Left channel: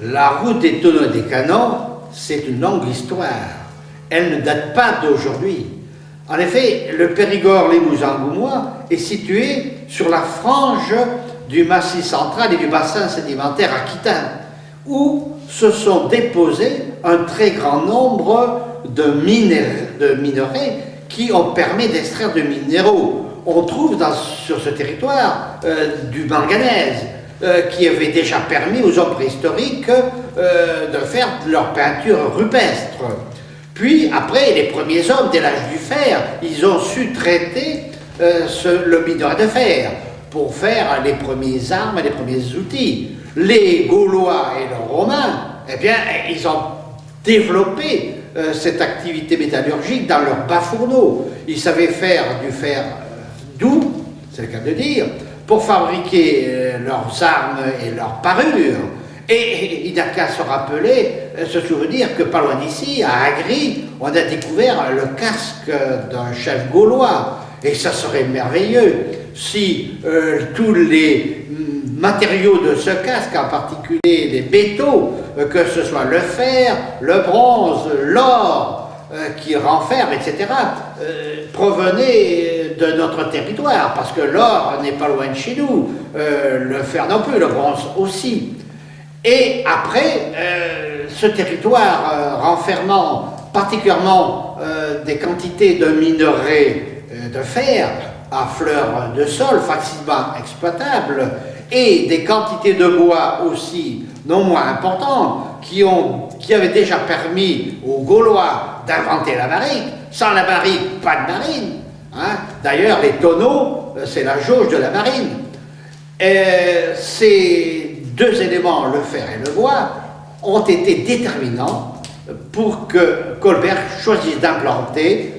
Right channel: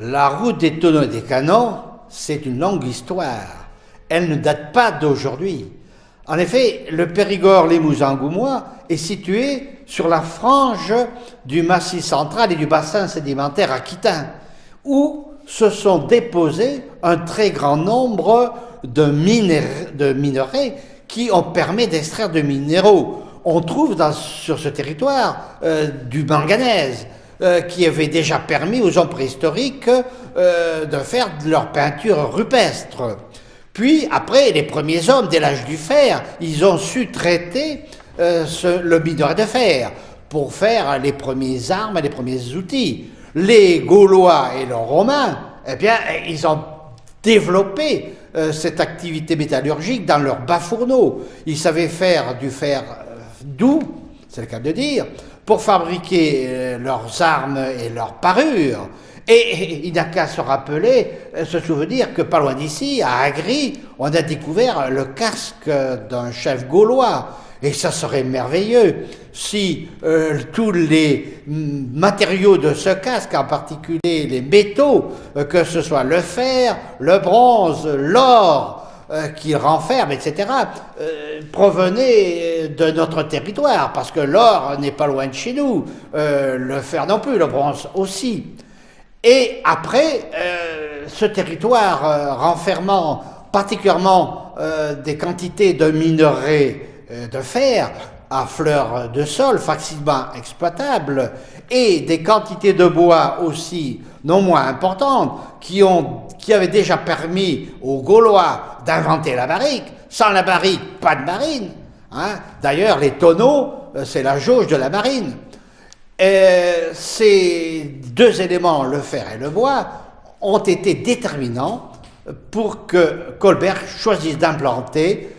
La route des tonneaux et des canons, c'est une longue histoire. Elle ne date pas d'aujourd'hui. En effet, le Périgord-Limousin-Goumois est situé sur la frange du Massif central et du bassin sédimentaire aquitain, où se sont déposés un très grand nombre de minerais qui ont permis d'extraire de minéraux. On trouve sur ce territoire du manganèse, qui avait déjà permis aux hommes préhistoriques de faire de leur peinture rupestre. Puis, après, les premiers hommes, dès l'âge du fer, ils ont su traiter le minerai de fer pour faire les premières armes et les premiers outils. Les Gaulois et les Romains, eh bien, ils ont développé cette activité métallurgique dans leurs bas-fourneaux. Ils savaient faire du fer doux, c'est le cas de dire, pour fabriquer leurs armes et leurs parures. Et il n'a qu'à se rappeler, se souvenir que pas loin d'ici, à Agri, on a découvert le casque d'un chef gaulois. Et ça serait merveilleux si tous les matériaux de ce casque, en particulier les métaux, que ce soit le fer, le bronze, l'or, qui renferme, etc., provenaient de notre territoire, parce que l'or n'est pas loin de chez nous, le fer non plus, le bronze aussi. Et après, ce territoire renfermant particulièrement des quantités de minerais de fer à fleur de sol facilement exploitables et des quantités de bois aussi non moins importantes qui avaient déjà permis aux Gaulois d'inventer la barrique. Sans la barrique, pas de marine. Hein. D'ailleurs, les tonneaux, c'est la jauge de la marine. Ces deux éléments, le fer et le bois, ont été déterminants pour que Colbert choisisse d'implanter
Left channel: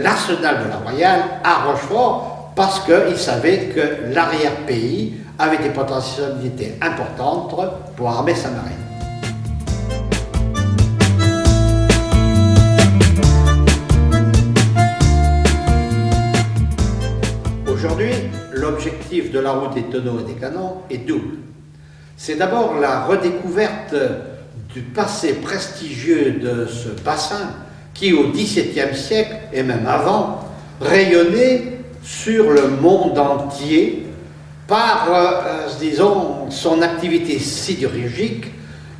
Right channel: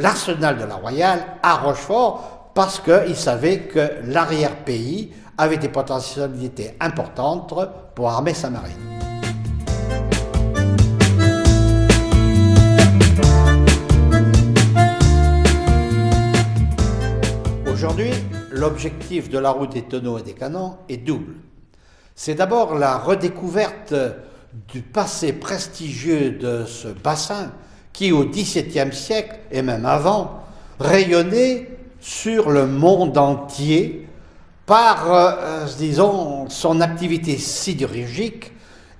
l'arsenal de la Royale à Rochefort, parce qu'il savait que l'arrière-pays avait des potentialités importantes pour armer sa marine. Aujourd'hui, l'objectif de la route des tonneaux et des canons est double. C'est d'abord la redécouverte du passé prestigieux de ce bassin qui, au XVIIe siècle, et même avant, rayonnait sur le monde entier par, disons, son activité sidérurgique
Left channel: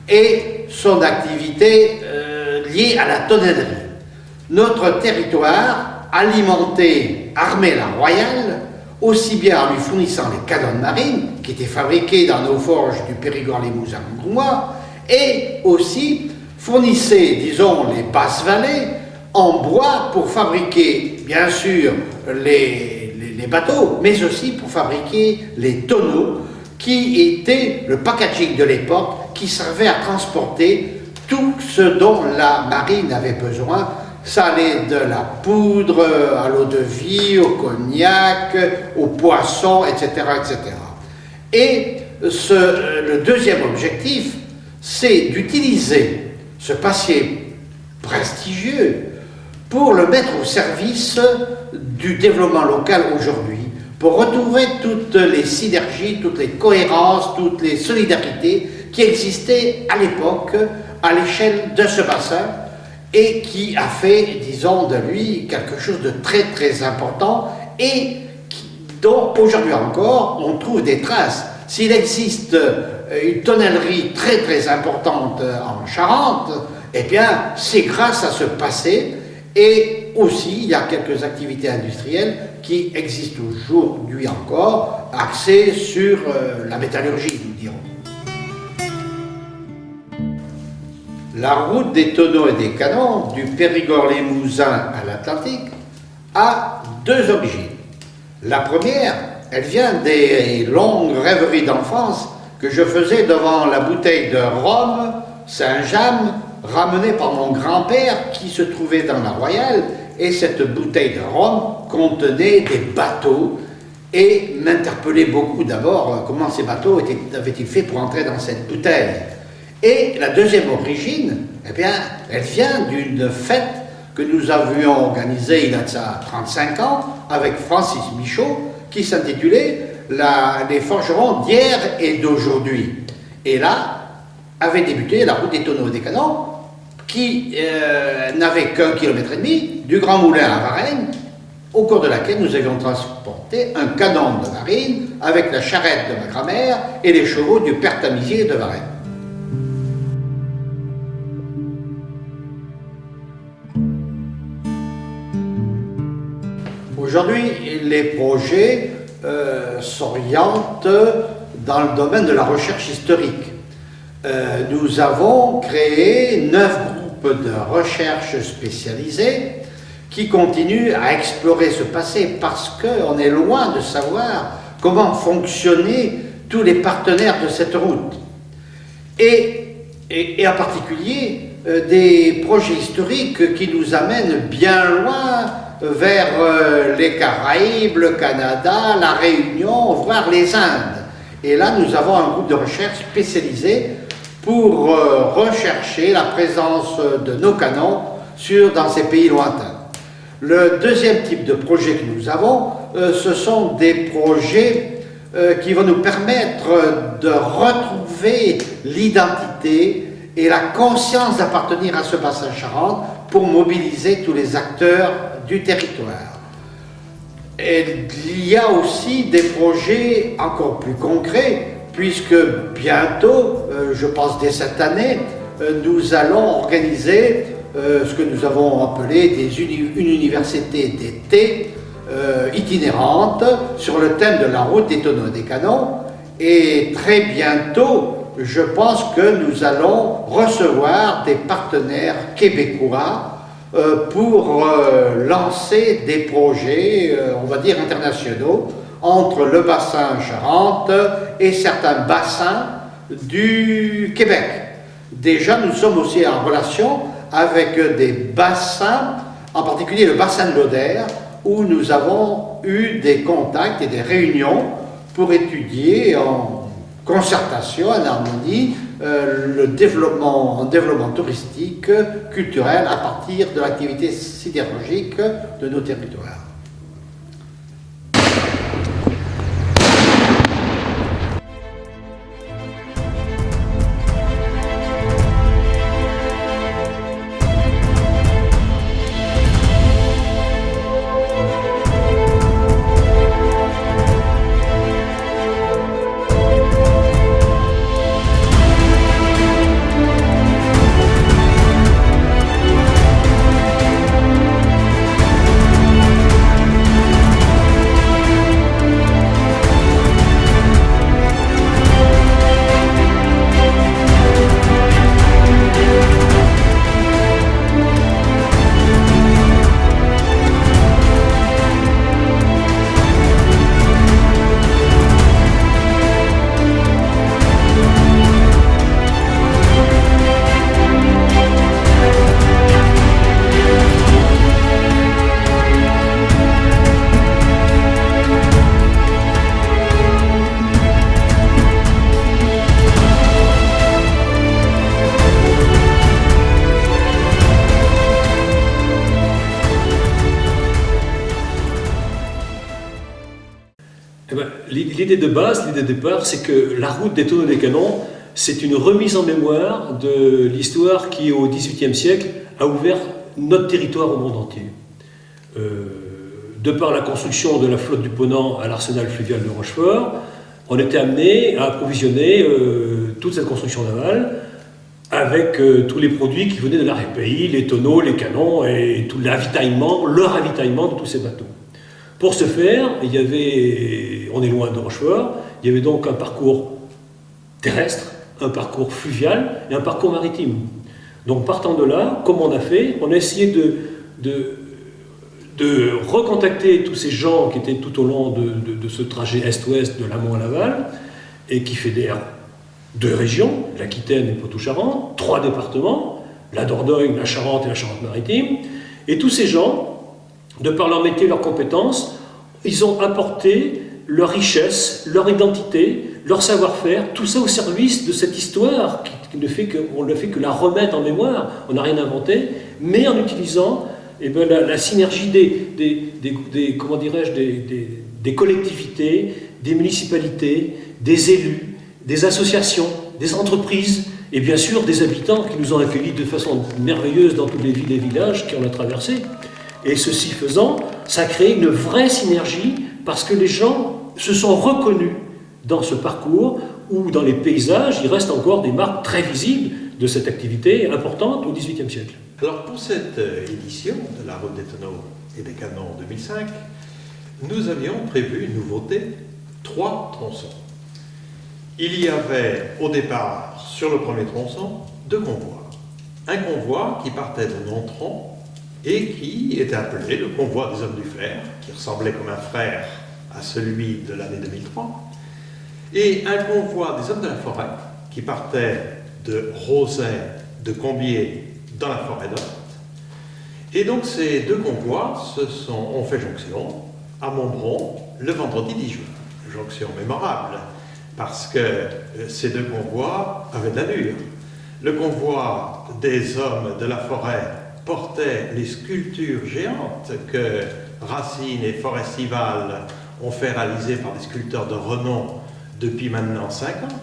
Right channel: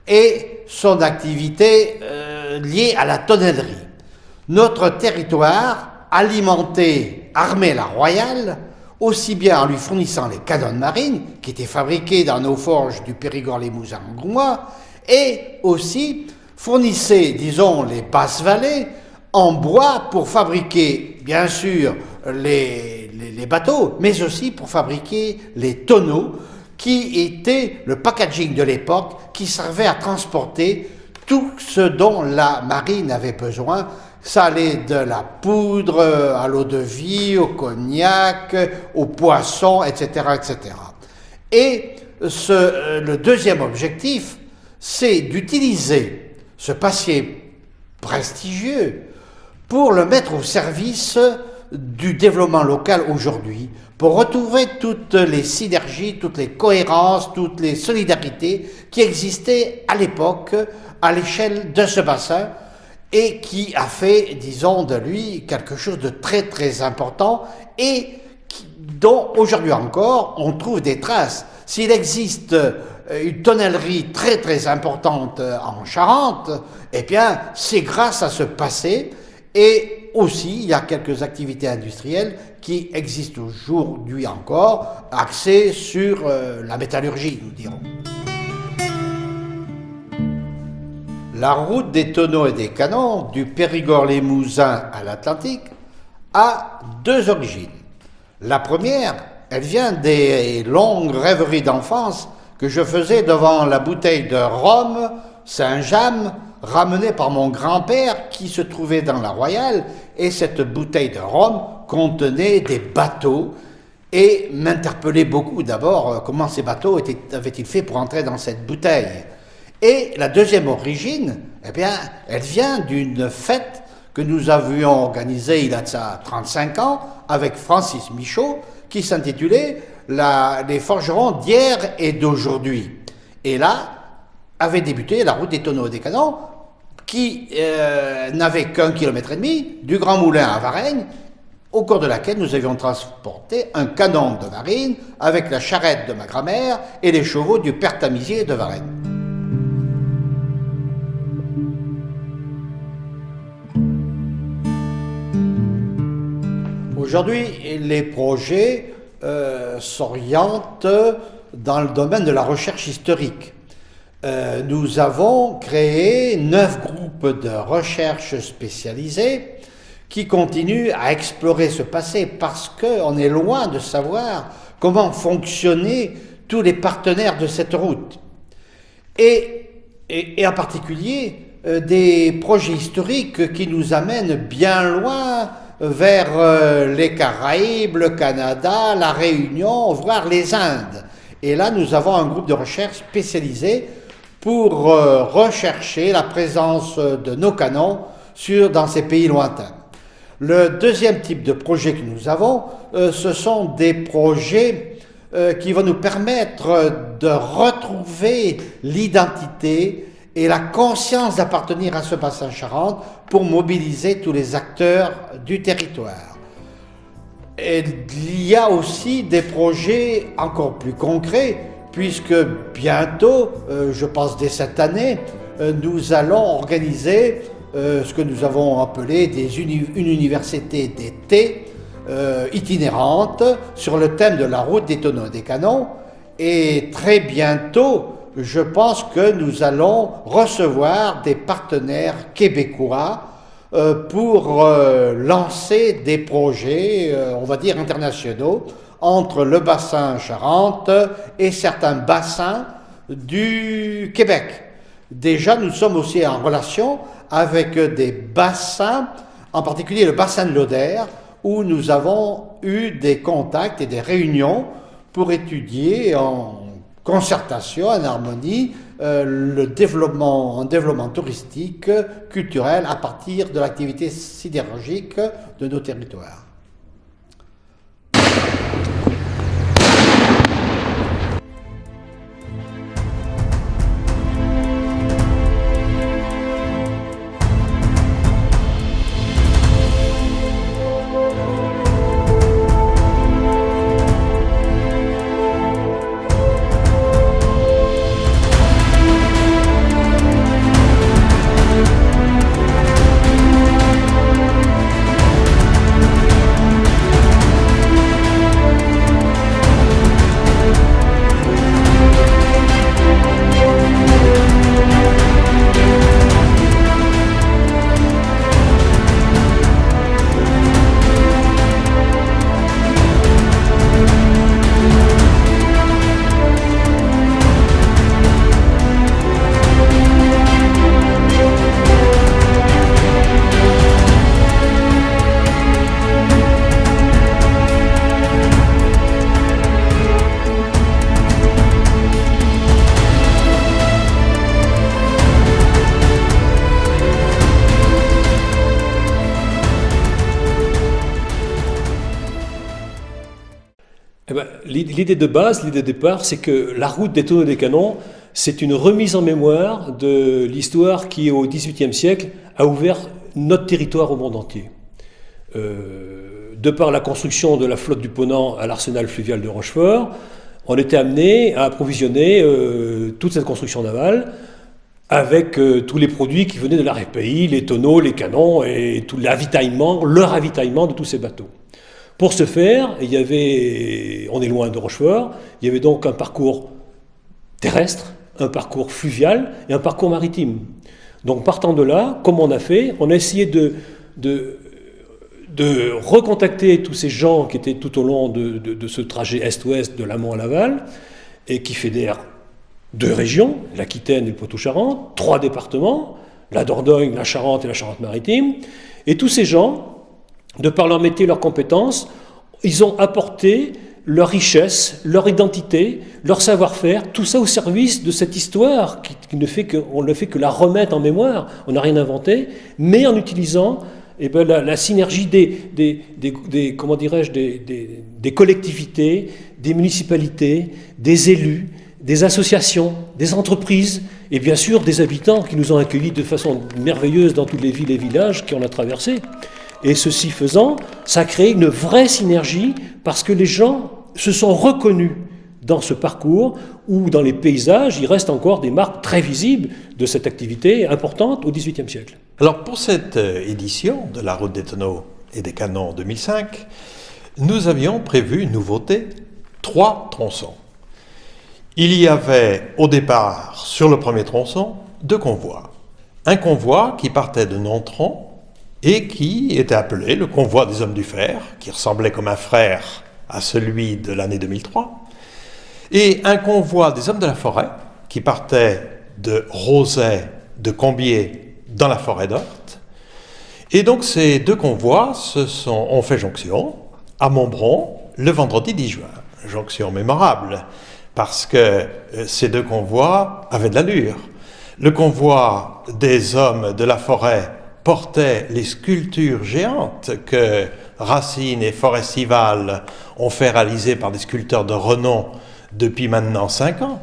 et son activité liée à la tonnellerie. Notre territoire alimentait, armait la Royale, aussi bien en lui fournissant les canons de marine, qui étaient fabriqués dans nos forges du Périgord-Limousin-Goumois, et aussi fournissait, disons, les basses-vallées en bois pour fabriquer, bien sûr, les bateaux, mais aussi pour fabriquer les tonneaux, qui étaient le packaging de l'époque, qui servait à transporter tout ce dont la marine avait besoin. Ça allait de la poudre à l'eau de vie, au cognac, au poisson, etc., etc. Et le deuxième objectif, c'est d'utiliser ce passé prestigieux pour le mettre au service du développement local aujourd'hui, pour retrouver toutes les synergies, toutes les cohérences, toutes les solidarités qui existaient à l'époque à l'échelle de ce bassin et qui a fait, disons, de lui quelque chose de très très important et dont aujourd'hui encore on trouve des traces. S'il existe une tonnellerie très très importante en Charente, eh bien c'est grâce à ce passé, et aussi il y a quelques activités industrielles qui existent aujourd'hui encore, axées sur la métallurgie, nous dirons. La route des tonneaux et des canons, du Périgord-Limousin à l'Atlantique, a deux origines. La première, elle vient des longues rêveries d'enfance que je faisais devant la bouteille de rhum Saint-James, ramenée par mon grand-père qui se trouvait dans la Royale, et cette bouteille de rhum contenait des bateaux et m'interpellait beaucoup d'abord comment ces bateaux avaient-ils fait pour entrer dans cette bouteille. Et la deuxième origine, eh bien, elle vient d'une fête que nous avions organisée il y a 35 ans avec Francis Michaud, qui s'intitulait les forgerons d'hier et d'aujourd'hui. Et là, avait débuté la route des tonneaux et des canons, qui n'avait qu'1,5 km du Grand Moulin à Varennes, au cours de laquelle nous avions transporté un canon de marine avec la charrette de ma grand-mère et les chevaux du père Tamisier de Varennes. Aujourd'hui, les projets s'orientent dans le domaine de la recherche historique. Nous avons créé 9 groupes de recherche spécialisés qui continuent à explorer ce passé parce qu'on est loin de savoir comment fonctionnaient tous les partenaires de cette route. Et en particulier des projets historiques qui nous amènent bien loin vers les Caraïbes, le Canada, la Réunion, voire les Indes. Et là, nous avons un groupe de recherche spécialisé pour rechercher la présence de nos canons dans ces pays lointains. Le deuxième type de projet que nous avons, ce sont des projets qui vont nous permettre de retrouver l'identité et la conscience d'appartenir à ce bassin Charente pour mobiliser tous les acteurs du territoire. Et il y a aussi des projets encore plus concrets, puisque bientôt, je pense dès cette année, nous allons organiser ce que nous avons appelé une université d'été itinérante sur le thème de la route des tonneaux et des canons. Et très bientôt, je pense que nous allons recevoir des partenaires québécois pour lancer des projets, on va dire internationaux, entre le bassin Charente et certains bassins du Québec. Déjà, nous sommes aussi en relation avec des bassins, en particulier le bassin de l'Odère, où nous avons eu des contacts et des réunions pour étudier en concertation, en harmonie, le développement touristique, culturel, à partir de l'activité sidérurgique de nos territoires. L'idée de base, l'idée de départ, c'est que la route des tonneaux et des canons, c'est une remise en mémoire de l'histoire qui, au XVIIIe siècle, a ouvert notre territoire au monde entier. De par la construction de la flotte du Ponant à l'arsenal fluvial de Rochefort, on était amené à approvisionner toute cette construction navale avec tous les produits qui venaient de l'arrière-pays, les tonneaux, les canons et tout le ravitaillement de tous ces bateaux. Pour ce faire, on est loin de Rochefort, il y avait donc un parcours terrestre, un parcours fluvial et un parcours maritime. Donc partant de là, comme on a fait, on a essayé de recontacter tous ces gens qui étaient tout au long de ce trajet est-ouest de l'amont à l'aval et qui fédèrent 2 régions, l'Aquitaine et le Poitou-Charentes, 3 départements, la Dordogne, la Charente et la Charente-Maritime, et tous ces gens, de par leur métier, leurs compétences, ils ont apporté leur richesse, leur identité, leur savoir-faire, tout ça au service de cette histoire qui ne fait que la remettre en mémoire. On n'a rien inventé, mais en utilisant la synergie des collectivités, des municipalités, des élus, des associations, des entreprises et bien sûr des habitants qui nous ont accueillis de façon merveilleuse dans toutes les villes et villages qu'on a traversés. Et ceci faisant, ça crée une vraie synergie parce que les gens se sont reconnus dans ce parcours où dans les paysages, il reste encore des marques très visibles de cette activité importante au XVIIIe siècle. Alors pour cette édition de la Route des Tonneaux et des Canons 2005, nous avions prévu une nouveauté, 3 tronçons. Il y avait au départ, sur le premier tronçon, 2 convois. Un convoi qui partait de Nontron et qui était appelé le convoi des hommes du fer, qui ressemblait comme un frère à celui de l'année 2003, et un convoi des hommes de la forêt qui partait de Rozay, de Combiers, dans la forêt d'Orthe. Et donc ces 2 convois ont fait jonction à Montbron le vendredi 10 juin. Jonction mémorable, parce que ces 2 convois avaient de l'allure. Le convoi des hommes de la forêt portait les sculptures géantes que Racine et Forestival ont fait réaliser par des sculpteurs de renom depuis maintenant 5 ans.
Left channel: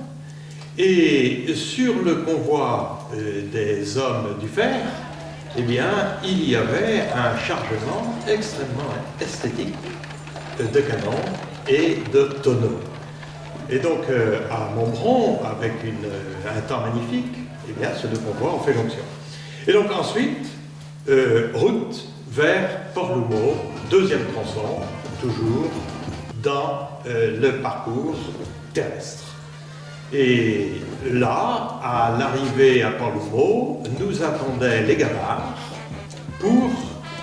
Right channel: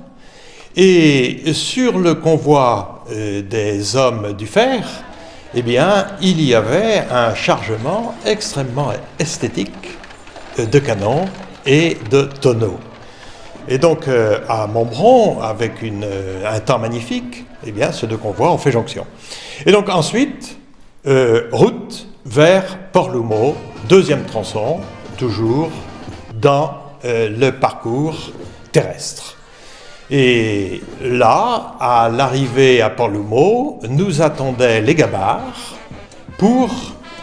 Et sur le convoi des hommes du fer, eh bien, il y avait un chargement extrêmement esthétique de canons et de tonneaux. Et donc, à Montbron, avec un temps magnifique, eh bien, ces 2 convois ont fait jonction. Et donc ensuite, route vers Port-Loumeau, 2e tronçon, toujours dans le parcours terrestre. Et là, à l'arrivée à Port-Loumeau, nous attendaient les gabarres pour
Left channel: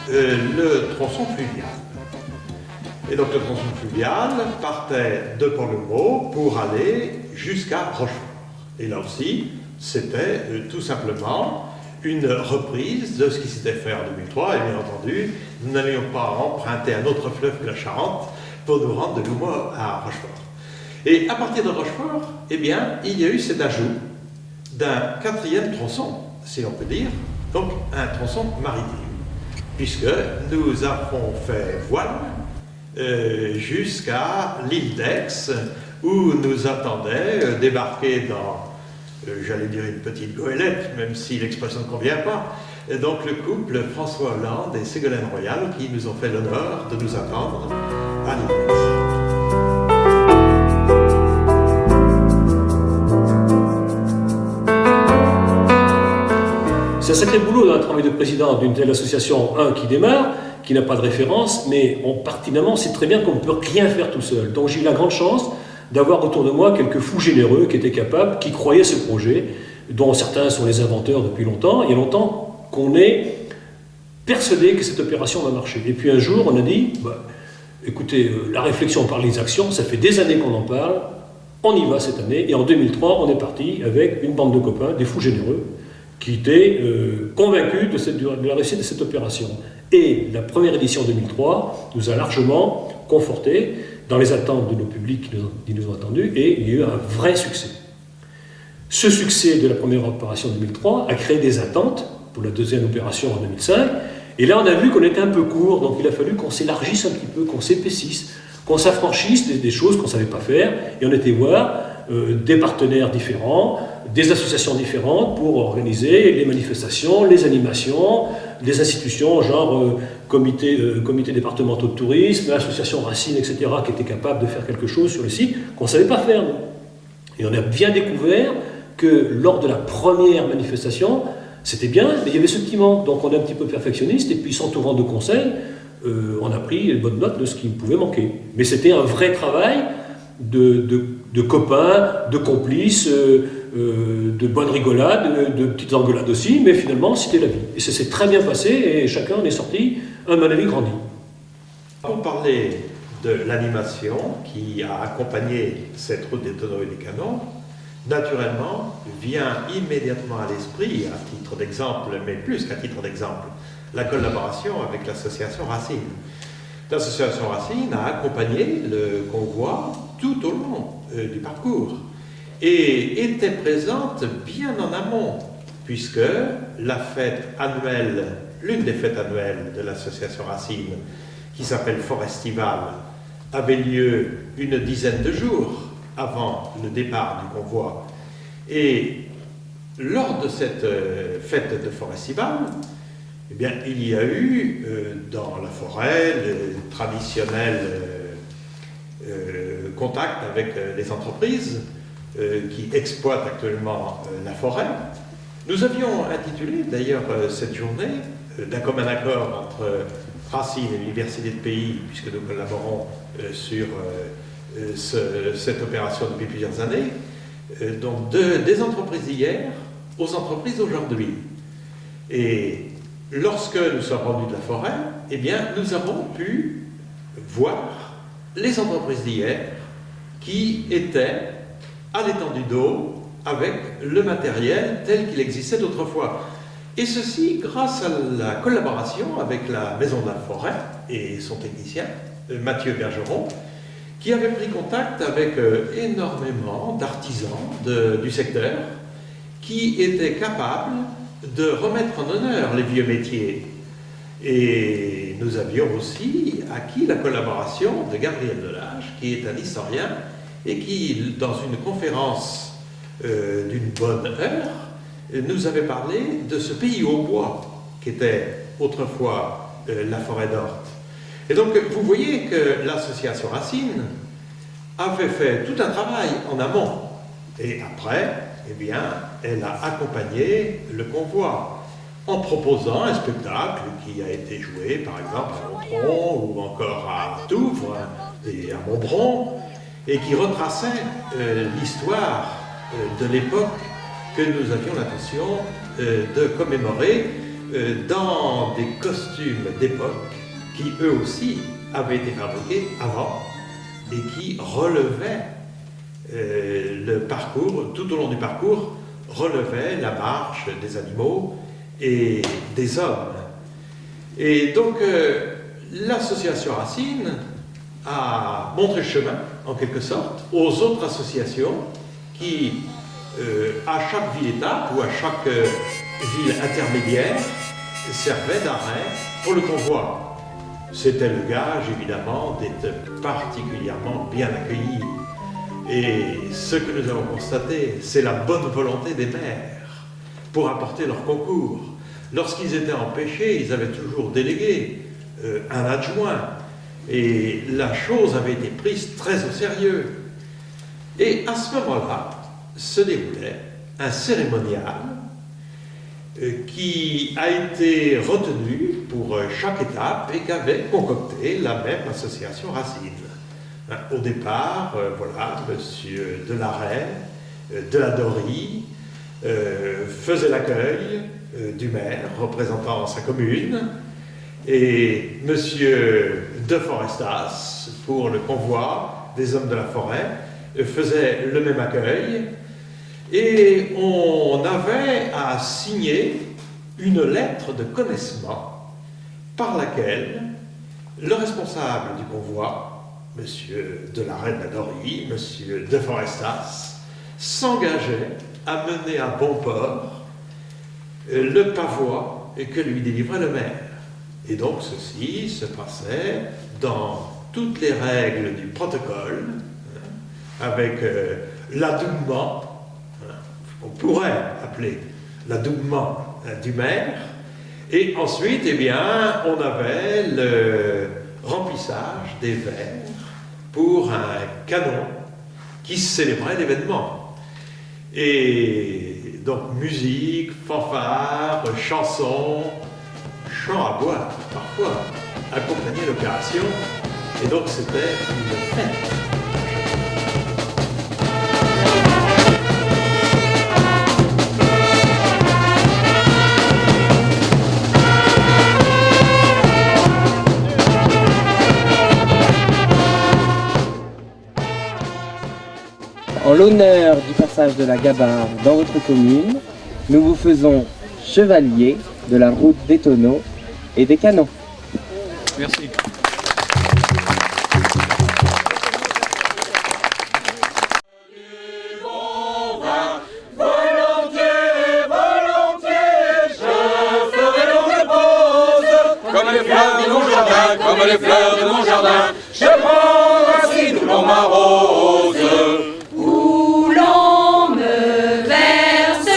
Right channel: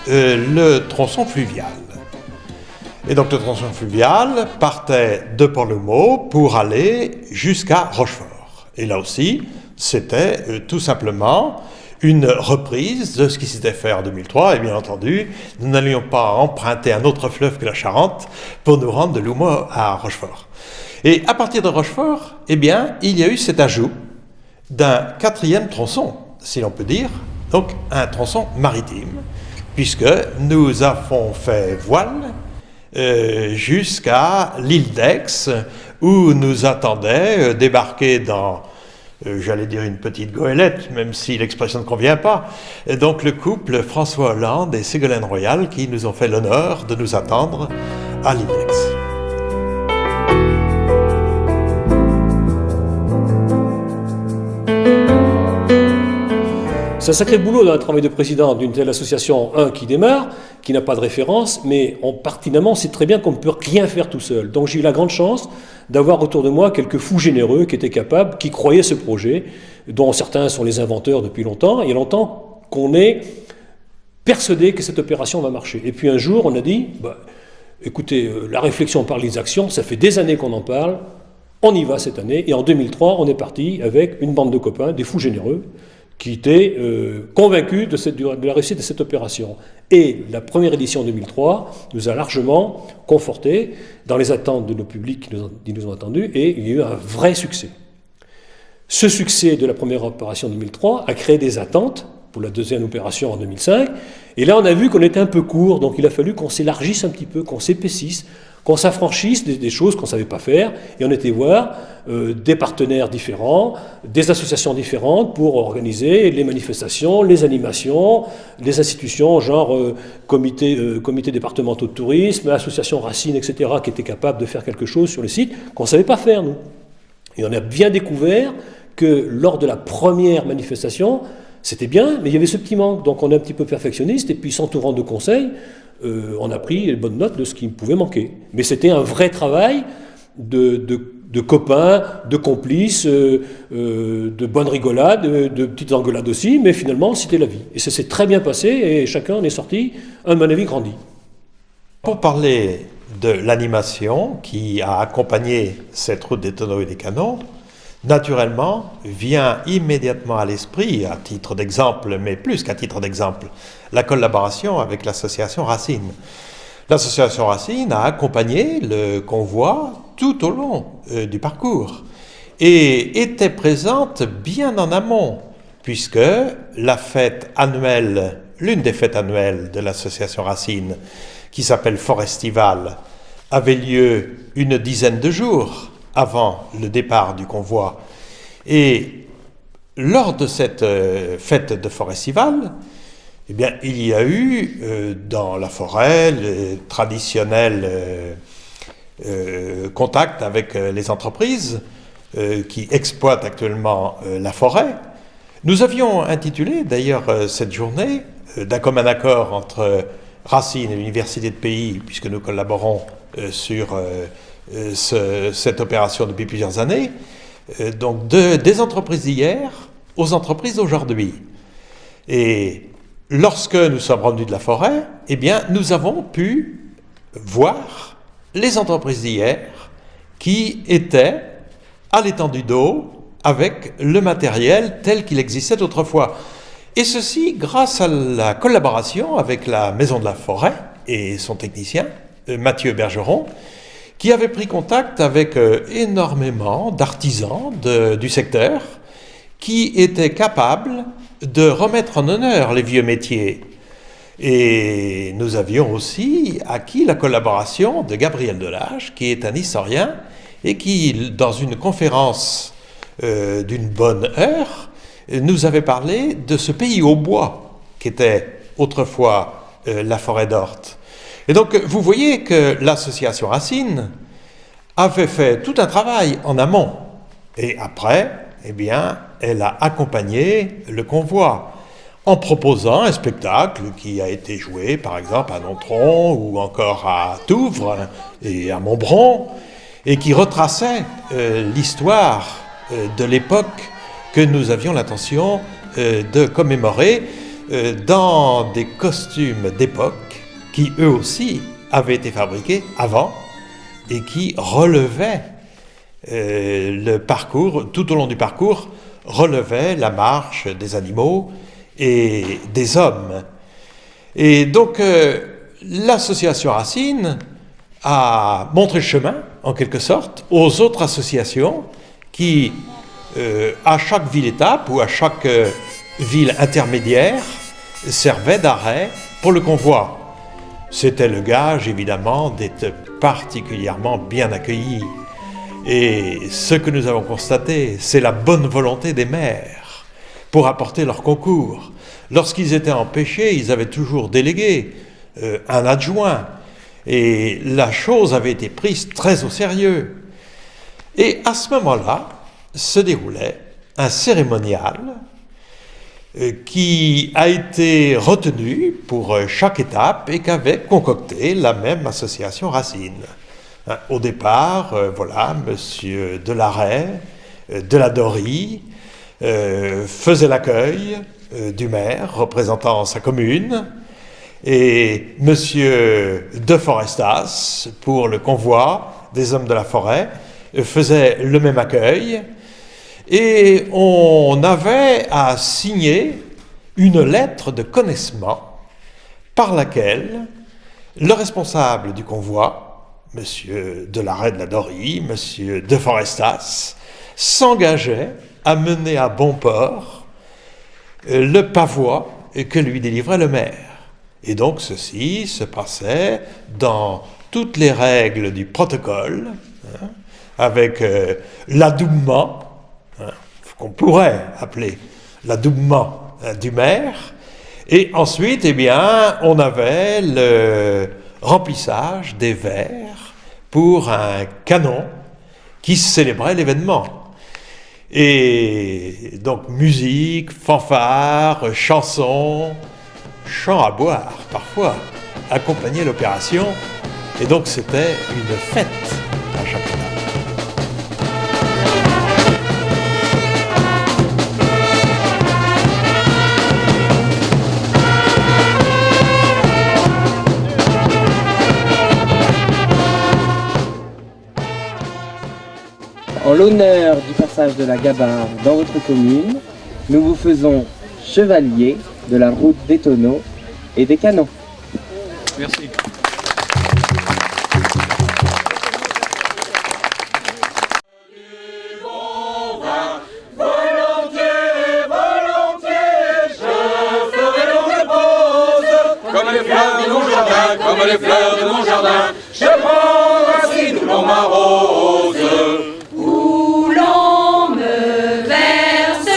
le tronçon fluvial. Et donc le tronçon fluvial partait de Port-Loumeau pour aller jusqu'à Rochefort. Et là aussi, c'était tout simplement une reprise de ce qui s'était fait en 2003. Et bien entendu, nous n'allions pas emprunter un autre fleuve que la Charente pour nous rendre de Loumeau à Rochefort. Et à partir de Rochefort, eh bien, il y a eu cet ajout d'un 4e tronçon, si l'on peut dire, donc un tronçon maritime, puisque nous avons fait voile jusqu'à l'île d'Aix, où nous attendait débarquer dans, j'allais dire une petite goélette, même si l'expression ne convient pas, donc le couple François Hollande et Ségolène Royal qui nous ont fait l'honneur de nous attendre à l'île d'Aix. C'est un sacré boulot dans le travail de président d'une telle association, qui démarre, qui n'a pas de référence, mais pertinemment, on sait très bien qu'on ne peut rien faire tout seul. Donc j'ai eu la grande chance d'avoir autour de moi quelques fous généreux qui étaient capables, qui croyaient ce projet, dont certains sont les inventeurs depuis longtemps. Il y a longtemps qu'on est persuadé que cette opération va marcher. Et puis un jour, on a dit, écoutez, la réflexion par les actions, ça fait des années qu'on en parle, on y va cette année. Et en 2003, on est parti avec une bande de copains, des fous généreux, qui étaient convaincus de la réussite de cette opération. Et la première édition 2003 nous a largement confortés dans les attentes de nos publics qui nous ont attendus, et il y a eu un vrai succès. Ce succès de la première opération 2003 a créé des attentes pour la deuxième opération en 2005, et là on a vu qu'on était un peu court, donc il a fallu qu'on s'élargisse un petit peu, qu'on s'épaississe, qu'on s'affranchisse des choses qu'on ne savait pas faire, et on était voir des partenaires différents, des associations différentes pour organiser les manifestations, les animations, les institutions genre comité départementaux de tourisme, association Racine, etc., qui étaient capables de faire quelque chose sur le site qu'on ne savait pas faire, nous. Et on a bien découvert que lors de la première manifestation, c'était bien, mais il y avait ce petit manque. Donc on est un petit peu perfectionniste, et puis s'entourant de conseils, on a pris les bonnes notes de ce qui pouvait manquer. Mais c'était un vrai travail de copains, de complices, de bonnes rigolades, de petites engueulades aussi, mais finalement c'était la vie. Et ça s'est très bien passé, et chacun en est sorti, à mon avis, grandi. Pour parler de l'animation qui a accompagné cette route des tonneaux et des canons, naturellement vient immédiatement à l'esprit, à titre d'exemple, mais plus qu'à titre d'exemple, la collaboration avec l'association Racine. L'association Racine a accompagné le convoi tout au long du parcours et était présente bien en amont, puisque la fête annuelle, l'une des fêtes annuelles de l'association Racine, qui s'appelle Forestival, avait lieu une dizaine de jours avant le départ du convoi. Et lors de cette fête de Forestival, eh bien, il y a eu dans la forêt le traditionnel contact avec les entreprises qui exploitent actuellement la forêt. Nous avions intitulé d'ailleurs cette journée, d'un commun accord entre Racine et l'Université de Pays, puisque nous collaborons sur cette opération depuis plusieurs années, donc des entreprises d'hier aux entreprises d'aujourd'hui. Et lorsque nous sommes revenus de la forêt, eh bien, nous avons pu voir les entreprises d'hier qui étaient à l'étendue d'eau avec le matériel tel qu'il existait autrefois. Et ceci grâce à la collaboration avec la Maison de la Forêt et son technicien, Mathieu Bergeron, qui avait pris contact avec énormément d'artisans du secteur qui étaient capables de remettre en honneur les vieux métiers. Et nous avions aussi acquis la collaboration de Gabriel Delage, qui est un historien et qui, dans une conférence d'une bonne heure, nous avait parlé de ce pays au bois qu'était autrefois la forêt d'Orthe. Et donc, vous voyez que l'association Racine avait fait tout un travail en amont. Et après, eh bien, elle a accompagné le convoi en proposant un spectacle qui a été joué, par exemple, à Nontron ou encore à Touvre et à Montbron, et qui retraçait l'histoire de l'époque que nous avions l'intention de commémorer dans des costumes d'époque qui, eux aussi, avaient été fabriqués avant et qui relevaient le parcours, tout au long du parcours, relevaient la marche des animaux et des hommes. Et donc, l'association Racine a montré le chemin, en quelque sorte, aux autres associations qui, à chaque ville-étape ou à chaque ville intermédiaire, servaient d'arrêt pour le convoi. C'était le gage, évidemment, d'être particulièrement bien accueillis. Et ce que nous avons constaté, c'est la bonne volonté des maires pour apporter leur concours. Lorsqu'ils étaient empêchés, ils avaient toujours délégué un adjoint. Et la chose avait été prise très au sérieux. Et à ce moment-là, se déroulait un cérémonial qui a été retenu pour chaque étape et qu'avait concocté la même association Racine. Au départ, voilà, monsieur Delaret, Deladorie, faisait l'accueil du maire représentant sa commune, et monsieur de Forestas, pour le convoi des hommes de la forêt, faisait le même accueil, et on avait à signer une lettre de connaissement par laquelle le responsable du convoi, monsieur Delaret de la Dorie, monsieur de Forestas, s'engageait à mener à bon port le pavois que lui délivrait le maire. Et donc ceci se passait dans toutes les règles du protocole, avec l'adoubement, qu'on pourrait appeler l'adoubement du maire, et ensuite, eh bien, on avait le remplissage des verres pour un canon qui célébrait l'événement. Et donc musique, fanfare, chansons, chants à boire parfois accompagnaient l'opération, et donc c'était une fête. En l'honneur du passage de la Gabarre dans votre commune, nous vous faisons chevalier de la route des tonneaux et des canons. Merci. Comme les fleurs de mon jardin, comme les fleurs de mon jardin, je prends Racine où l'on m'arrose. Où l'on me verse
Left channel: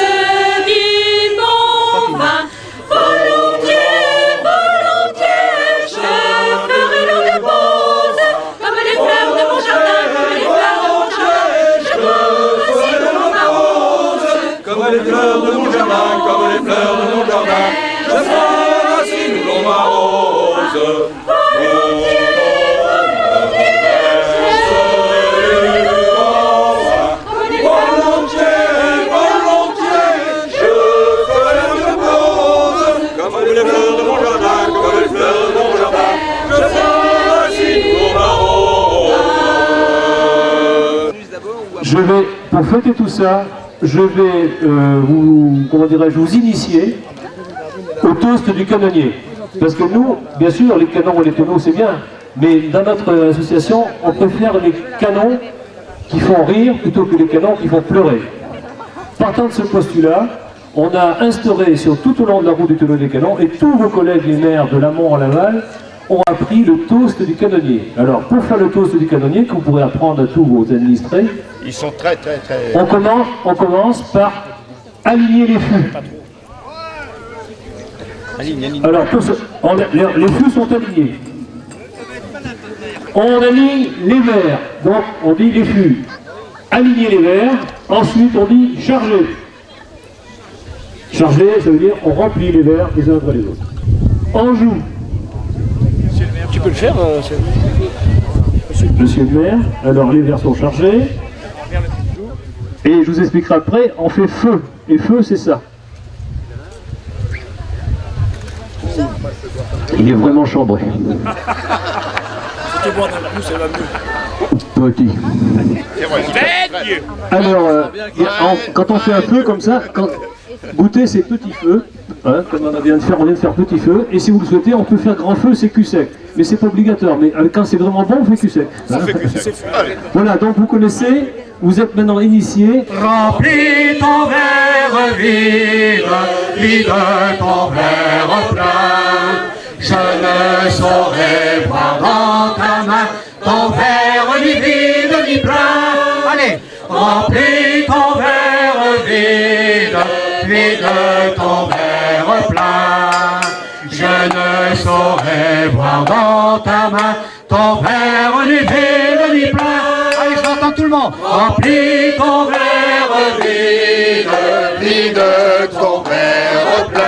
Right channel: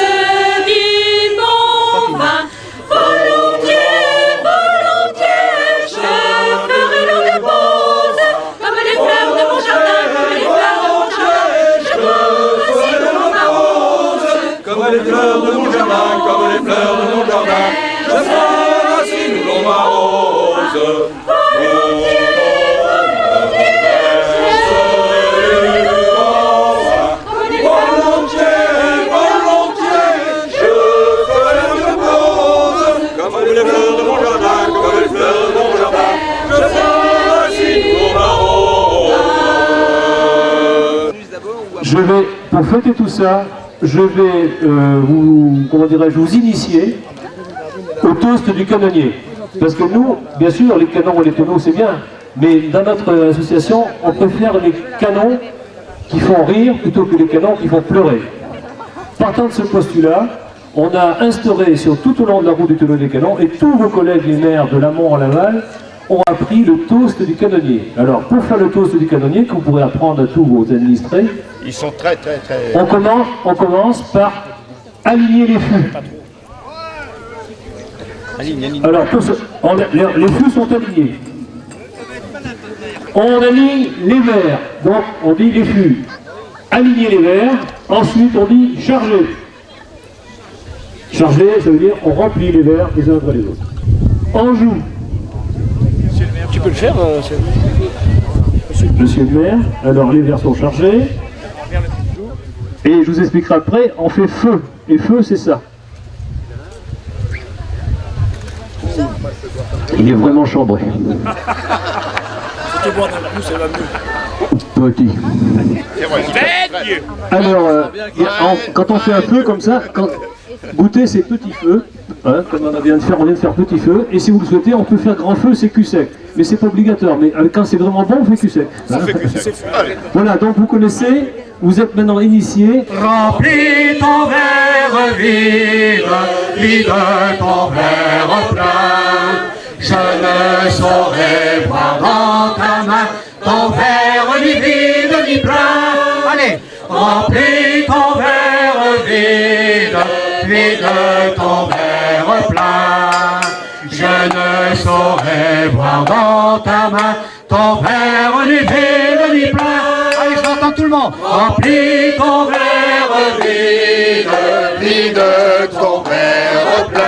les fleurs de mon jardin, comme les fleurs de mon jardin. Je prends racine où l'on m'arrose. Comme les fleurs de mon jardin, comme les fleurs de mon jardin, je prends racine où l'on m'arrose. Je vais, pour fêter tout ça, je vais vous initier au toast du canonnier. Parce que nous, bien sûr, les canons et les tonneaux, c'est bien, mais dans notre association, on préfère les canons qui font rire plutôt que les canons qui font pleurer. Partant de ce postulat, on a instauré sur tout au long de la route du tonneau des canons, et tous vos collègues les maires de l'amont en Laval ont appris le toast du canonnier. Alors, pour faire le toast du canonnier, que vous pourrez apprendre à tous vos administrés, Ils sont très... on commence par aligner les fûts. Alors, les fûts sont alignés. On aligne les verres, donc on dit les fûts. Aligner les verres, ensuite on dit charger. Charger, ça veut dire on remplit les verres les uns après les autres. On joue. Tu peux le faire, Monsieur le maire, alors les verres sont chargés. Et je vous expliquerai après, on fait feu. Et feu, c'est ça. Il est vraiment chambré. Petit. Alors, quand on fait un feu comme ça, goûter c'est petit feu, hein, comme on vient de faire petit feu, et si vous le souhaitez, on peut faire grand feu, c'est cul sec. Mais c'est pas obligatoire, mais quand c'est vraiment bon, on fait cul sec. Hein. Voilà, donc vous connaissez, vous êtes maintenant initiés. Remplis ton verre vide, vide ton verre plein. Je ne saurais voir dans ta main ton verre ni vide ni plein. Allez, remplis ton verre vide, vide ton verre plein. Je ne saurais voir dans ta main ton verre ni vide ni plein. Allez, je l'entends tout le monde. Remplis ton verre vide, vide ton verre plein.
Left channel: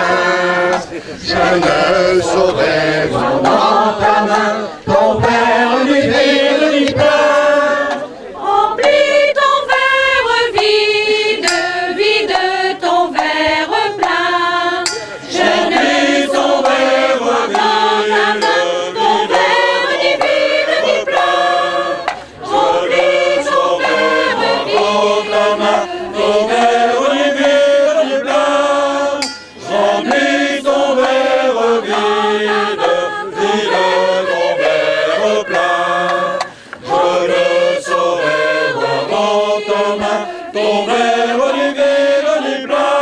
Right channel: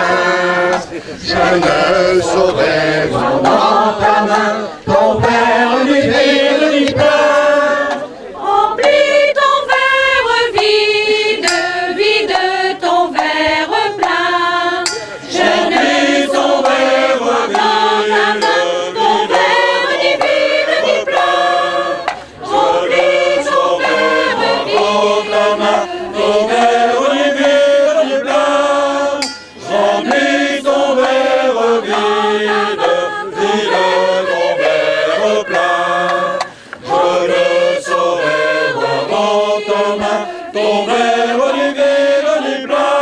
Je ne saurais voir dans ta main ton verre ni vide ni plein. Remplis ton verre vide, vide ton verre plein. Je ne saurais voir dans ta main ton verre ni vide ni plein. Remplis ton verre vide, Ta main, ton verre ni vide ni plein. Remplis ton verre vide, vide ton verre plein. Je ne saurais voir dans ta main ton verre ni vide ni plein.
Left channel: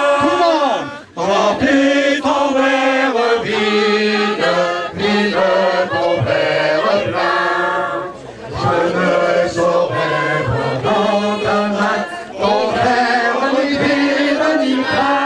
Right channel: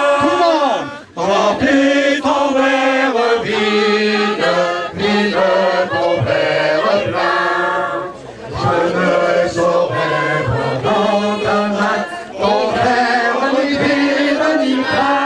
Remplis ton verre vide, vide ton verre plein. Je ne saurais voir dans ta main ton verre ni vide ni plein.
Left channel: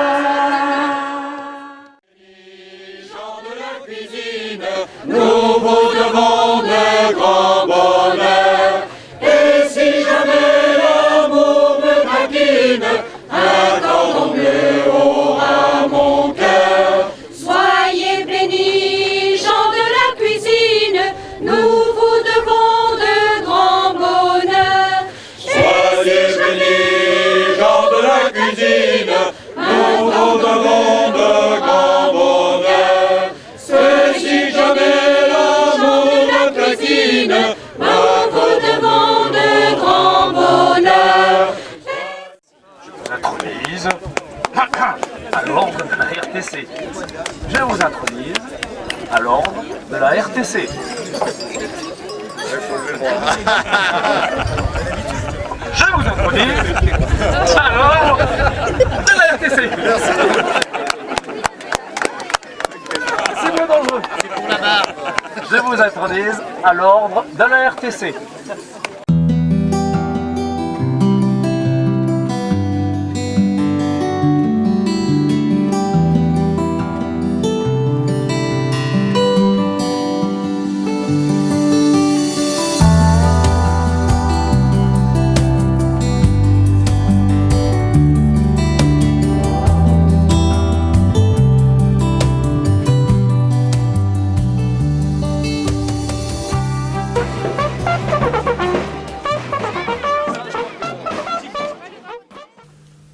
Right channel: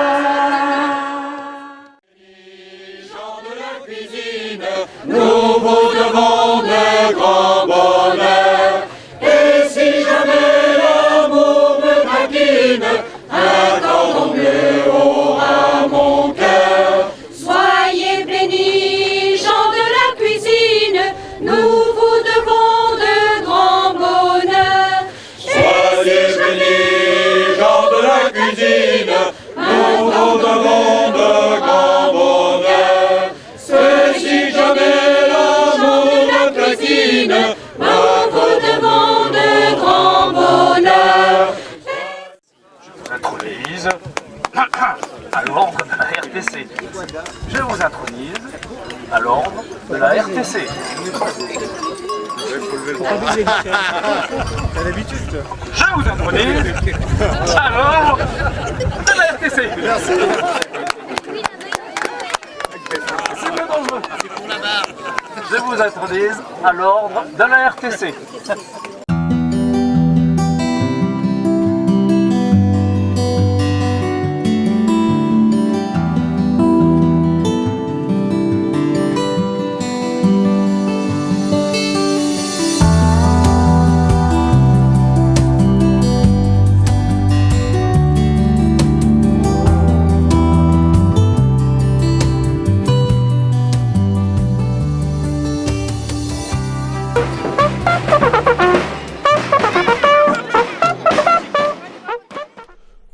Gens de la cuisine, nous vous devons de grands bonheurs. Et si jamais l'amour me taquine, accordons-le haut à mon cœur. soyez bénis, gens de la cuisine, nous vous devons de grands bonheurs. Soyez bénis, gens de la cuisine, nous vous devons de grands bonheurs. Si jamais l'amour me taquine, Nous vous devons de grands bonheurs. Je vous intronise à l'ordre de la RTC. Je vous intronise à l'ordre de la RTC. Je vous intronise à l'ordre de la RTC. Merci. C'est moins dangereux. C'est pour la barbe. Je vous intronise à l'ordre de la RTC.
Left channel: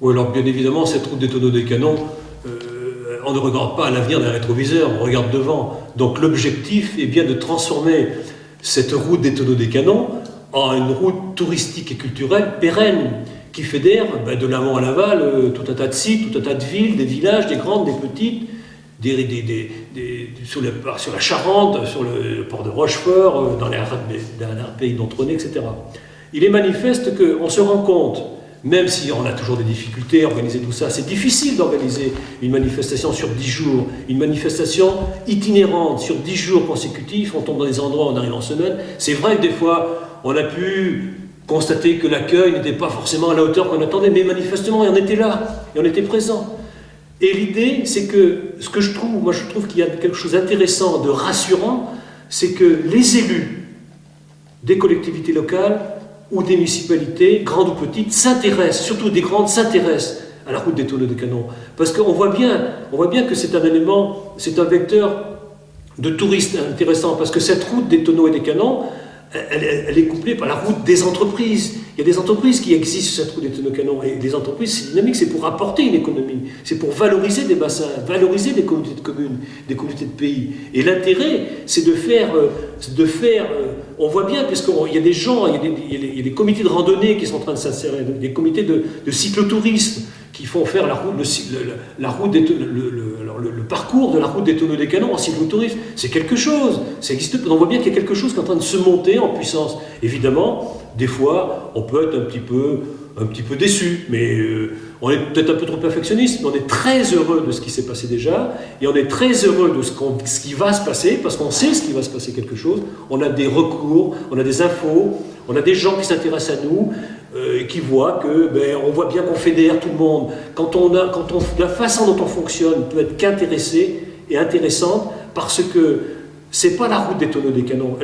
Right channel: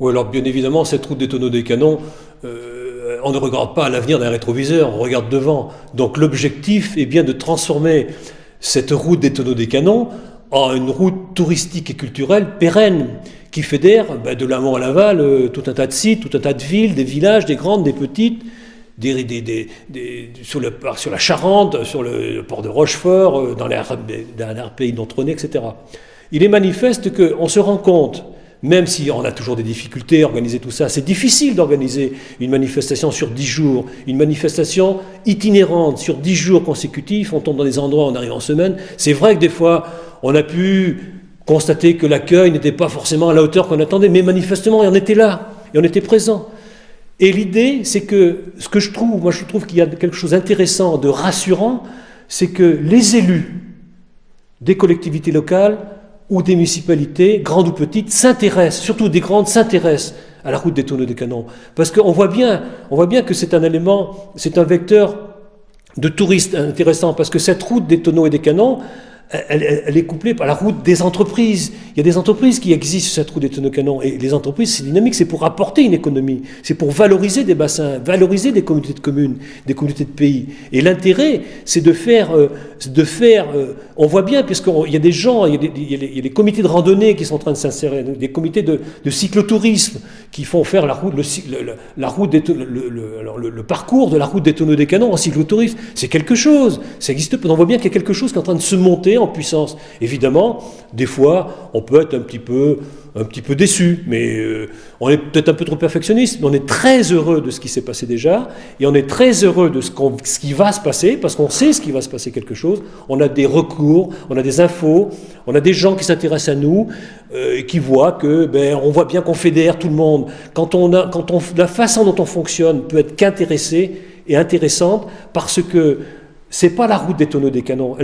Oui, alors bien évidemment, cette route des tonneaux des canons, on ne regarde pas à l'avenir d'un rétroviseur, on regarde devant. Donc l'objectif est bien de transformer cette route des tonneaux des canons en une route touristique et culturelle pérenne, qui fédère de l'amont à l'aval tout un tas de sites, tout un tas de villes, des villages, des grandes, des petites, sur la Charente, sur le port de Rochefort, dans l'RPI d'Entronnay, etc. Il est manifeste qu'on se rend compte, même si on a toujours des difficultés à organiser tout ça, c'est difficile d'organiser une manifestation sur 10 jours, une manifestation itinérante sur 10 jours consécutifs, on tombe dans des endroits, on arrive en semaine. C'est vrai que des fois, on a pu constater que l'accueil n'était pas forcément à la hauteur qu'on attendait, mais manifestement, on était là, et on était présent. Et l'idée, c'est que, ce que je trouve qu'il y a quelque chose d'intéressant, de rassurant, c'est que les élus des collectivités locales ou des municipalités, grandes ou petites, s'intéressent, surtout des grandes, s'intéressent à la route des tonneaux des canons. Parce qu'on voit bien que c'est un élément, c'est un vecteur de touristes intéressant, parce que cette route des tonneaux et des canons, elle est couplée par la route des entreprises. Il y a des entreprises qui existent sur cette route des tonneaux canons. Et les entreprises, c'est dynamique, c'est pour apporter une économie. C'est pour valoriser des bassins, valoriser des communautés de communes, des communautés de pays. Et l'intérêt, c'est de faire on voit bien, puisqu'il y a des gens, il y a des comités de randonnée qui sont en train de s'insérer, des comités de cyclotourisme qui font faire le parcours de la route des tonneaux des canons en cyclotourisme. C'est quelque chose. Ça existe. On voit bien qu'il y a quelque chose qui est en train de se monter en puissance. Évidemment, des fois, on peut être un petit peu déçu, mais on est peut-être un peu trop perfectionniste, mais on est très heureux de ce qui s'est passé déjà, et on est très heureux de ce qui va se passer, parce qu'on sait ce qui va se passer quelque chose. On a des recours, on a des infos, on a des gens qui s'intéressent à nous, qui voient que, on voit bien qu'on fédère tout le monde. La façon dont on fonctionne peut être qu'intéressée et intéressante, parce que c'est pas la route des tonneaux des canons.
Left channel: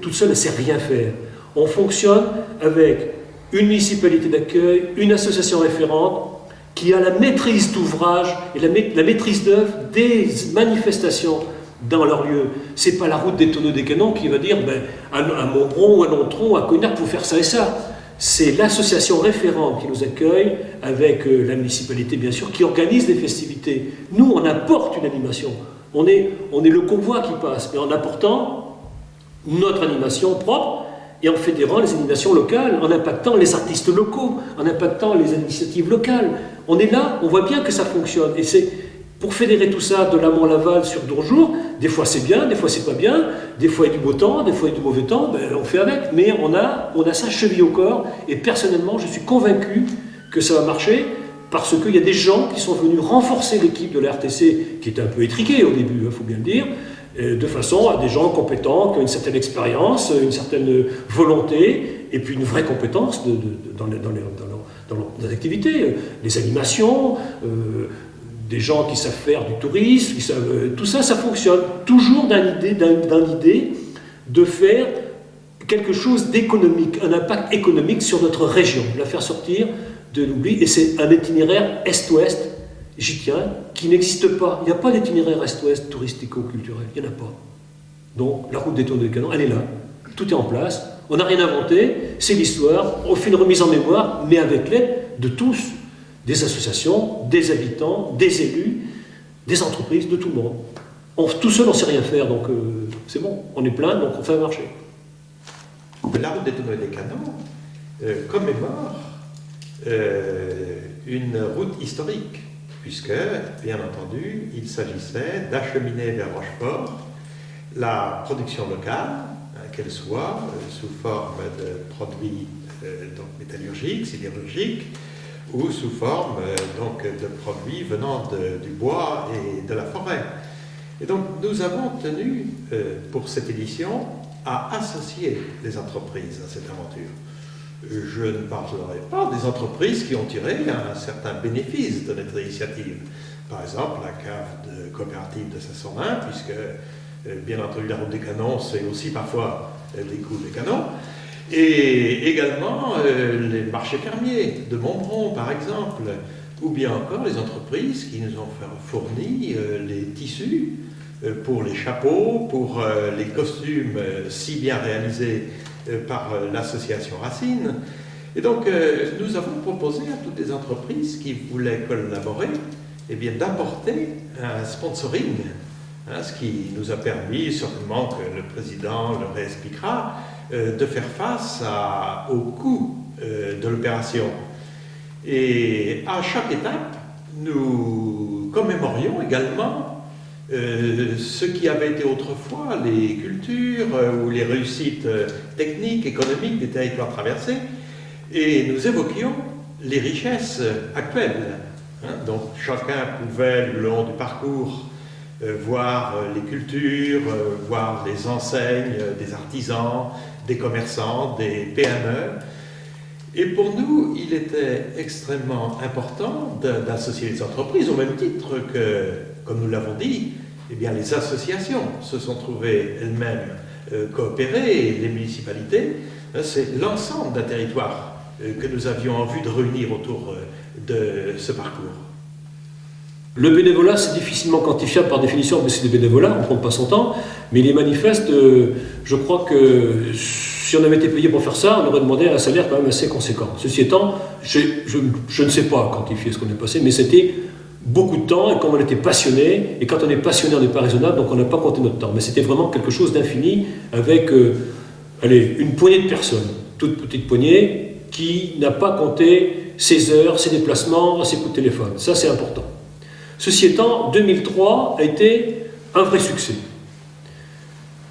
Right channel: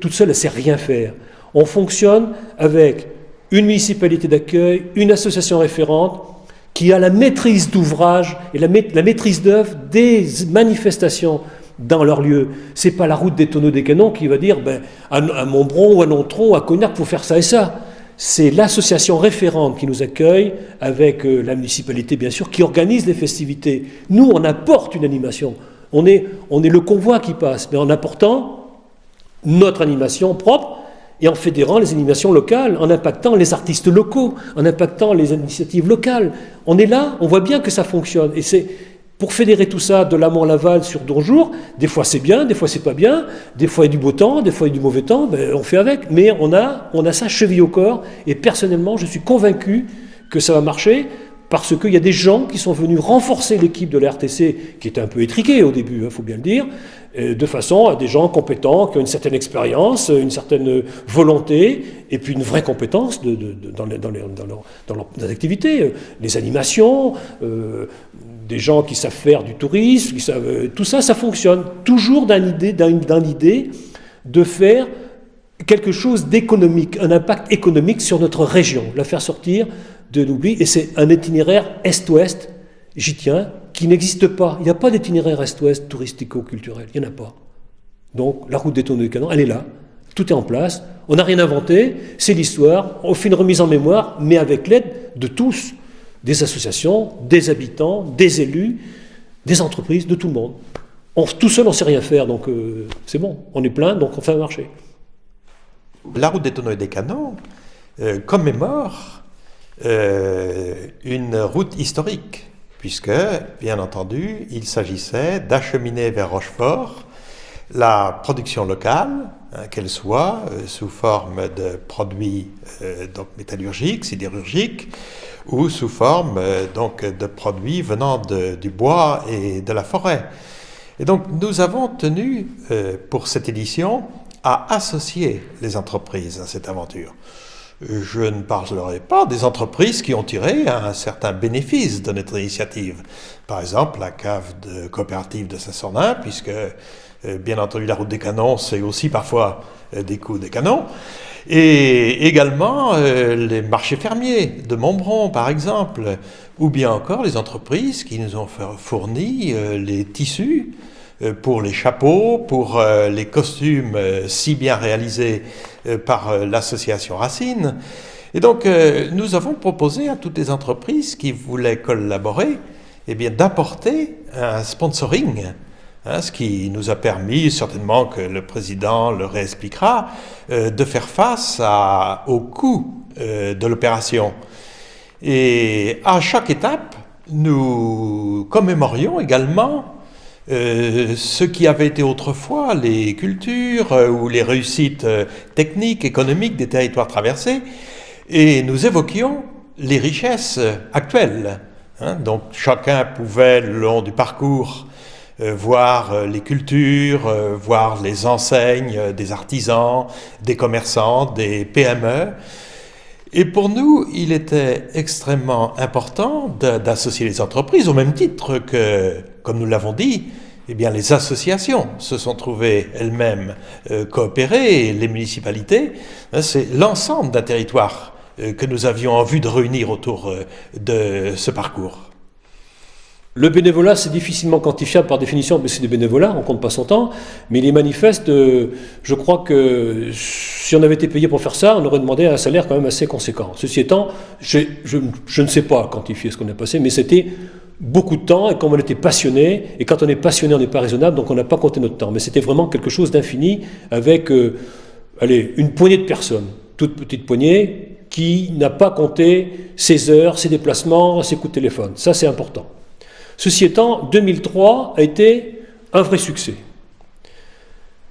Toute seule, elle ne sait rien faire. On fonctionne avec une municipalité d'accueil, une association référente qui a la maîtrise d'ouvrage et la maîtrise d'œuvre des manifestations dans leur lieu. C'est pas la route des tonneaux des canons qui va dire à Montbron ou à Nontron ou à Cognac, il faut faire ça et ça. C'est l'association référente qui nous accueille, avec la municipalité bien sûr, qui organise les festivités. Nous, on apporte une animation. On est le convoi qui passe, mais en apportant notre animation propre et en fédérant les animations locales, en impactant les artistes locaux, en impactant les initiatives locales. On est là, on voit bien que ça fonctionne. Et c'est pour fédérer tout ça de l'amont à l'aval sur 2 jours. Des fois c'est bien, des fois c'est pas bien, des fois il y a du beau temps, des fois il y a du mauvais temps, on fait avec. Mais on a ça chevillé au corps, et personnellement je suis convaincu que ça va marcher, parce qu'il y a des gens qui sont venus renforcer l'équipe de la RTC, qui était un peu étriquée au début, il faut bien le dire, de façon à des gens compétents, qui ont une certaine expérience, une certaine volonté, et puis une vraie compétence dans leurs activités, les animations, des gens qui savent faire du tourisme, tout ça, ça fonctionne. Toujours dans l'idée de faire quelque chose d'économique, un impact économique sur notre région, la faire sortir de l'oubli. Et c'est un itinéraire est-ouest, j'y tiens, qui n'existe pas. Il n'y a pas d'itinéraire est-ouest touristico-culturel, il n'y en a pas. Donc la route des tonneaux des canons, elle est là. Tout est en place, on n'a rien inventé, c'est l'histoire, on fait une remise en mémoire, mais avec l'aide de tous, des associations, des habitants, des élus, des entreprises, de tout le monde. Tout seul, on ne sait rien faire, donc c'est bon, on est plein, donc on fait marcher. La route des tonneaux et des canons commémore une route historique, puisque, bien entendu, il s'agissait d'acheminer vers Rochefort la production locale, qu'elle soit sous forme de produits métallurgiques, sidérurgiques, ou sous forme de produits venant du bois et de la forêt. Et donc nous avons tenu pour cette édition à associer les entreprises à cette aventure. Je ne parlerai pas des entreprises qui ont tiré un certain bénéfice de notre initiative. Par exemple, la cave de coopérative de Saint-Sornin, puisque bien entendu la route des canons, c'est aussi parfois des coups de canon. Et également les marchés fermiers de Montbron, par exemple, ou bien encore les entreprises qui nous ont fourni les tissus pour les chapeaux, pour les costumes si bien réalisés par l'association Racine. Et donc, nous avons proposé à toutes les entreprises qui voulaient collaborer, eh bien, d'apporter un sponsoring, hein, ce qui nous a permis, certainement que le président le réexpliquera, de faire face au coût de l'opération. Et à chaque étape, nous commémorions également ce qui avait été autrefois les cultures ou les réussites techniques, économiques des territoires traversés, et nous évoquions les richesses actuelles. Hein. Donc chacun pouvait, le long du parcours, voir les cultures, voir les enseignes des artisans, des commerçants, des PME. Et pour nous, il était extrêmement important d'associer les entreprises, au même titre que, comme nous l'avons dit, eh bien, les associations se sont trouvées elles-mêmes coopérer, et les municipalités. C'est l'ensemble d'un territoire que nous avions envie de réunir autour de ce parcours. Le bénévolat, c'est difficilement quantifiable par définition, parce que c'est des bénévolats, on ne compte pas son temps, mais les manifestes, je crois que si on avait été payé pour faire ça, on aurait demandé un salaire quand même assez conséquent. Ceci étant, je ne sais pas quantifier ce qu'on est passé, mais c'était beaucoup de temps, et comme on était passionné, et quand on est passionné, on n'est pas raisonnable, donc on n'a pas compté notre temps. Mais c'était vraiment quelque chose d'infini, avec une poignée de personnes, toute petite poignée, qui n'a pas compté ses heures, ses déplacements, ses coups de téléphone. Ça, c'est important. Ceci étant, 2003 a été un vrai succès.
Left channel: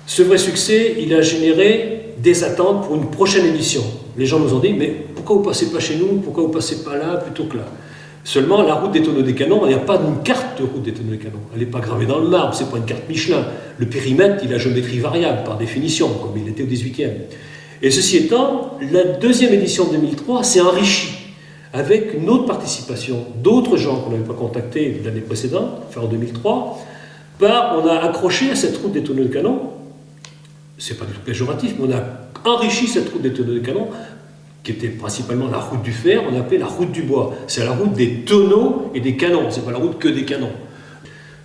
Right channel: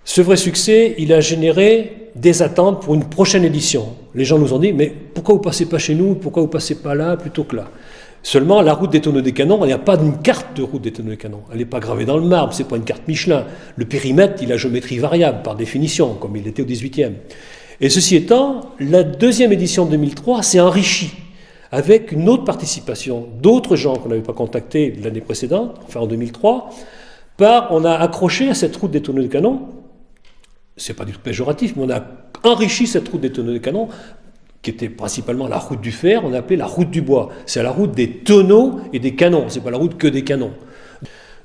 Ce vrai succès, il a généré des attentes pour une prochaine édition. Les gens nous ont dit, mais pourquoi vous ne passez pas chez nous, pourquoi vous ne passez pas là plutôt que là? Seulement, la route des Tonneaux des Canons, il n'y a pas d'une carte de route des Tonneaux des Canons. Elle n'est pas gravée dans le marbre, ce n'est pas une carte Michelin. Le périmètre, il a géométrie variable, par définition, comme il était au 18e. Et ceci étant, la deuxième édition de 2003 s'est enrichie avec une autre participation d'autres gens qu'on n'avait pas contactés l'année précédente, enfin en 2003, on a accroché à cette route des Tonneaux des Canons, c'est pas du tout péjoratif, mais on a enrichi cette route des Tonneaux des Canons, qui était principalement la route du fer, on a appelé la route du bois. C'est la route des tonneaux et des canons, c'est pas la route que des canons.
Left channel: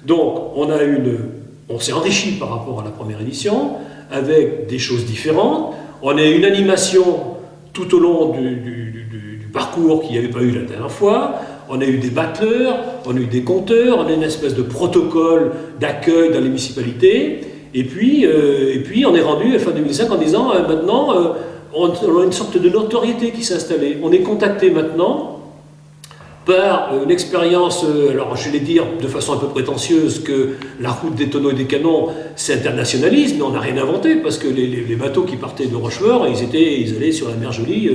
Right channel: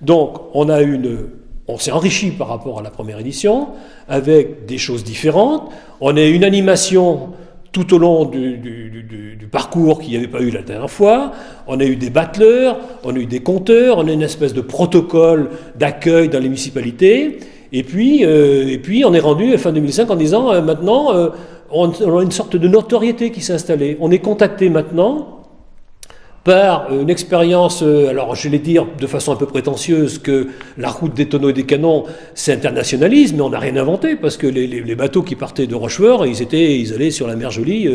Donc on s'est enrichi par rapport à la première édition, avec des choses différentes. On a eu une animation tout au long du parcours qu'il n'y avait pas eu la dernière fois. On a eu des battleurs, on a eu des compteurs, on a une espèce de protocole d'accueil dans les municipalités. Et puis on est rendu à fin 2005 en disant maintenant on a une sorte de notoriété qui s'est installée. On est contacté maintenant par une expérience, alors je vais dire de façon un peu prétentieuse que la route des Tonneaux et des Canons, c'est internationalisme, mais on n'a rien inventé, parce que les bateaux qui partaient de Rochefort, ils allaient sur la mer Jolie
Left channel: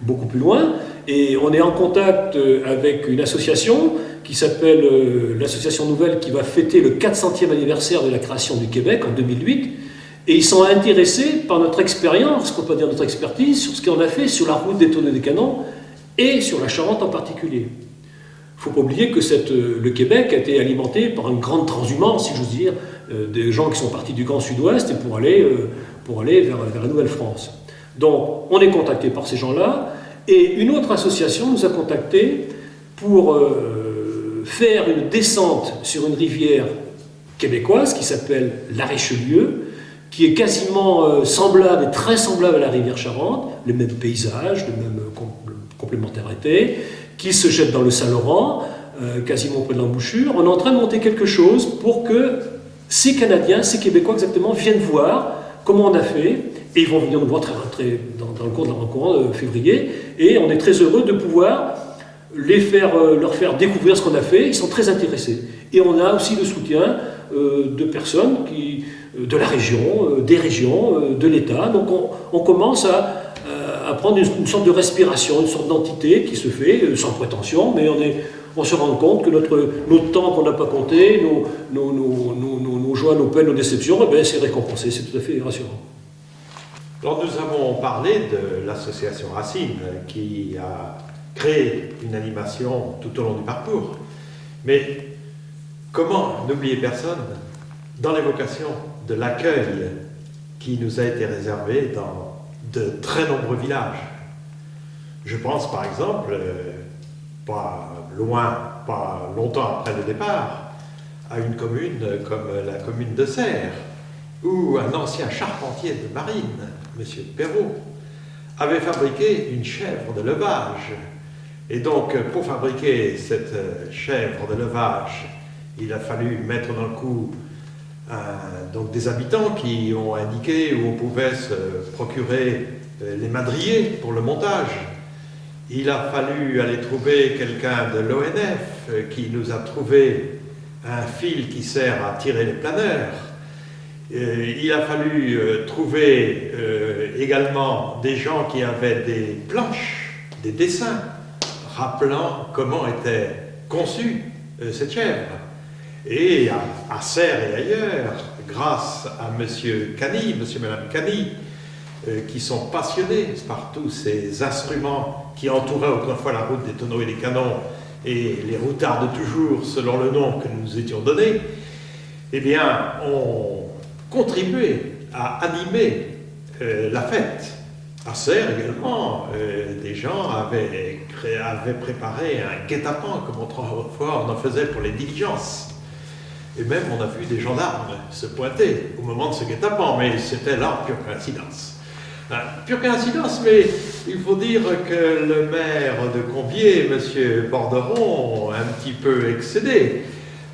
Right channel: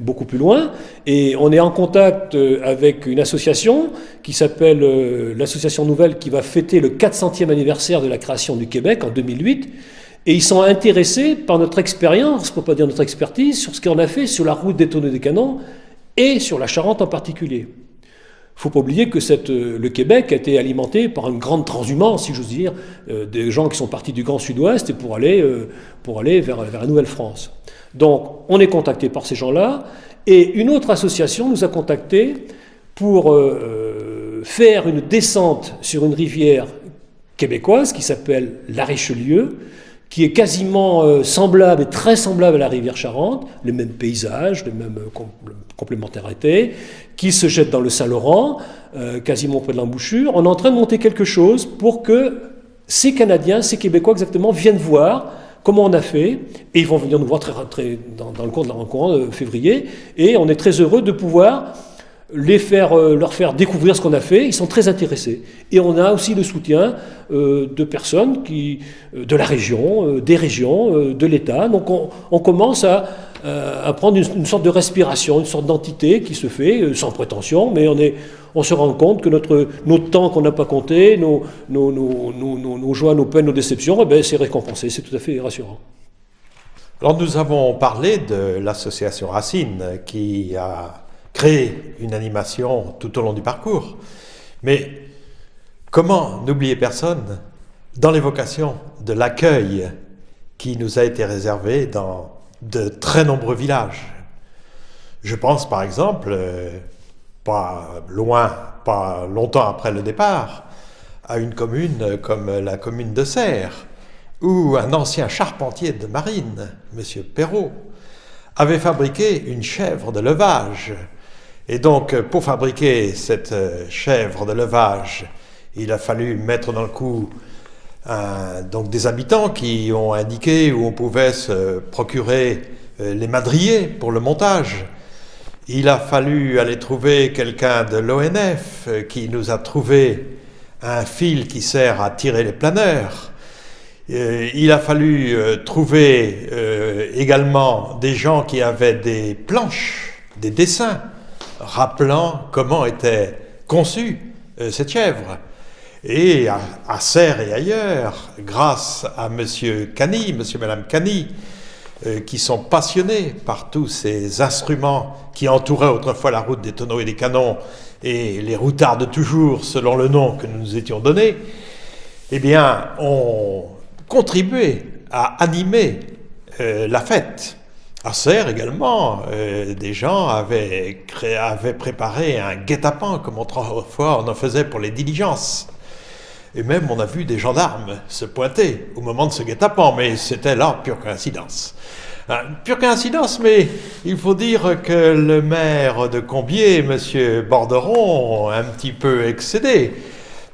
beaucoup plus loin, et on est en contact avec une association qui s'appelle l'Association Nouvelle, qui va fêter le 400e anniversaire de la création du Québec en 2008, et ils sont intéressés par notre expérience, pour ne pas dire notre expertise, sur ce qu'on a fait sur la route des Tonneaux et des Canons, et sur la Charente en particulier. Il ne faut pas oublier que le Québec a été alimenté par une grande transhumance, si j'ose dire, des gens qui sont partis du Grand Sud-Ouest et pour aller vers la Nouvelle-France. Donc, on est contacté par ces gens-là, et une autre association nous a contactés pour faire une descente sur une rivière québécoise qui s'appelle la Richelieu, qui est quasiment semblable et très semblable à la rivière Charente, les mêmes paysages, les mêmes complémentarités, qui se jette dans le Saint-Laurent, quasiment près de l'embouchure. On est en train de monter quelque chose pour que ces Canadiens, ces Québécois exactement, viennent voir comment on a fait, et ils vont venir nous voir dans le courant de février, et on est très heureux de pouvoir leur faire découvrir ce qu'on a fait. Ils sont très intéressés. Et on a aussi le soutien de personnes de la région, des régions, de l'État. Donc on commence à prendre une sorte de respiration, une sorte d'entité qui se fait sans prétention, mais on se rend compte que notre temps qu'on n'a pas compté, nos joies, nos peines, nos déceptions, c'est récompensé, c'est tout à fait rassurant. Alors nous avons parlé de l'association Racine qui a créé une animation tout au long du parcours, mais comment n'oublier personne dans l'évocation de l'accueil qui nous a été réservé dans de très nombreux villages. Je pense par exemple, pas longtemps après le départ, à une commune comme la commune de Serres, où un ancien charpentier de marine, M. Perrault, avait fabriqué une chèvre de levage. Et donc, pour fabriquer cette chèvre de levage, il a fallu mettre dans le coup donc des habitants qui ont indiqué où on pouvait se procurer les madriers pour le montage. Il a fallu aller trouver quelqu'un de l'ONF qui nous a trouvé un fil qui sert à tirer les planeurs. Il a fallu trouver également des gens qui avaient des planches, des dessins, rappelant comment était conçue cette chèvre. Et à Serres et ailleurs, grâce à monsieur Cany, monsieur et madame Cany, qui sont passionnés par tous ces instruments qui entouraient autrefois la route des tonneaux et des canons, et les routards de toujours, selon le nom que nous nous étions donné, eh bien, ont contribué à animer la fête. À Serres également, des gens avaient préparé un guet-apens, comme autrefois on en faisait pour les diligences. Et même on a vu des gendarmes se pointer au moment de ce guet-apens, mais c'était là pure coïncidence. Pure coïncidence, mais il faut dire que le maire de Combiers, M. Borderon, a un petit peu excédé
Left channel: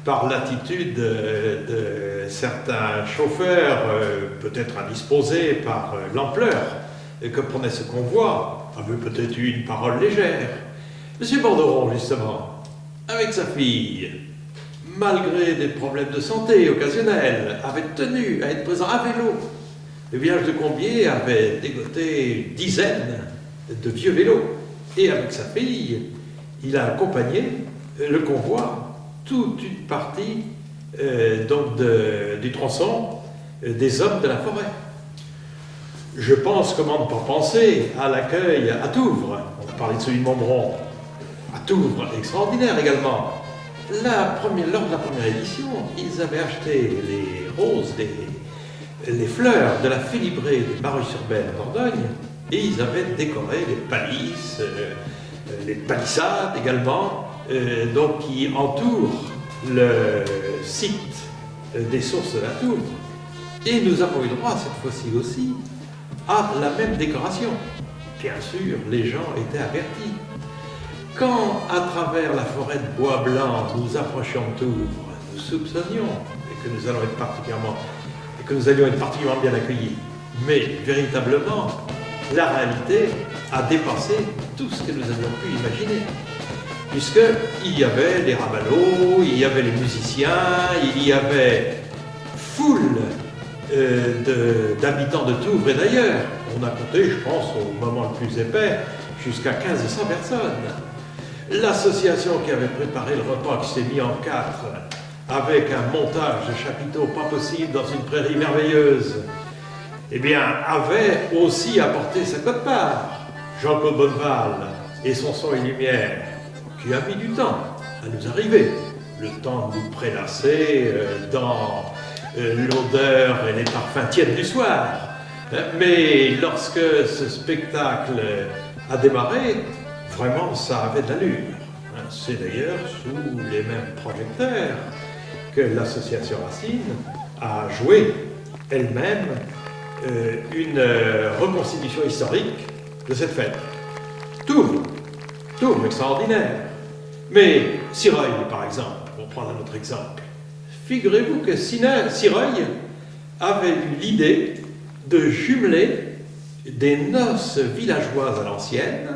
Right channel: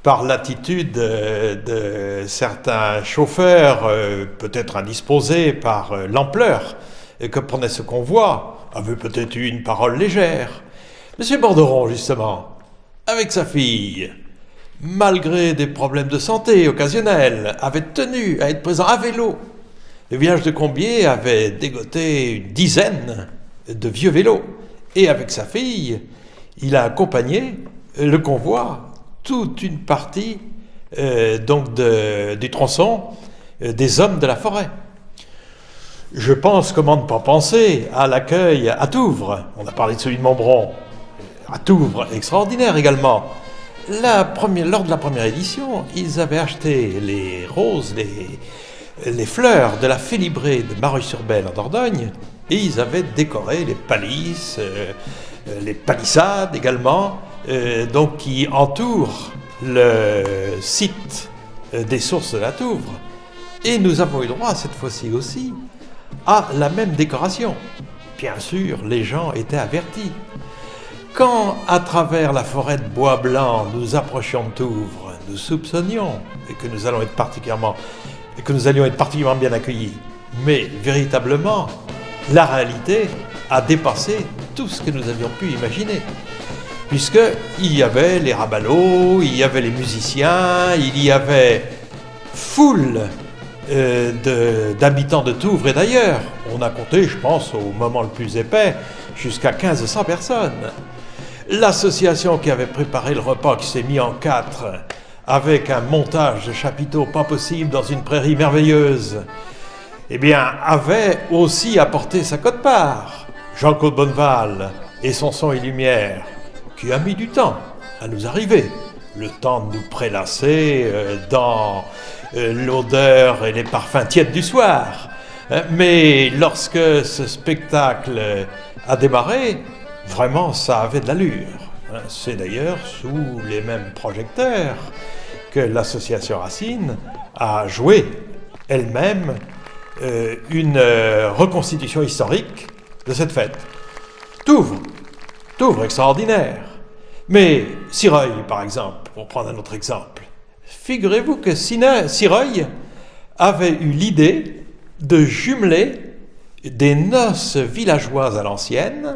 par l'attitude de certains chauffeurs, peut-être indisposés par l'ampleur que prenait ce convoi, avait peut-être eu une parole légère. M. Borderon, justement, avec sa fille, malgré des problèmes de santé occasionnels, avait tenu à être présent à vélo. Le village de Combiers avait dégoté une dizaine de vieux vélos. Et avec sa fille, il a accompagné le convoi, toute une partie du tronçon des hommes de la forêt. Je pense, comment ne pas penser, à l'accueil à Touvres. On a parlé de celui de Montbron. À Touvres, extraordinaire également. Lors de la première édition, ils avaient acheté les roses, les fleurs de la félibrée de Mareuil-sur-Belle en Dordogne, et ils avaient décoré les palisses, les palissades également, donc qui entourent le site des sources de la Touvre. Et nous avons eu droit cette fois-ci aussi à la même décoration. Bien sûr, les gens étaient avertis. Quand, à travers la forêt de bois blanc, nous approchions de Touvres, nous soupçonnions que nous allions être particulièrement bien accueillis. Mais véritablement, la réalité a dépassé tout ce que nous avions pu imaginer. Puisqu'il y avait les raballots, il y avait les musiciens, il y avait foule d'habitants de Touvres et d'ailleurs. On a compté, je pense, au moment le plus épais, jusqu'à 1500 personnes. L'association qui avait préparé le repas, qui s'est mis en 4, avec un montage de chapiteaux pas possible dans une prairie merveilleuse, eh bien, avait aussi apporté sa quote-part. Jean-Claude Bonneval et son son et lumière, qui a mis du temps à nous arriver. Le temps de nous prélasser dans l'odeur et les parfums tièdes du soir. Mais lorsque ce spectacle a démarré, vraiment, ça avait de l'allure. C'est d'ailleurs sous les mêmes projecteurs que l'association Racine a joué elle-même une reconstitution historique de cette fête. Touvres extraordinaire. Mais Sireuil, par exemple, pour prendre un autre exemple, figurez-vous que Sireuil avait eu l'idée de jumeler des noces villageoises à l'ancienne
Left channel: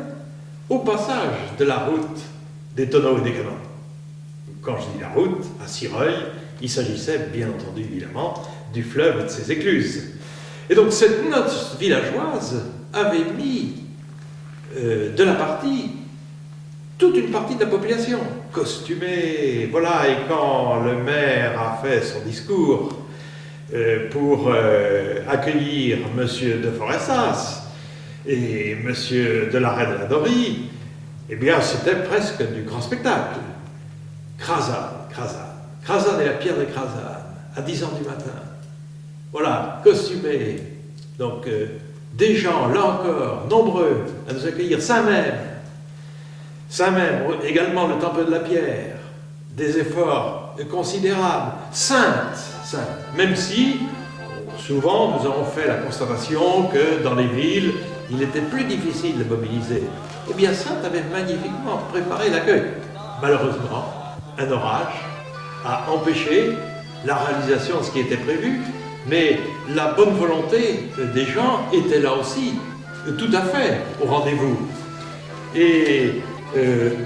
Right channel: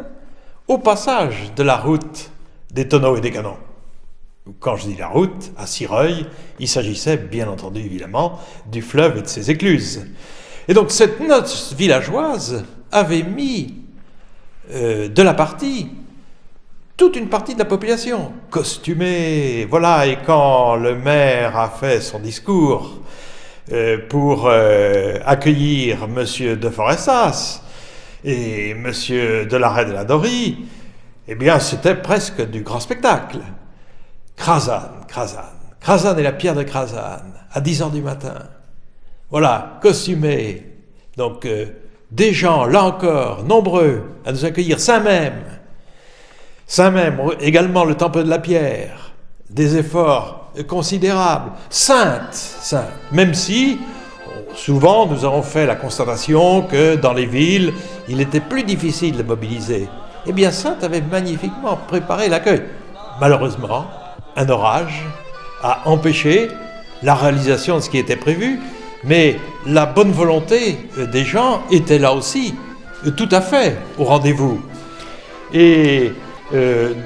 au passage de la route des tonneaux et des canons. Quand je dis la route, à Sireuil, il s'agissait bien entendu évidemment du fleuve et de ses écluses. Et donc cette noce villageoise avait mis de la partie toute une partie de la population, costumée, voilà, et quand le maire a fait son discours pour accueillir M. de Forestas et M. de Larrey de la Dorie, eh bien c'était presque du grand spectacle. Crasane et la pierre de Crasane, à 10h du matin. Voilà, costumés, donc des gens, là encore, nombreux, à nous accueillir, Saint-Même, également le temple de la pierre, des efforts considérables, sainte, même si, souvent, nous avons fait la constatation que dans les villes, il était plus difficile de mobiliser. Eh bien, Sainte avait magnifiquement préparé l'accueil. Malheureusement, un orage a empêché la réalisation de ce qui était prévu, mais la bonne volonté des gens était là aussi, tout à fait au rendez-vous. Et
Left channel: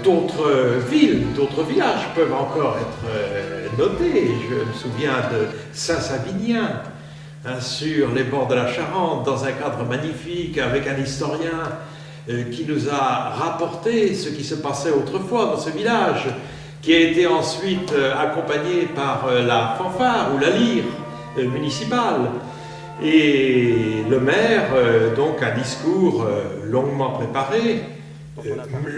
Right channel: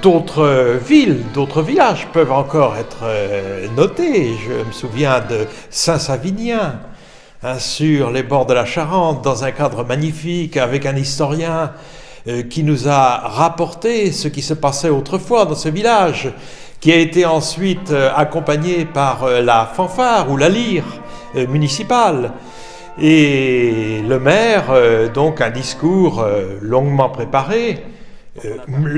d'autres villes, d'autres villages peuvent encore être notés. Je me souviens de Saint-Savinien, sur les bords de la Charente, dans un cadre magnifique, avec un historien qui nous a rapporté ce qui se passait autrefois dans ce village, qui a été ensuite accompagné par la fanfare ou la lyre municipale. Et le maire, donc un discours longuement préparé,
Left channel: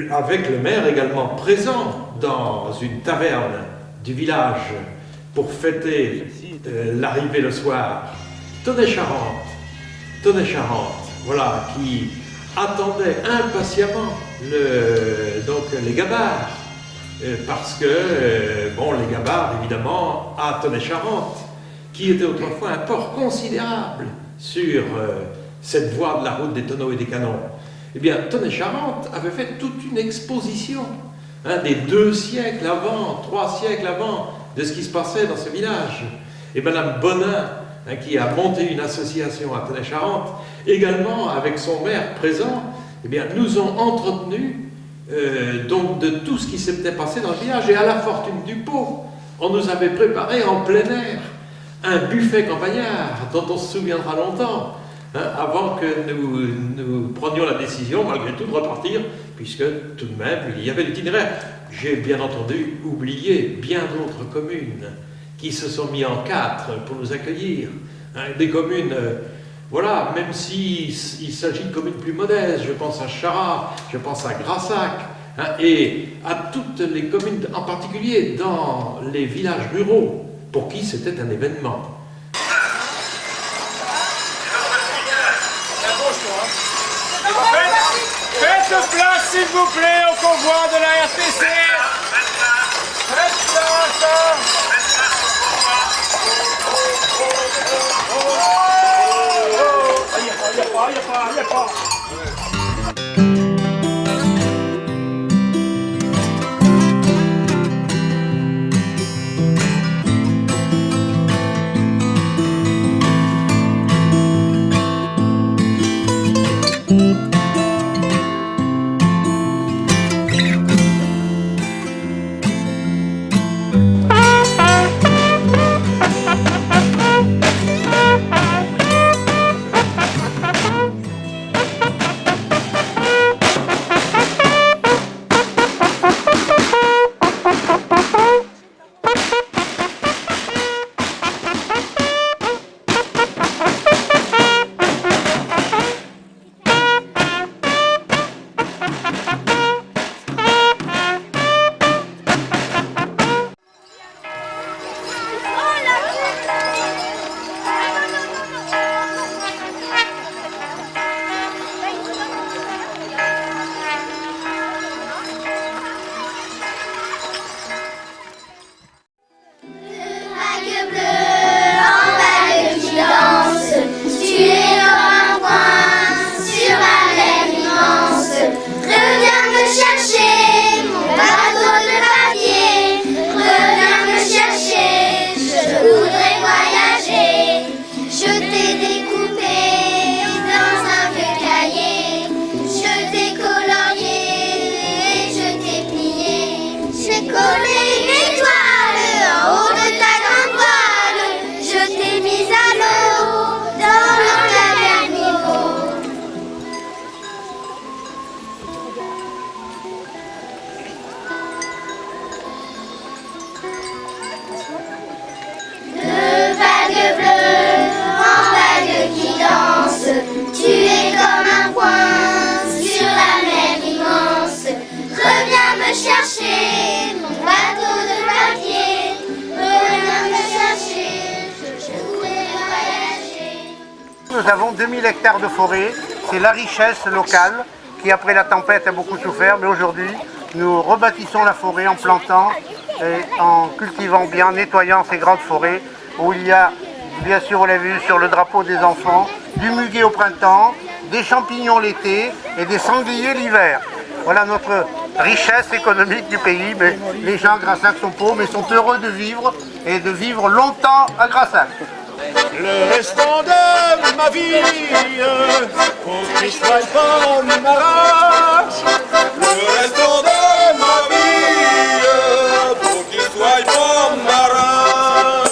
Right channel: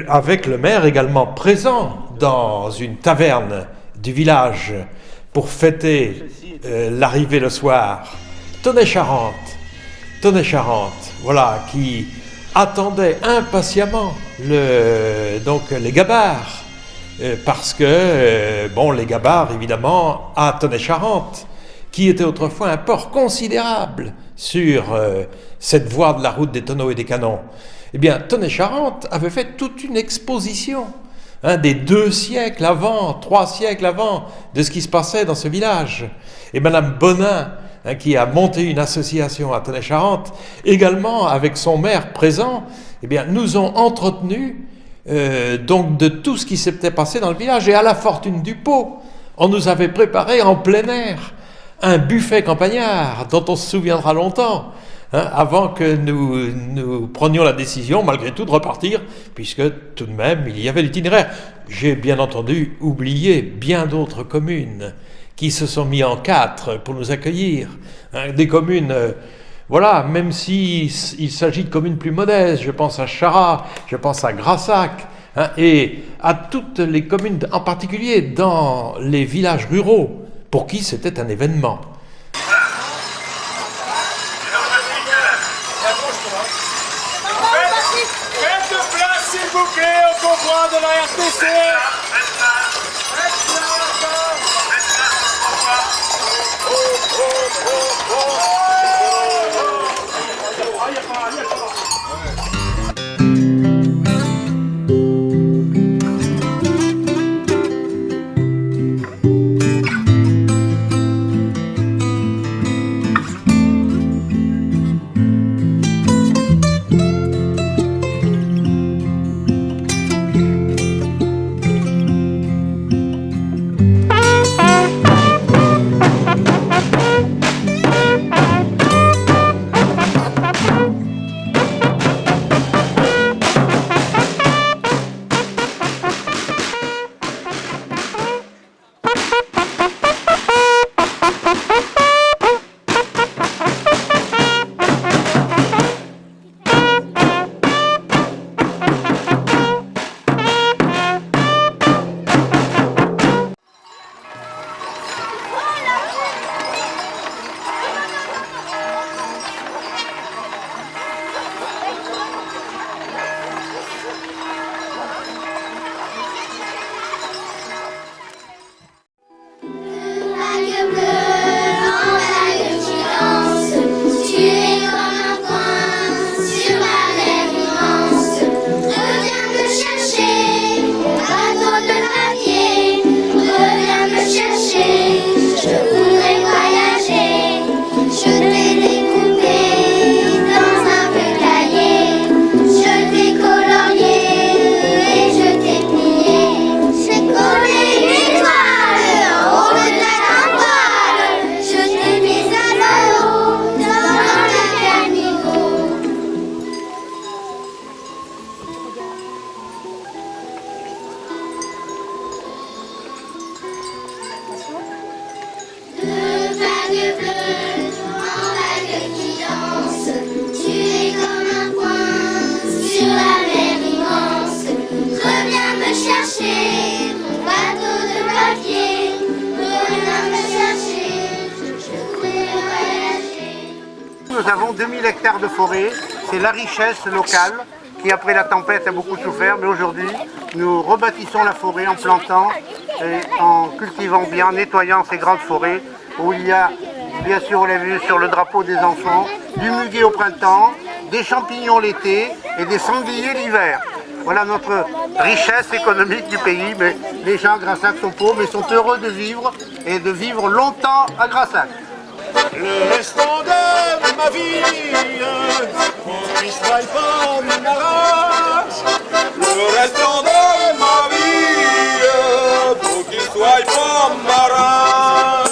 avec le maire également présent dans une taverne du village pour fêter l'arrivée le soir. Tonnet-Charente, voilà, qui attendait impatiemment les gabarres, parce que, les gabarres, évidemment, à Tonnet-Charente, qui était autrefois un port considérable sur cette voie de la route des tonneaux et des canons. Eh bien, Tonnet-Charente avait fait toute une exposition, des 2 siècles avant, 3 siècles avant, de ce qui se passait dans ce village. Et Madame Bonin, qui a monté une association à Tonnet-Charente, également avec son maire présent, eh bien, nous ont entretenus donc de tout ce qui s'était passé dans le village. Et à la Fortune du Pot, on nous avait préparé en plein air un buffet campagnard dont on se souviendra longtemps, avant que nous prenions la décision, malgré tout, de repartir, puisque tout de même, il y avait l'itinéraire. J'ai bien entendu oublié bien d'autres communes qui se sont mis en 4 pour nous accueillir. Des communes, même s'il s'agit de communes plus modestes, je pense à Charras, je pense à Grassac, et à toutes les communes, en particulier dans les villages ruraux, pour qui c'était un événement. Faites place, s'il vous plaît, au convoi de la RTC. Faites place. Il n'y a pas. Nous avons 2000 hectares de forêt, c'est la richesse locale qui après la tempête a beaucoup souffert, mais aujourd'hui nous rebâtissons la forêt en plantant et en cultivant bien, en nettoyant ces grandes forêts où il y a, bien sûr vous l'avez vu sur le drapeau des enfants, du muguet au printemps, des champignons l'été et des sangliers l'hiver. Voilà notre richesse économique du pays, mais les gens à Grassac sont pauvres, mais sont heureux de vivre et de vivre longtemps à Grassac. Le restant de ma vie, pour qu'il soit pas ma race. Le restant de ma vie, pour qu'il soit pas ma race.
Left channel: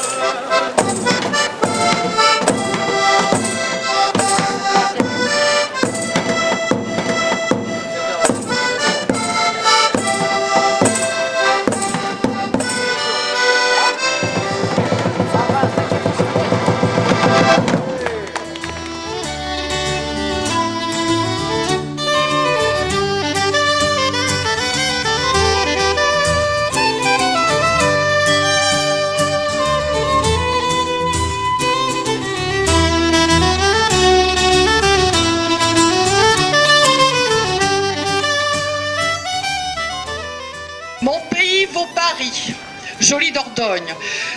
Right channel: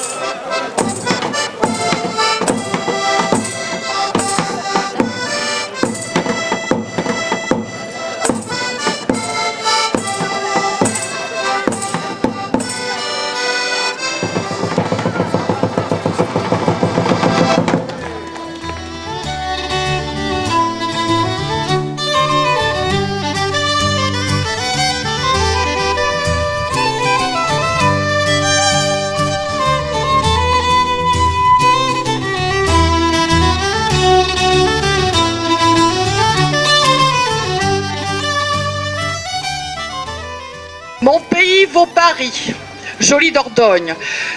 Mon pays vaut Paris, joli Dordogne.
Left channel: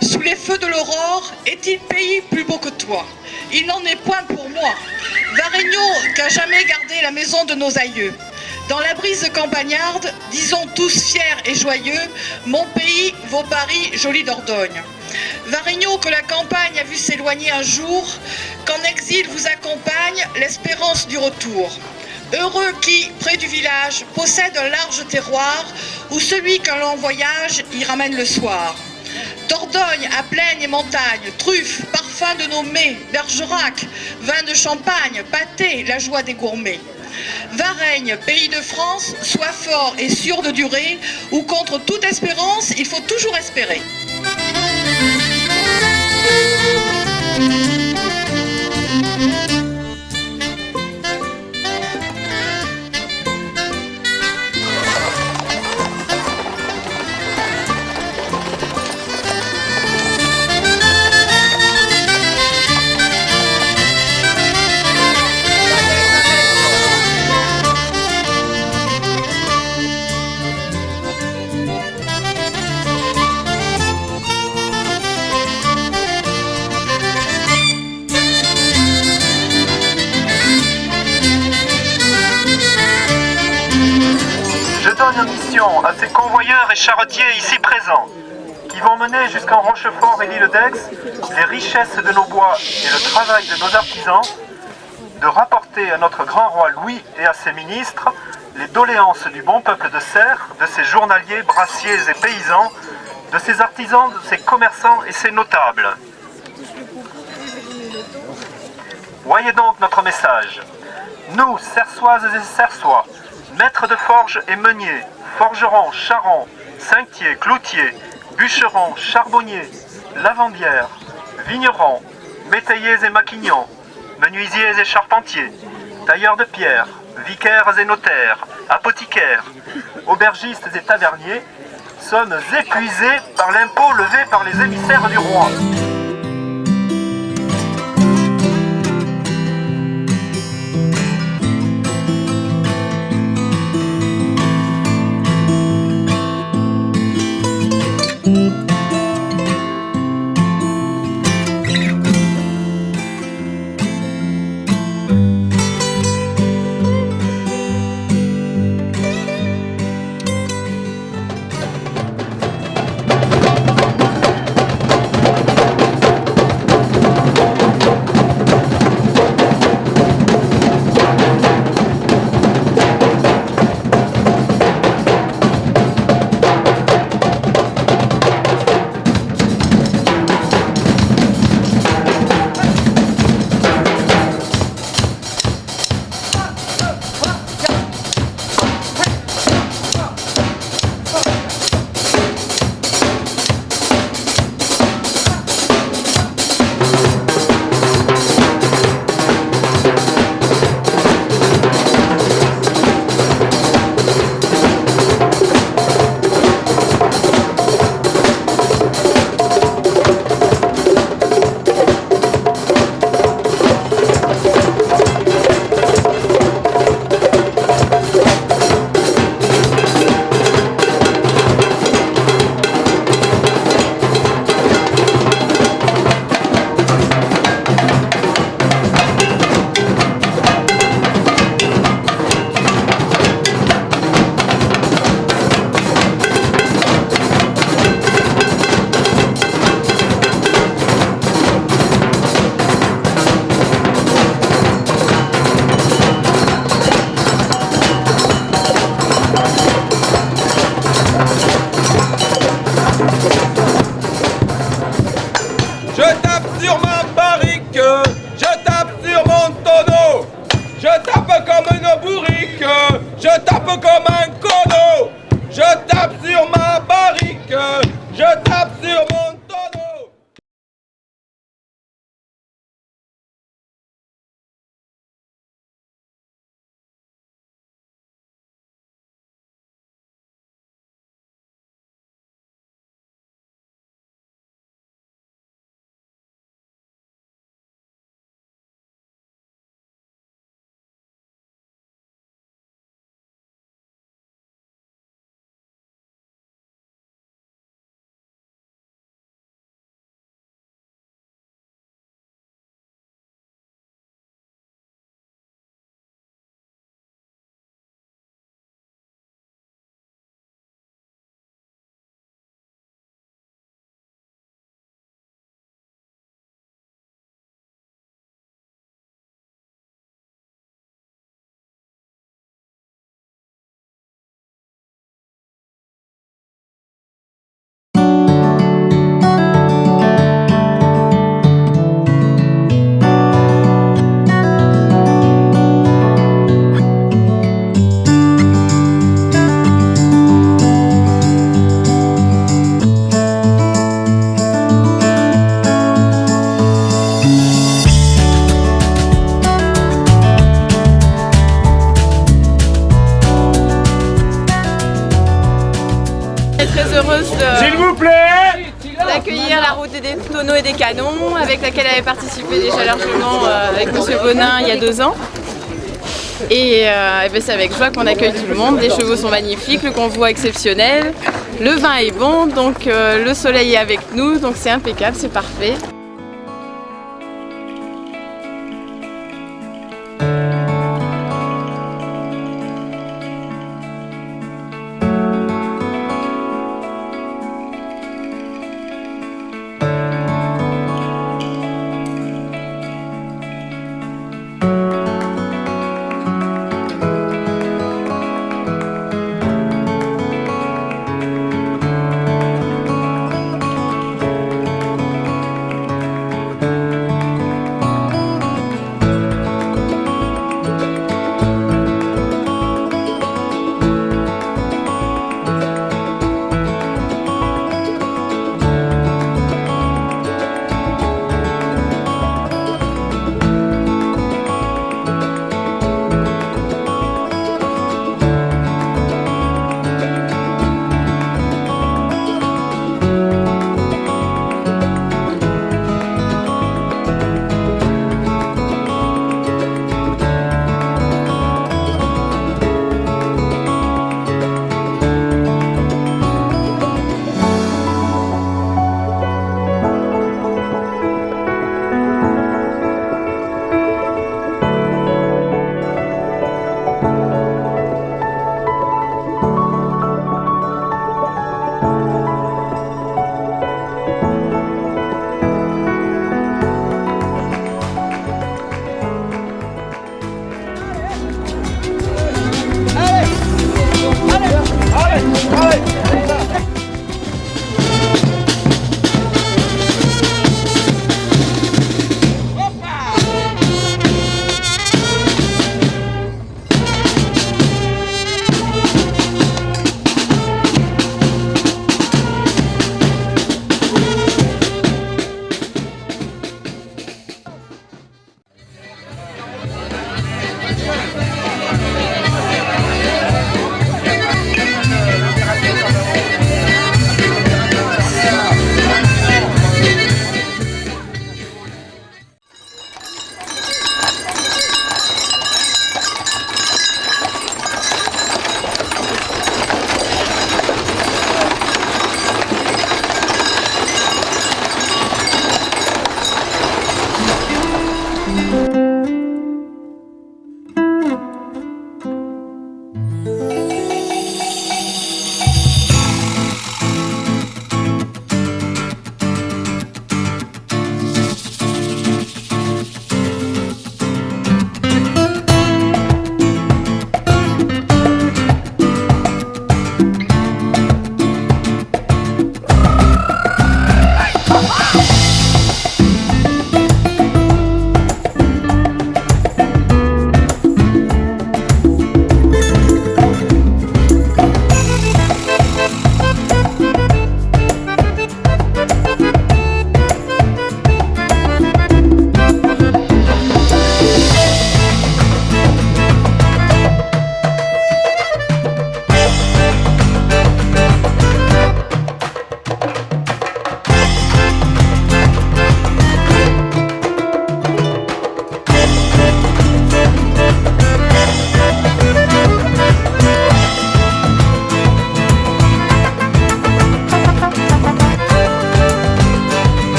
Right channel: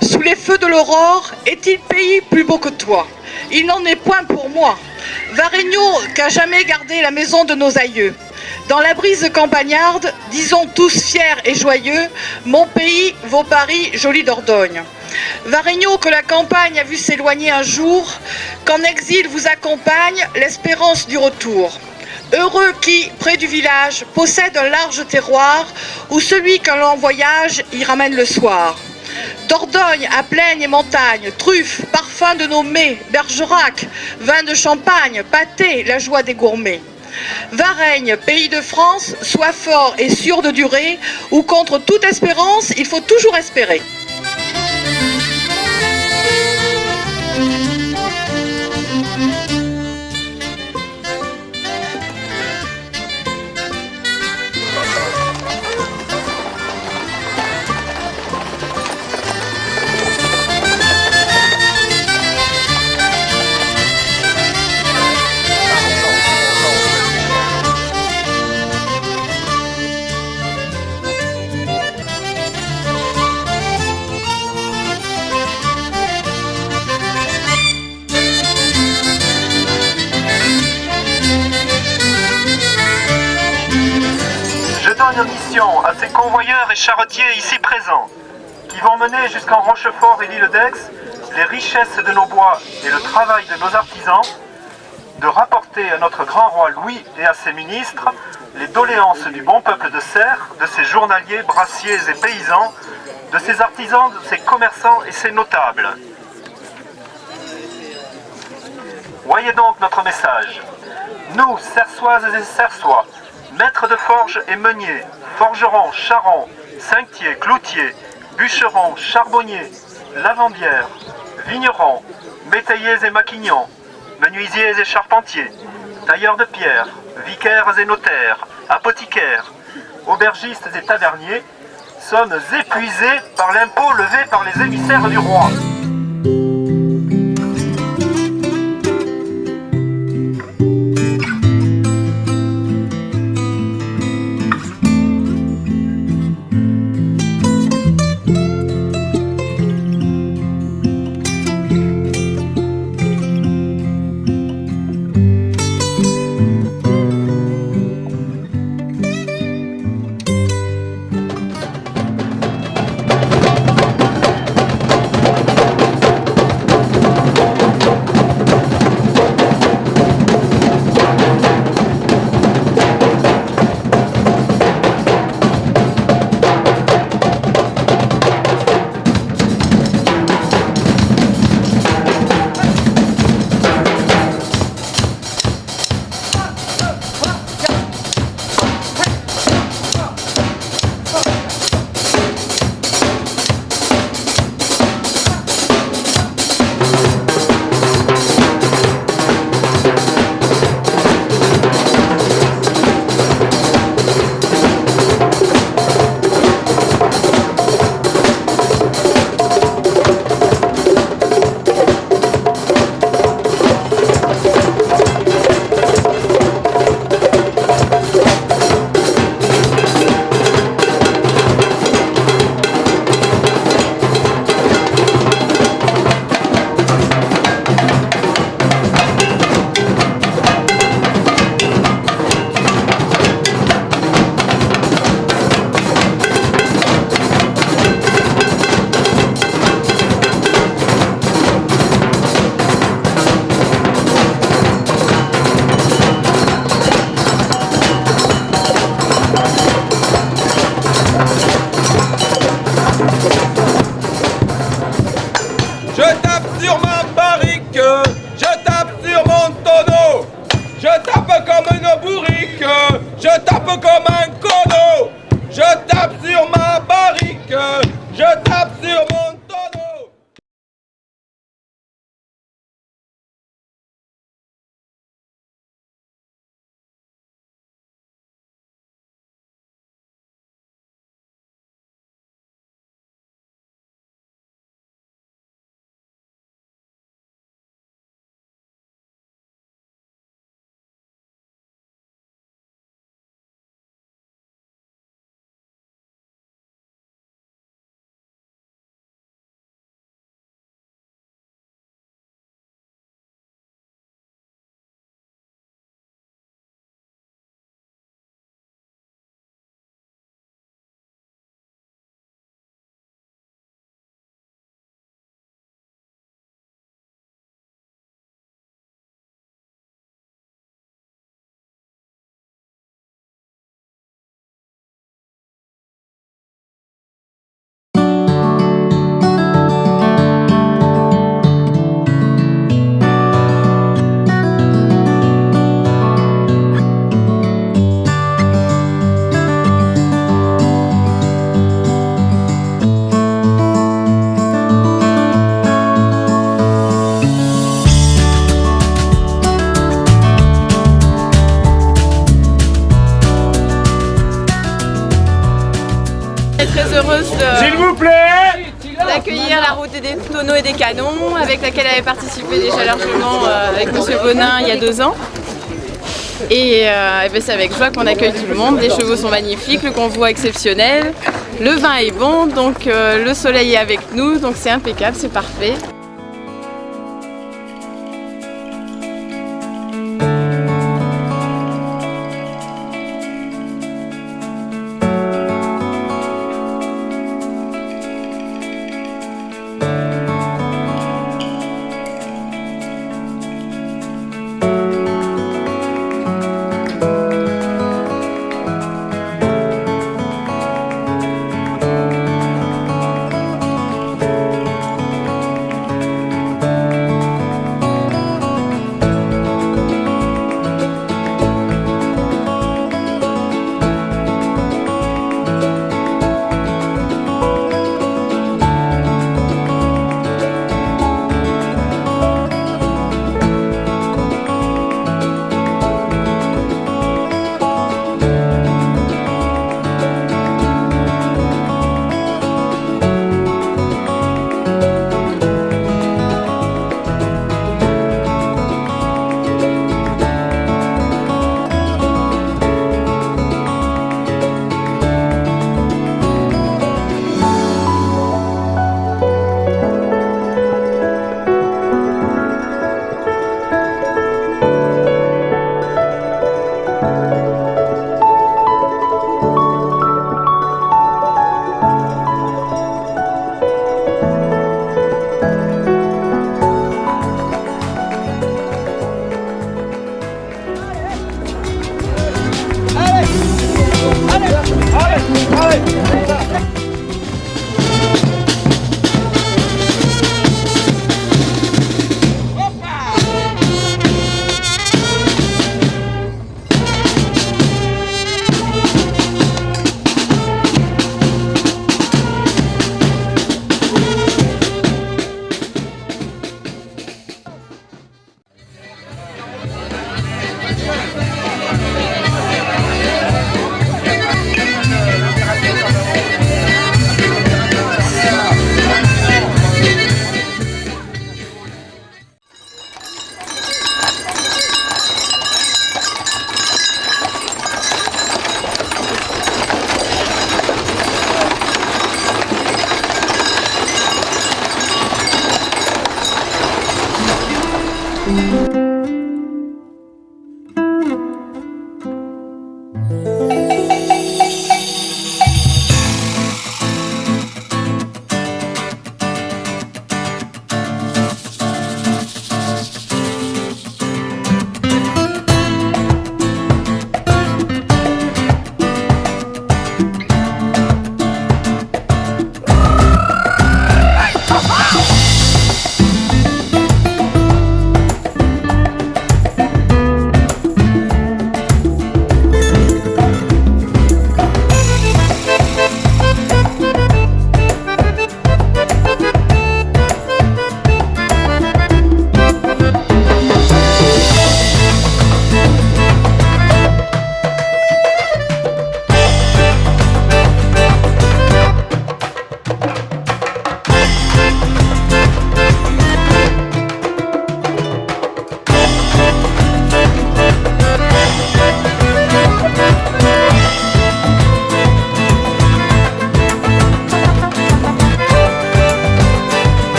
Sous les feux de l'aurore, est-il pays plus beau que toi? Il n'en est point pour moi. Varégnon qu'a jamais gardé la maison de nos aïeux. Dans la brise campagnarde, disons tous fiers et joyeux, mon pays vaut Paris, joli Dordogne. Varégnon que la campagne a vu s'éloigner un jour, qu'en exil vous accompagne l'espérance du retour. Heureux qui, près du village, possède un large terroir où celui qu'un long voyage y ramène le soir. Dordogne à plaine et montagne, truffes, parfums de nos mets, Bergerac, vin de champagne, pâté, la joie des gourmets. Varègne, pays de France, sois fort et sûr de durer, où contre toute espérance, il faut toujours espérer. Mission à ces convoyeurs et charretiers ici présents, qui vont mener jusqu'en Rochefort et l'île d'Aix les richesses de nos bois et le travail de nos artisans, de rapporter à notre grand roi Louis et à ses ministres les doléances du bon peuple de Serres, de ses journaliers, brassiers et paysans, de ses artisans, de ses commerçants et ses notables. Voyez donc notre message. Nous, Sersoises et Sersois, maîtres de forge et meuniers, forgerons, charrons, cinquetiers, cloutiers, bûcherons, charbonniers, lavandières, vignerons, métayers et maquignons, menuisiers et charpentiers, tailleurs de pierre, vicaires et notaires, apothicaires, aubergistes et taverniers, sommes épuisés par l'impôt levé par les émissaires du roi. je tape comme un cono, je tape sur ma barrique, je tape sur mon tonneau. Très heureuse S'il vous plaît, d'accueillir la route des tonneaux et des canons, avec laquelle avait participé déjà largement avec M. Bonin il y a 2 ans. Et ben c'est avec joie qu'on accueille tout le monde. Les chevaux sont magnifiques, le convoi exceptionnel, le vin est bon, donc le soleil est avec nous, donc c'est impeccable, c'est parfait.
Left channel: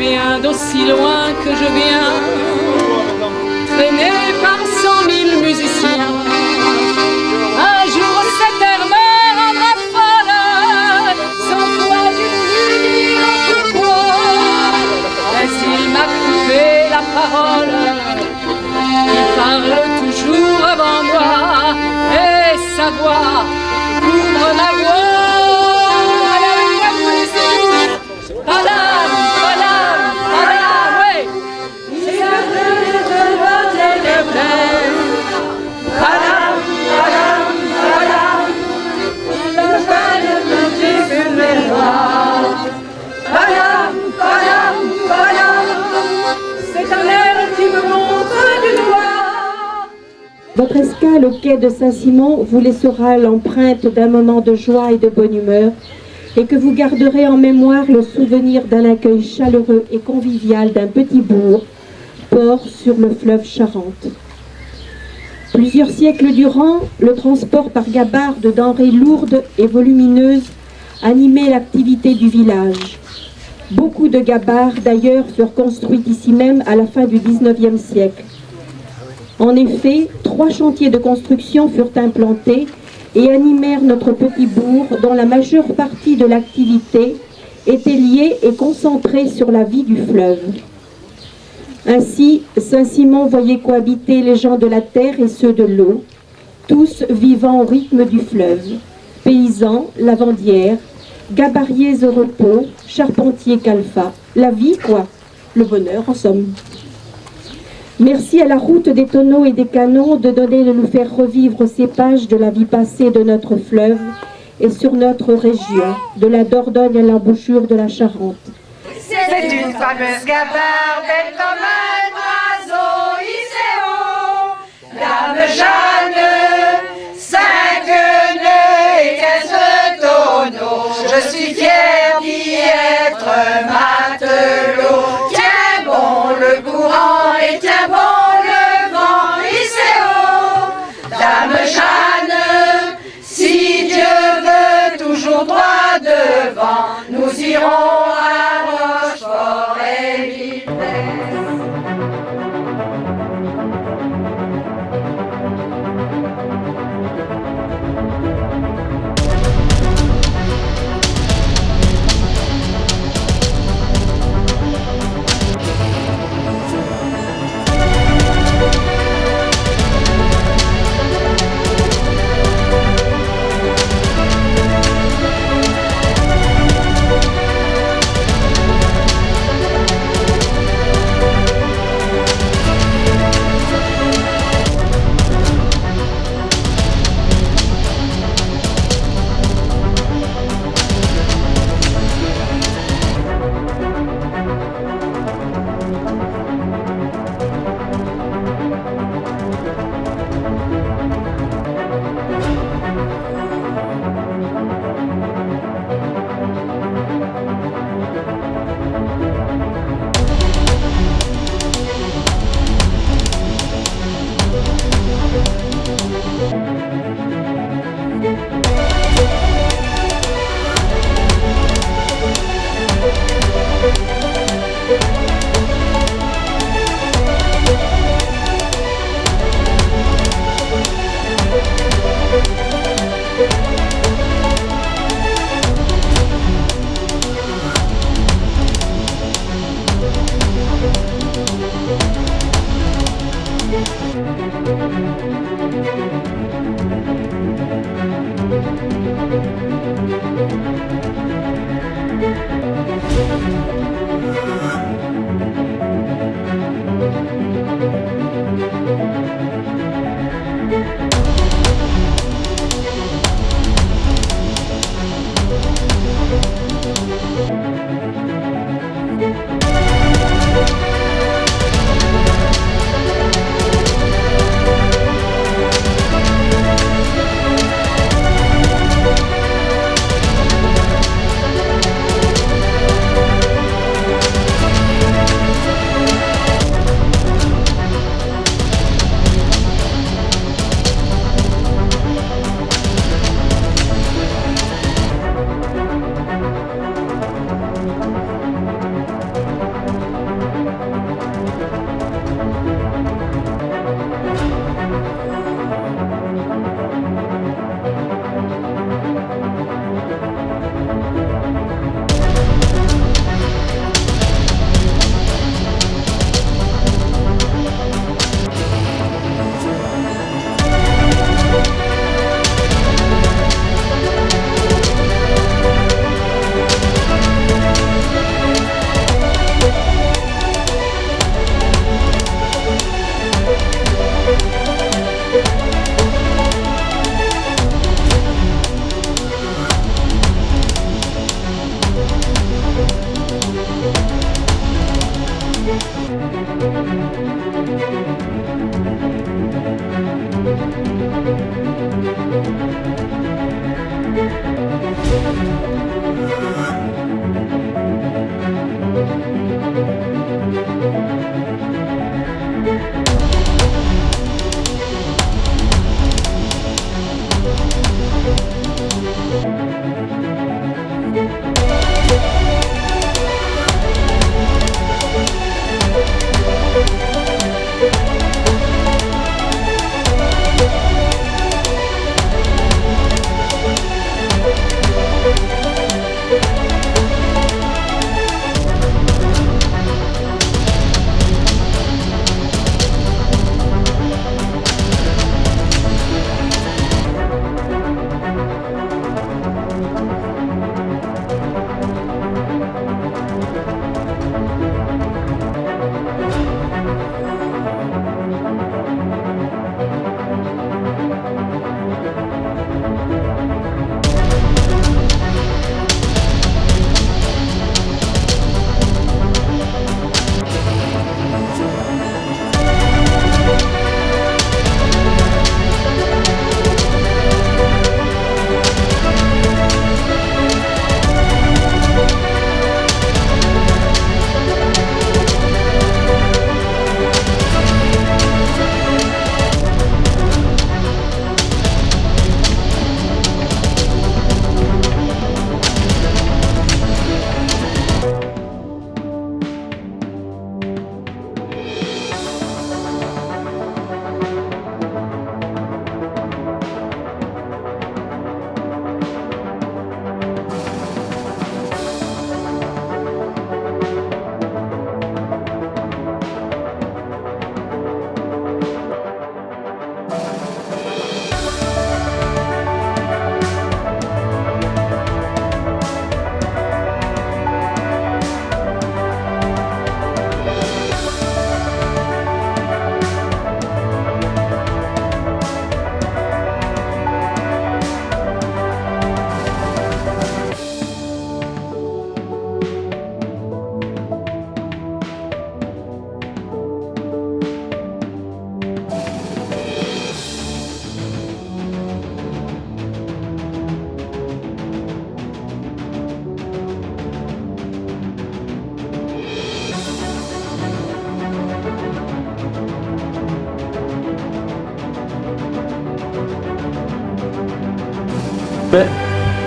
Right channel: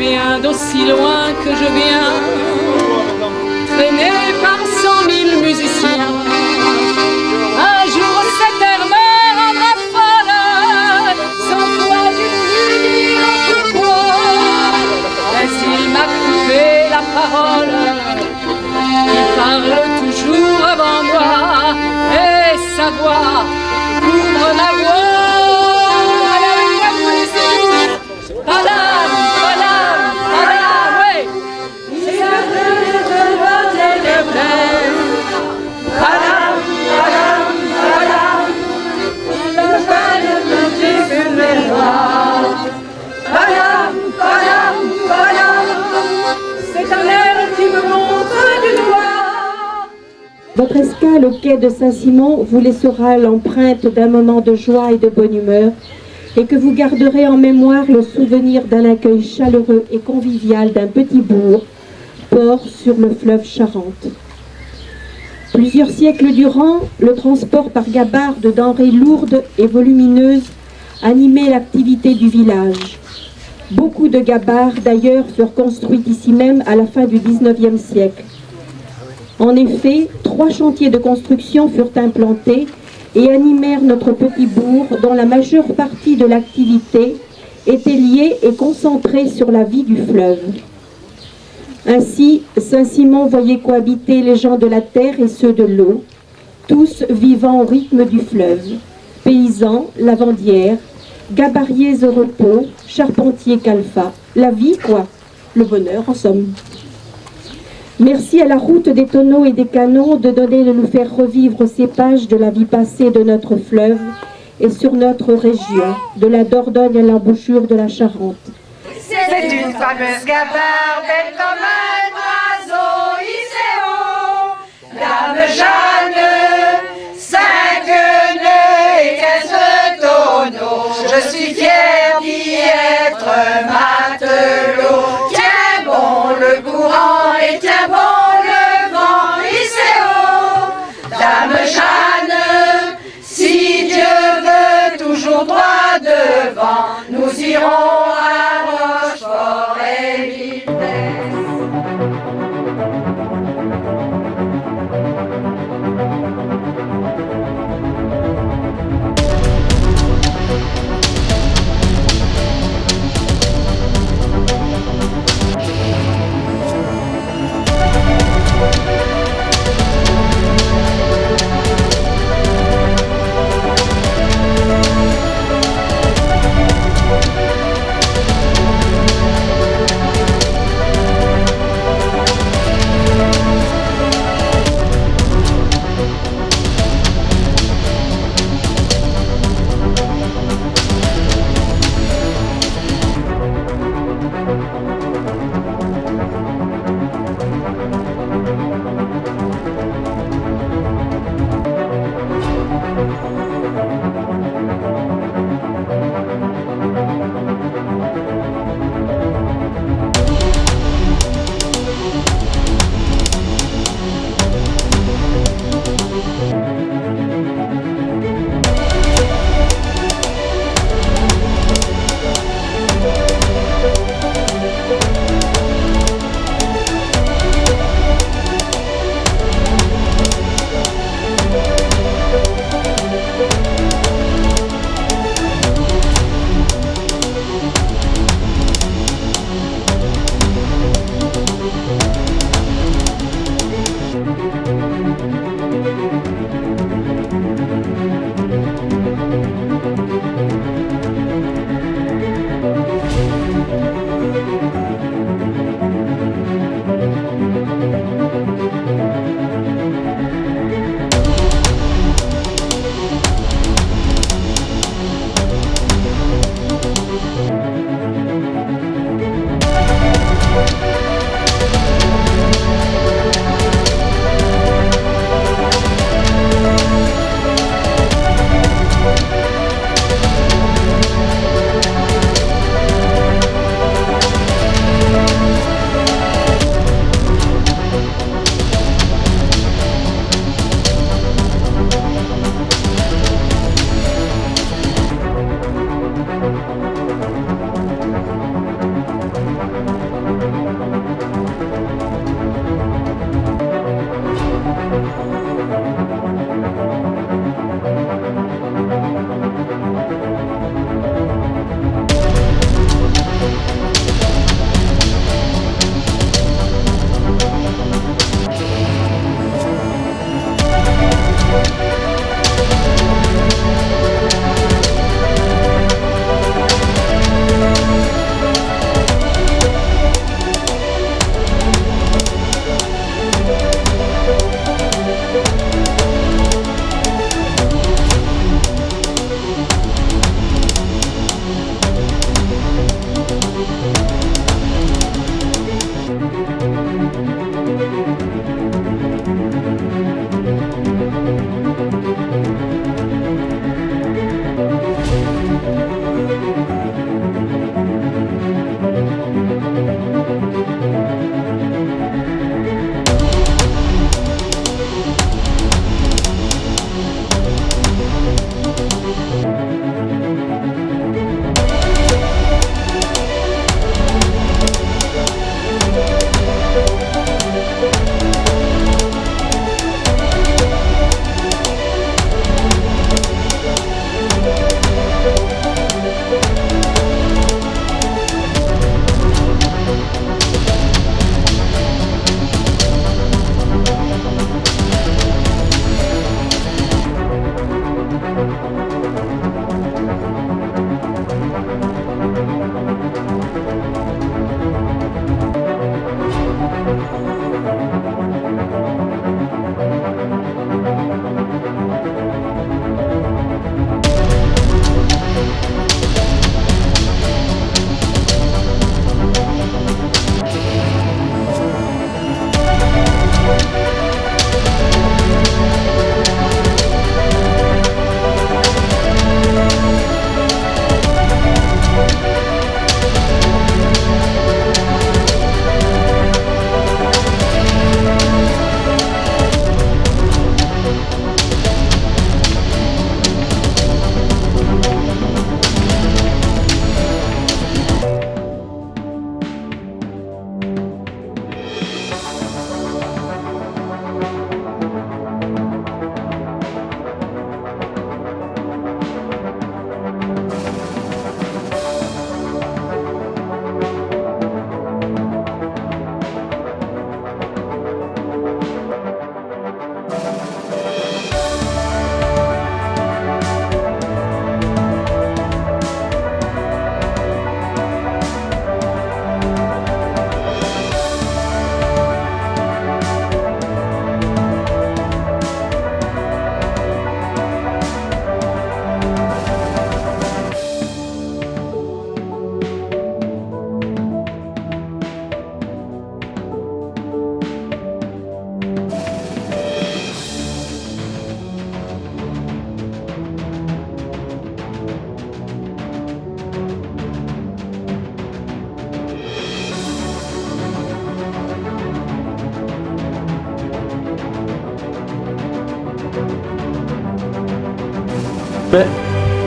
viens d'aussi loin que je viens, traîné par 100 000 musiciens. Un jour cet air me rendra folle, sans toi je ne lui dire pourquoi. Mais s'il m'a coupé la parole, il parle toujours avant moi, et sa voix couvre ma voix. Votre escale au quai de Saint-Simon vous laissera l'empreinte d'un moment de joie et de bonne humeur, et que vous garderez en mémoire le souvenir d'un accueil chaleureux et convivial d'un petit bourg, port sur le fleuve Charente. Plusieurs siècles durant, le transport par gabarre de denrées lourdes et volumineuses animait l'activité du village. Beaucoup de gabarres, d'ailleurs, furent construites ici même à la fin du XIXe siècle. En effet, 3 chantiers de construction furent implantés et animèrent notre petit bourg, dont la majeure partie de l'activité était liée et concentrée sur la vie du fleuve. Ainsi, Saint-Simon voyait cohabiter les gens de la terre et ceux de l'eau, tous vivant au rythme du fleuve, paysans, lavandières, gabariers au repos, charpentiers calfats. La vie, quoi. Le bonheur, en somme. Merci à la route des tonneaux et des canons de nous faire revivre ces pages de la vie passée de notre fleuve et sur notre région, de la Dordogne à l'embouchure de la Charente. C'est une fameuse gabarre, belle comme un oiseau, hissé haut. Dame Jeanne, 5 nœuds et 15 tonneaux. Je suis fière d'y être matelot. Tiens bon le courant et tiens bon le vent, hissé haut. Dame Jeanne, si Dieu veut toujours droit devant, nous irons à Rochefort et Vildès.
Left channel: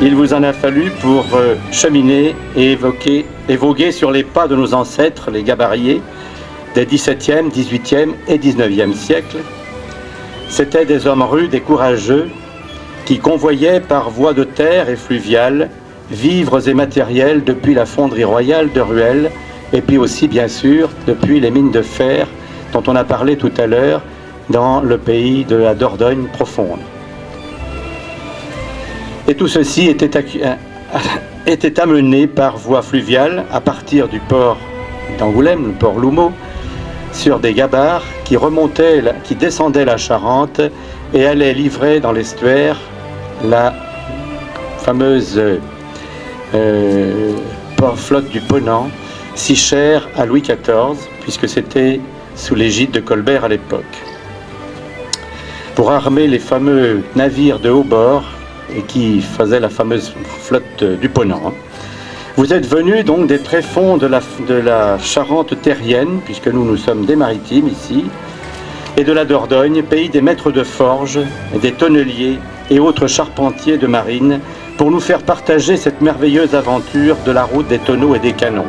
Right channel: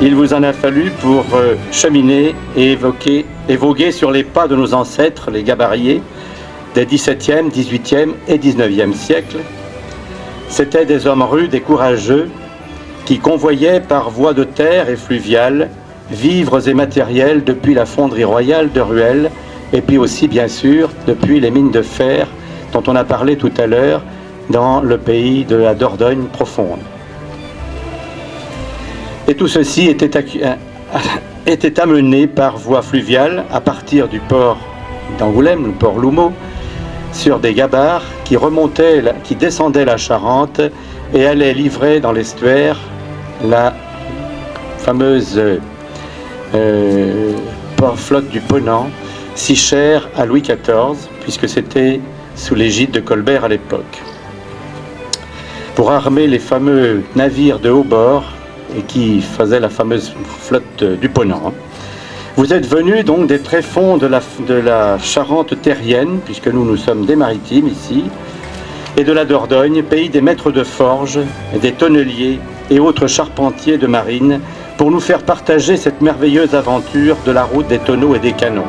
il vous en a fallu pour cheminer et évoquer sur les pas de nos ancêtres, les gabariers, des XVIIe, XVIIIe et XIXe siècles. C'étaient des hommes rudes et courageux qui convoyaient par voie de terre et fluviale vivres et matériels depuis la fonderie royale de Ruel et puis aussi bien sûr depuis les mines de fer dont on a parlé tout à l'heure dans le pays de la Dordogne profonde. Et tout ceci était amené par voie fluviale à partir du port d'Angoulême, le port Loumeau, sur des gabarres qui descendaient la Charente et allaient livrer dans l'estuaire la fameuse flotte du Ponant, si chère à Louis XIV, puisque c'était sous l'égide de Colbert à l'époque. Pour armer les fameux navires de haut bord et qui faisaient la fameuse flotte du Ponant. Vous êtes venus donc des tréfonds de la Charente terrienne, puisque nous sommes des maritimes ici, et de la Dordogne, pays des maîtres de forge, des tonneliers et autres charpentiers de marine, pour nous faire partager cette merveilleuse aventure de la route des tonneaux et des canons.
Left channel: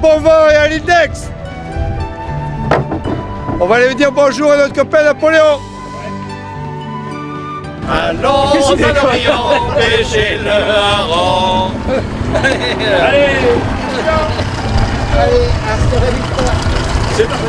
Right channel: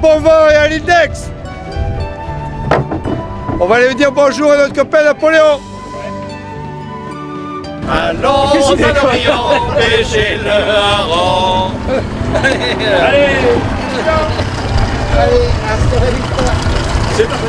bon vent et à l'index. On va aller dire bonjour à notre copain Napoléon. Allons à l'Orient, pêcher le hareng. Allez, c'est parti.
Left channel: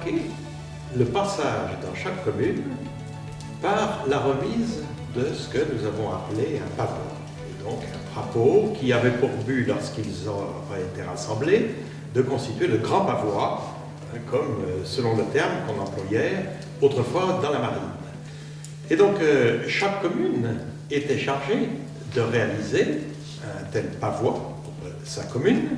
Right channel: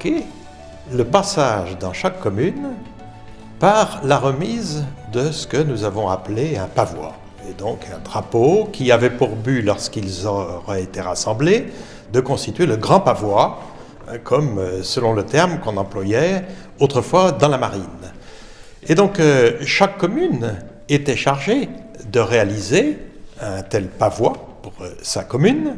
marqué le passage dans chaque commune par la remise de ce que nous avons appelé un pavois. Et donc un drapeau qui avait pour but, lorsqu'ils auraient été rassemblés, de constituer le grand pavois, comme selon le terme qu'on employait autrefois dans la marine. Et donc chaque commune était chargée de réaliser un tel pavois pour sa commune,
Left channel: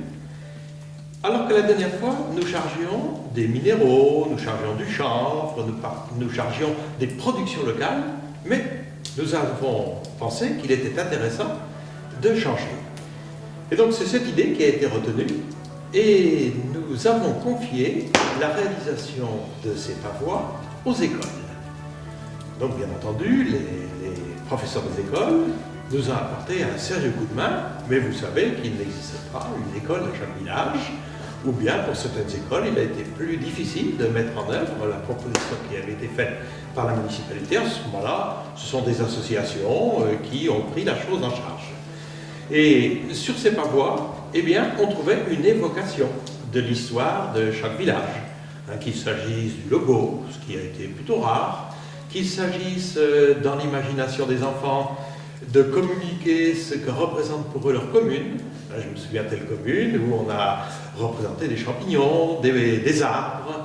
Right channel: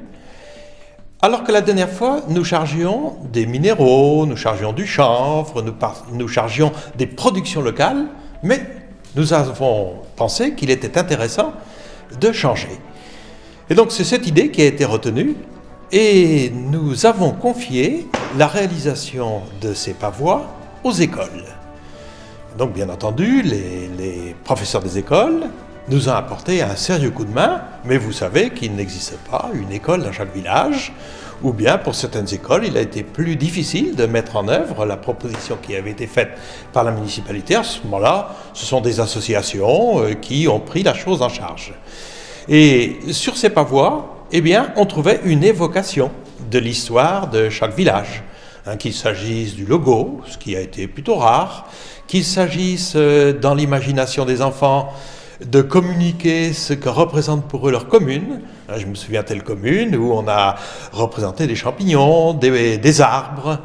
alors que la dernière fois, nous chargions des minéraux, nous chargions du chanvre, nous chargions des productions locales, mais nous avons pensé qu'il était intéressant de changer. Et donc c'est cette idée qui a été retenue, et nous avons confié la réalisation de ces pavois aux écoles. Donc bien entendu, les professeurs des écoles nous ont apporté un sérieux coup de main, mais vous savez qu'il n'existait pas une école dans chaque village, ou bien pour certaines écoles, il a été plus difficile de mettre en œuvre la proposition qui avait été faite par la municipalité. À ce moment-là, ce sont des associations qui ont pris la chose en charge. Et sur ces pavois, eh bien, on trouvait une évocation de l'histoire de chaque village, qu'il s'agisse du logo, ce qui a été plutôt rare, qu'il s'agisse dans l'imagination des enfants de communiquer ce que représente pour eux leur commune. Je me souviens de telle commune où on a représenté des champignons, des arbres,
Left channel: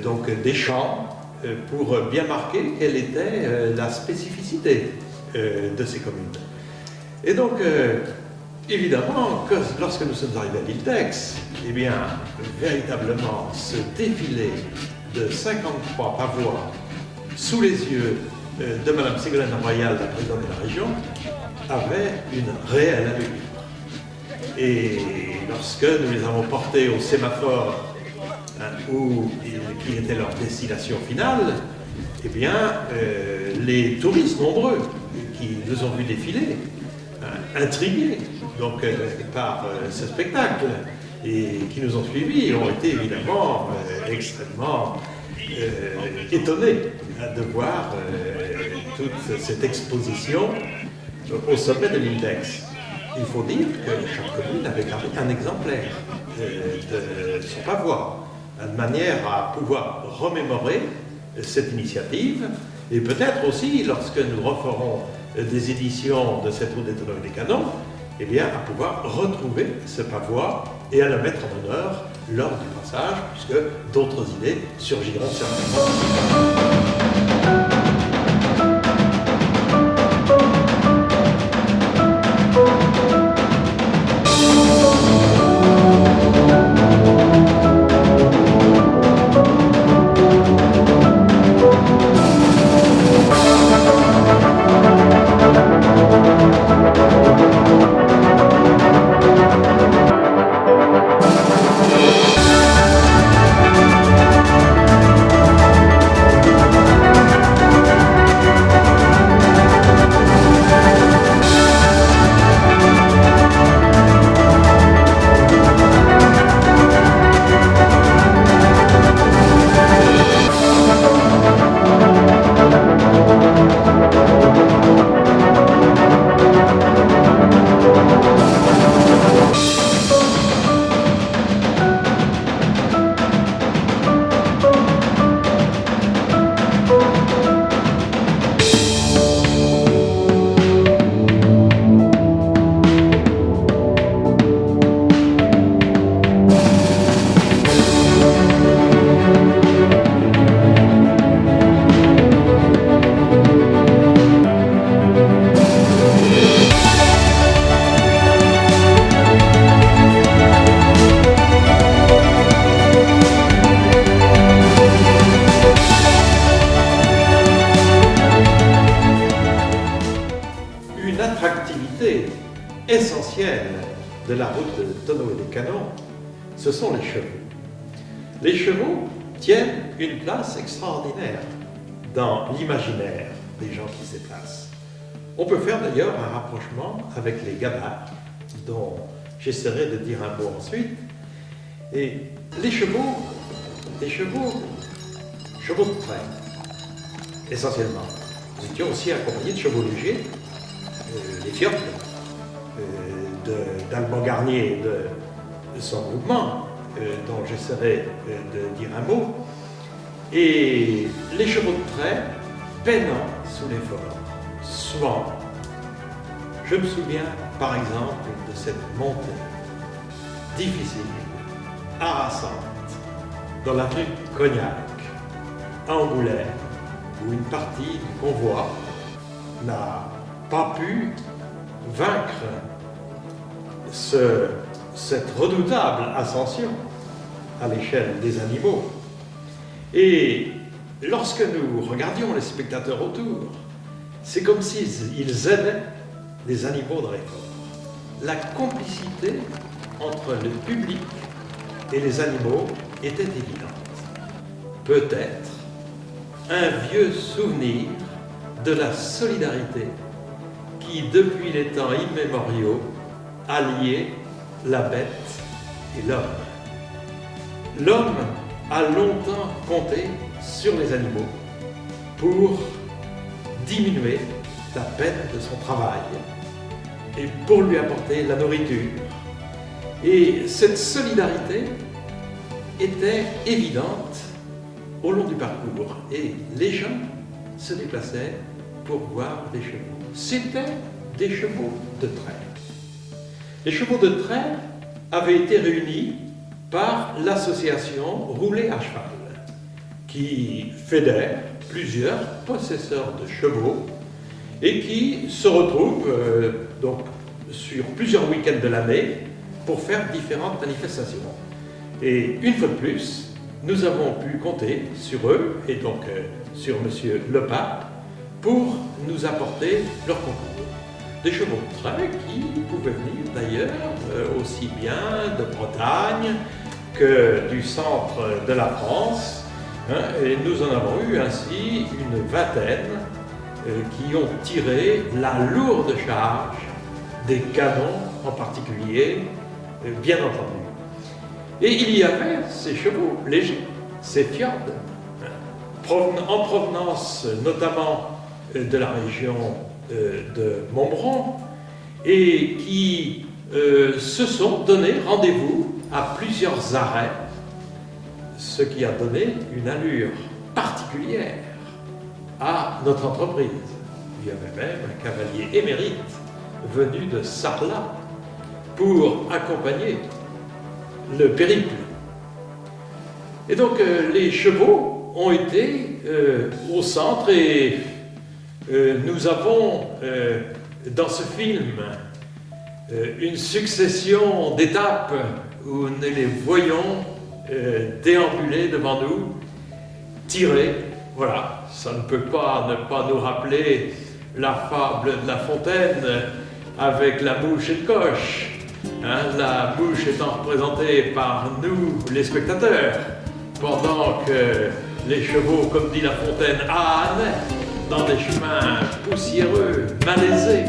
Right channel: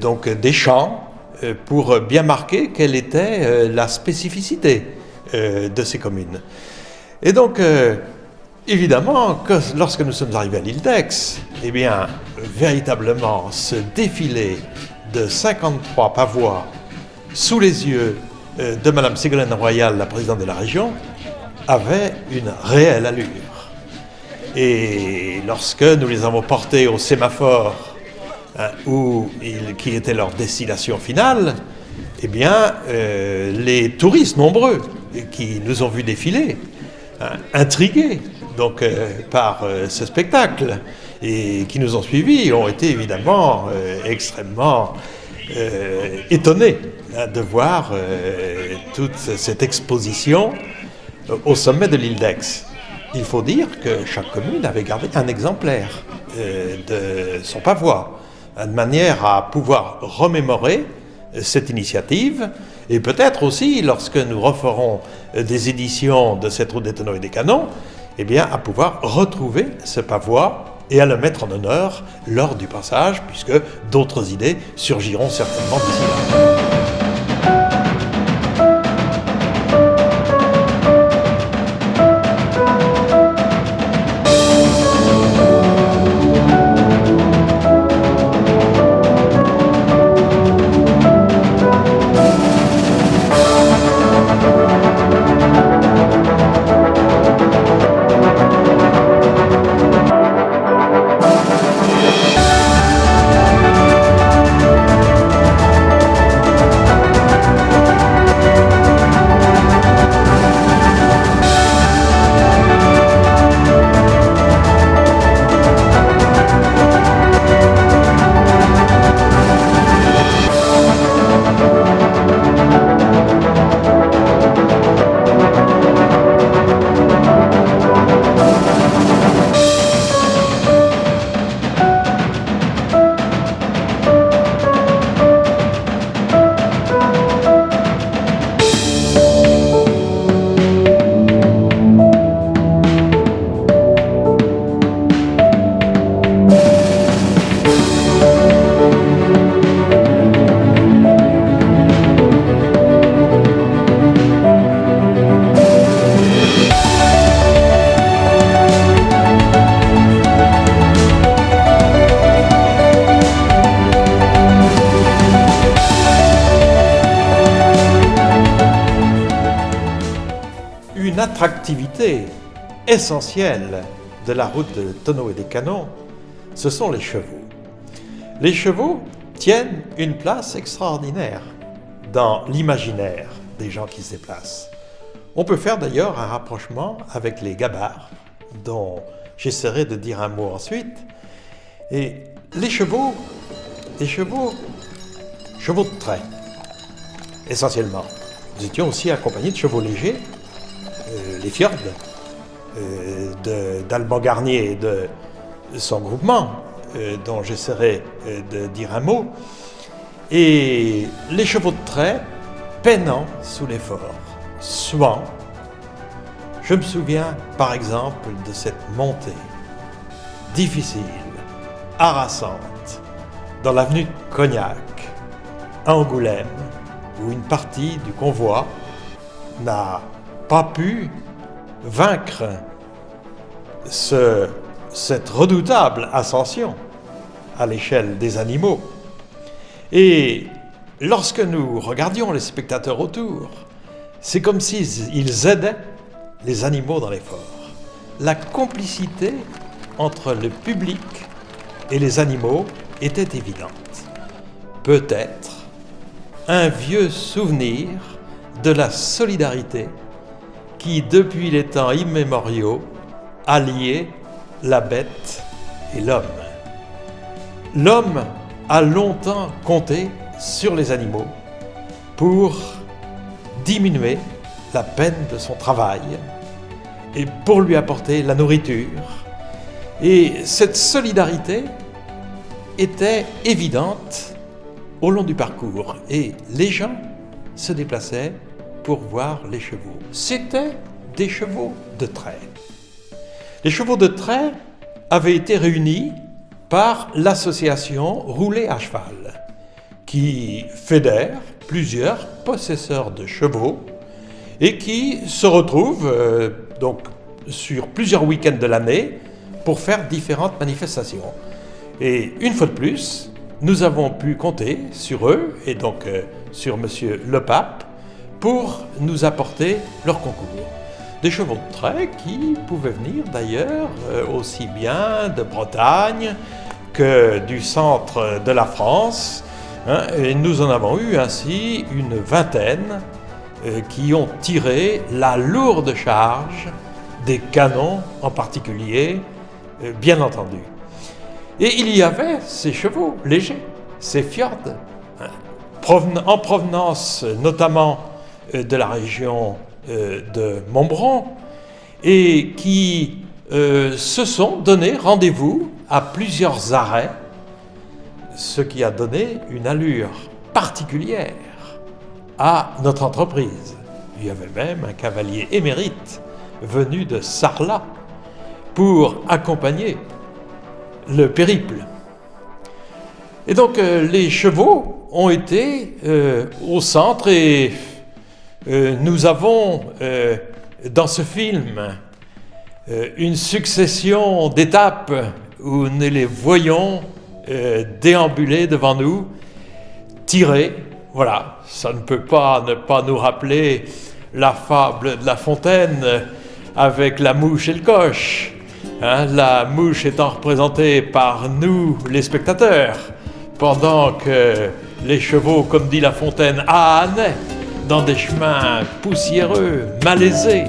donc des champs, pour bien marquer quelle était la spécificité de ces communes. Et donc, évidemment, lorsque nous sommes arrivés à l'île d'Aix, eh bien, véritablement, ce défilé de 53 pavois sous les yeux de Madame Ségolène Royal, la présidente de la région, avait une réelle allure. Et lorsque nous les avons portés au sémaphore, qui était leur destination finale, eh bien, les touristes nombreux qui nous ont vus défiler, intrigués donc, par ce spectacle, et qui nous ont suivis, ont été évidemment extrêmement étonnés de voir toute cette exposition au sommet de l'île d'Aix. Il faut dire que chaque commune avait gardé un exemplaire de son pavois, de manière à pouvoir remémorer cette initiative, et peut-être aussi, lorsque nous referons des éditions de cette route des tonneaux et des canons, eh bien, à pouvoir retrouver ce pavois et à le mettre en honneur lors du passage, puisque d'autres idées surgiront certainement d'ici là. Activité essentielle de la route des tonneaux et des canons, ce sont les chevaux. Les chevaux tiennent une place extraordinaire dans l'imaginaire des gens qui se déplacent. On peut faire d'ailleurs un rapprochement avec les gabarres, dont j'essaierai de dire un mot ensuite. Et les chevaux de trait, essentiellement. Nous étions aussi accompagnés de chevaux légers, les Fjords, d'Alban Garnier et de son groupement, dont j'essaierai de dire un mot, et les chevaux de trait peinant sous l'effort, suant. Je me souviens par exemple de cette montée difficile, harassante, dans l'avenue de Cognac, à Angoulême, où une partie du convoi n'a pas pu vaincre cette redoutable ascension à l'échelle des animaux. Et lorsque nous regardions les spectateurs autour, c'est comme s'ils aidaient les animaux dans l'effort. La complicité entre le public et les animaux était évidente. Peut-être un vieux souvenir de la solidarité qui, depuis les temps immémoriaux, a lié la bête et l'homme. L'homme a longtemps compté sur les animaux pour diminuer la peine de son travail et pour lui apporter la nourriture. Et cette solidarité était évidente au long du parcours et les gens se déplaçaient pour voir les chevaux. C'étaient des chevaux de trait. Les chevaux de trait avaient été réunis par l'association Rouler à cheval, qui fédère plusieurs possesseurs de chevaux et qui se retrouvent donc sur plusieurs week-ends de l'année pour faire différentes manifestations. Et une fois de plus, nous avons pu compter sur eux et donc sur Monsieur Le Pape pour nous apporter leur concours. Des chevaux de trait qui pouvaient venir d'ailleurs aussi bien de Bretagne que du centre de la France. Et nous en avons eu ainsi une vingtaine qui ont tiré la lourde charge des canons en particulier, bien entendu. Et il y avait ces chevaux légers, ces fjords, en provenance notamment de la région de Montbron, et qui se sont donné rendez-vous à plusieurs arrêts, ce qui a donné une allure particulière à notre entreprise. Il y avait même un cavalier émérite venu de Sarlat pour accompagner le périple. Et donc les chevaux ont été au centre et nous avons dans ce film une succession d'étapes où nous les voyons déambuler devant nous, tirer. Voilà, ça ne peut pas ne pas nous rappeler la fable de La Fontaine avec la mouche et le coche. La mouche étant représentée par nous, les spectateurs, pendant que les chevaux, comme dit La Fontaine, ânaient dans des chemins poussiéreux, malaisés.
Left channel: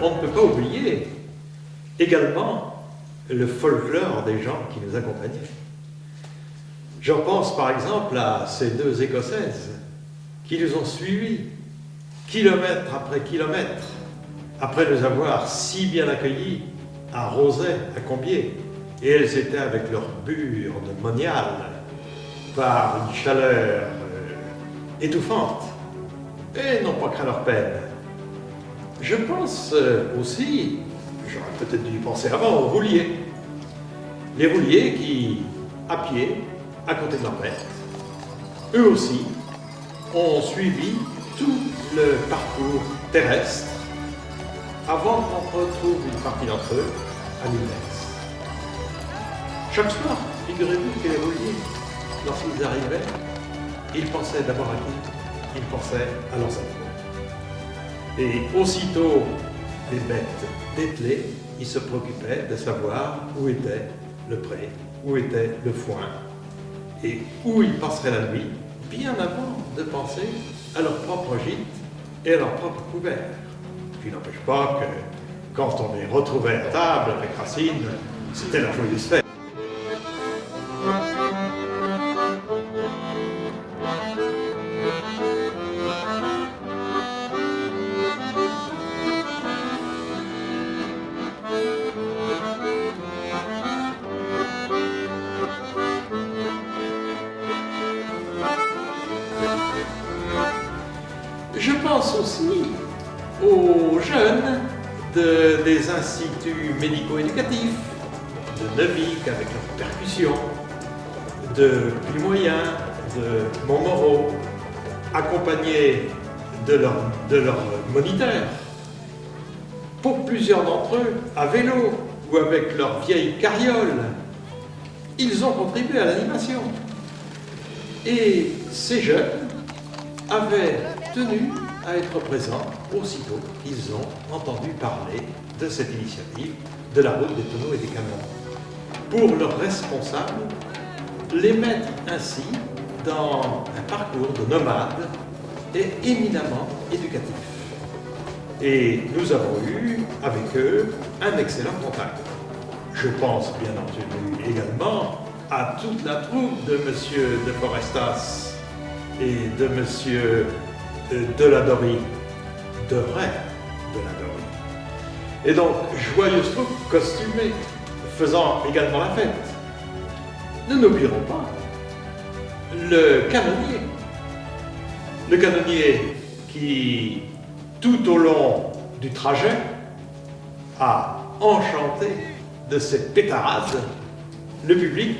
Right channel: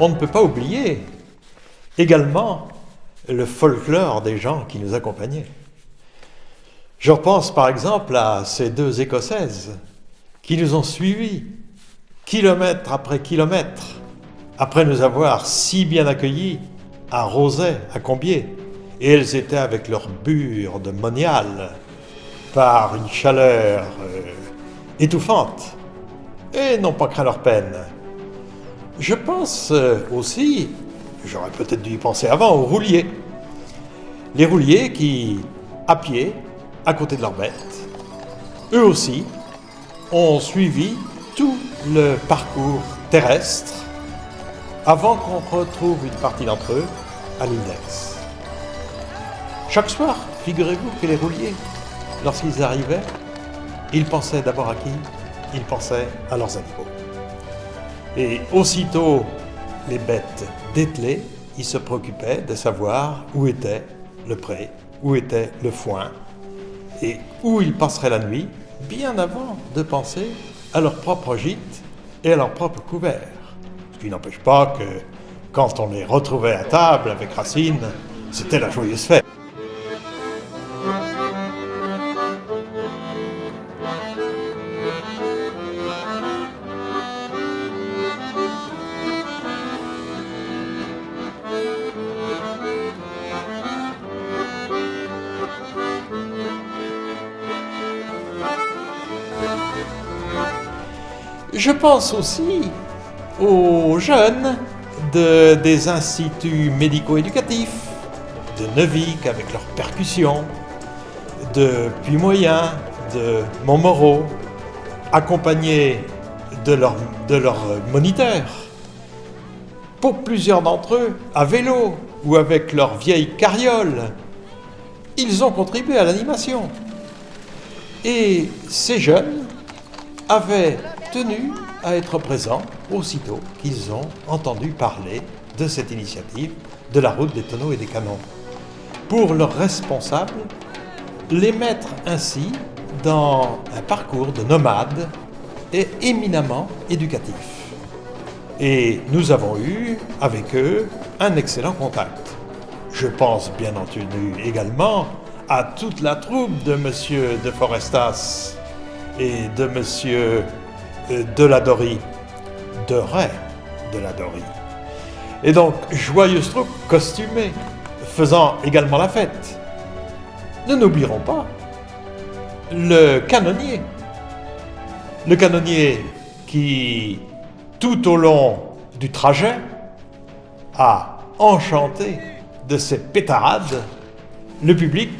on ne peut pas oublier également le folklore des gens qui nous accompagnaient. Je pense par exemple à ces deux Écossaises qui nous ont suivis kilomètre après kilomètre, après nous avoir si bien accueillis à Rozay, à Combiers. Et elles étaient avec leur bure de monial par une chaleur étouffante et n'ont pas craint leur peine. Je pense aussi, j'aurais peut-être dû y penser avant, aux rouliers. Les rouliers qui, à pied, à côté de leurs bêtes, eux aussi ont suivi tout le parcours terrestre avant qu'on retrouve une partie d'entre eux à l'Index. Chaque soir, figurez-vous que les rouliers, lorsqu'ils arrivaient, ils pensaient d'abord à qui? Ils pensaient à leurs animaux. Et aussitôt les bêtes dételées, ils se préoccupaient de savoir où était le pré, où était le foin, et où ils passeraient la nuit, bien avant de penser à leur propre gîte et à leur propre couvert. Ce qui n'empêche pas que, quand on les retrouvait à table avec Racine, c'était la joyeuse fête. Je pense aussi aux jeunes des instituts médico-éducatifs, de Neuvic avec leurs percussions, de Puy-Moyen, de Montmoreau, accompagnés de leurs moniteurs. Pour plusieurs d'entre eux, à vélo ou avec leur vieille carriole, ils ont contribué à l'animation. Et ces jeunes avaient tenu à être présents aussitôt qu'ils ont entendu parler de cette initiative de la route des tonneaux et des canons. Pour leurs responsables, les mettre ainsi dans un parcours de nomades est éminemment éducatif. Et nous avons eu avec eux un excellent contact. Je pense bien entendu également à toute la troupe de Monsieur de Forestas et de Monsieur Deladorie, de Ray Deladorie. Et donc, joyeuse troupe costumée, faisant également la fête. Ne n'oublierons pas le canonnier. Le canonnier qui, tout au long du trajet, a enchanté de ses pétarades le public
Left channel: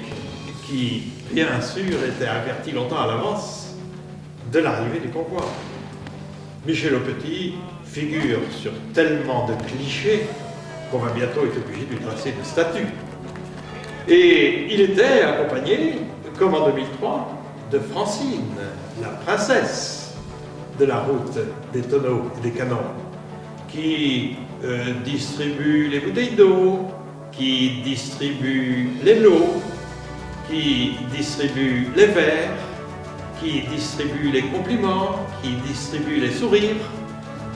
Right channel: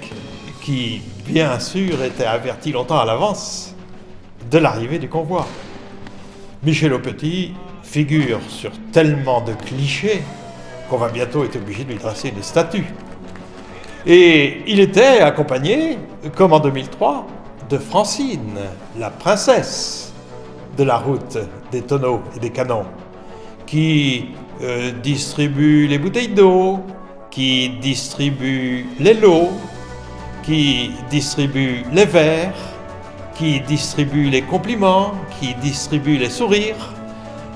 qui, bien sûr, était averti longtemps à l'avance de l'arrivée du convoi. Michel Aupetit figure sur tellement de clichés qu'on va bientôt être obligé de lui tracer une statue. Et il était accompagné, comme en 2003, de Francine, la princesse de la route des tonneaux et des canons, qui distribue les bouteilles d'eau, qui distribue les lots, qui distribue les verres, qui distribue les compliments, qui distribue les sourires.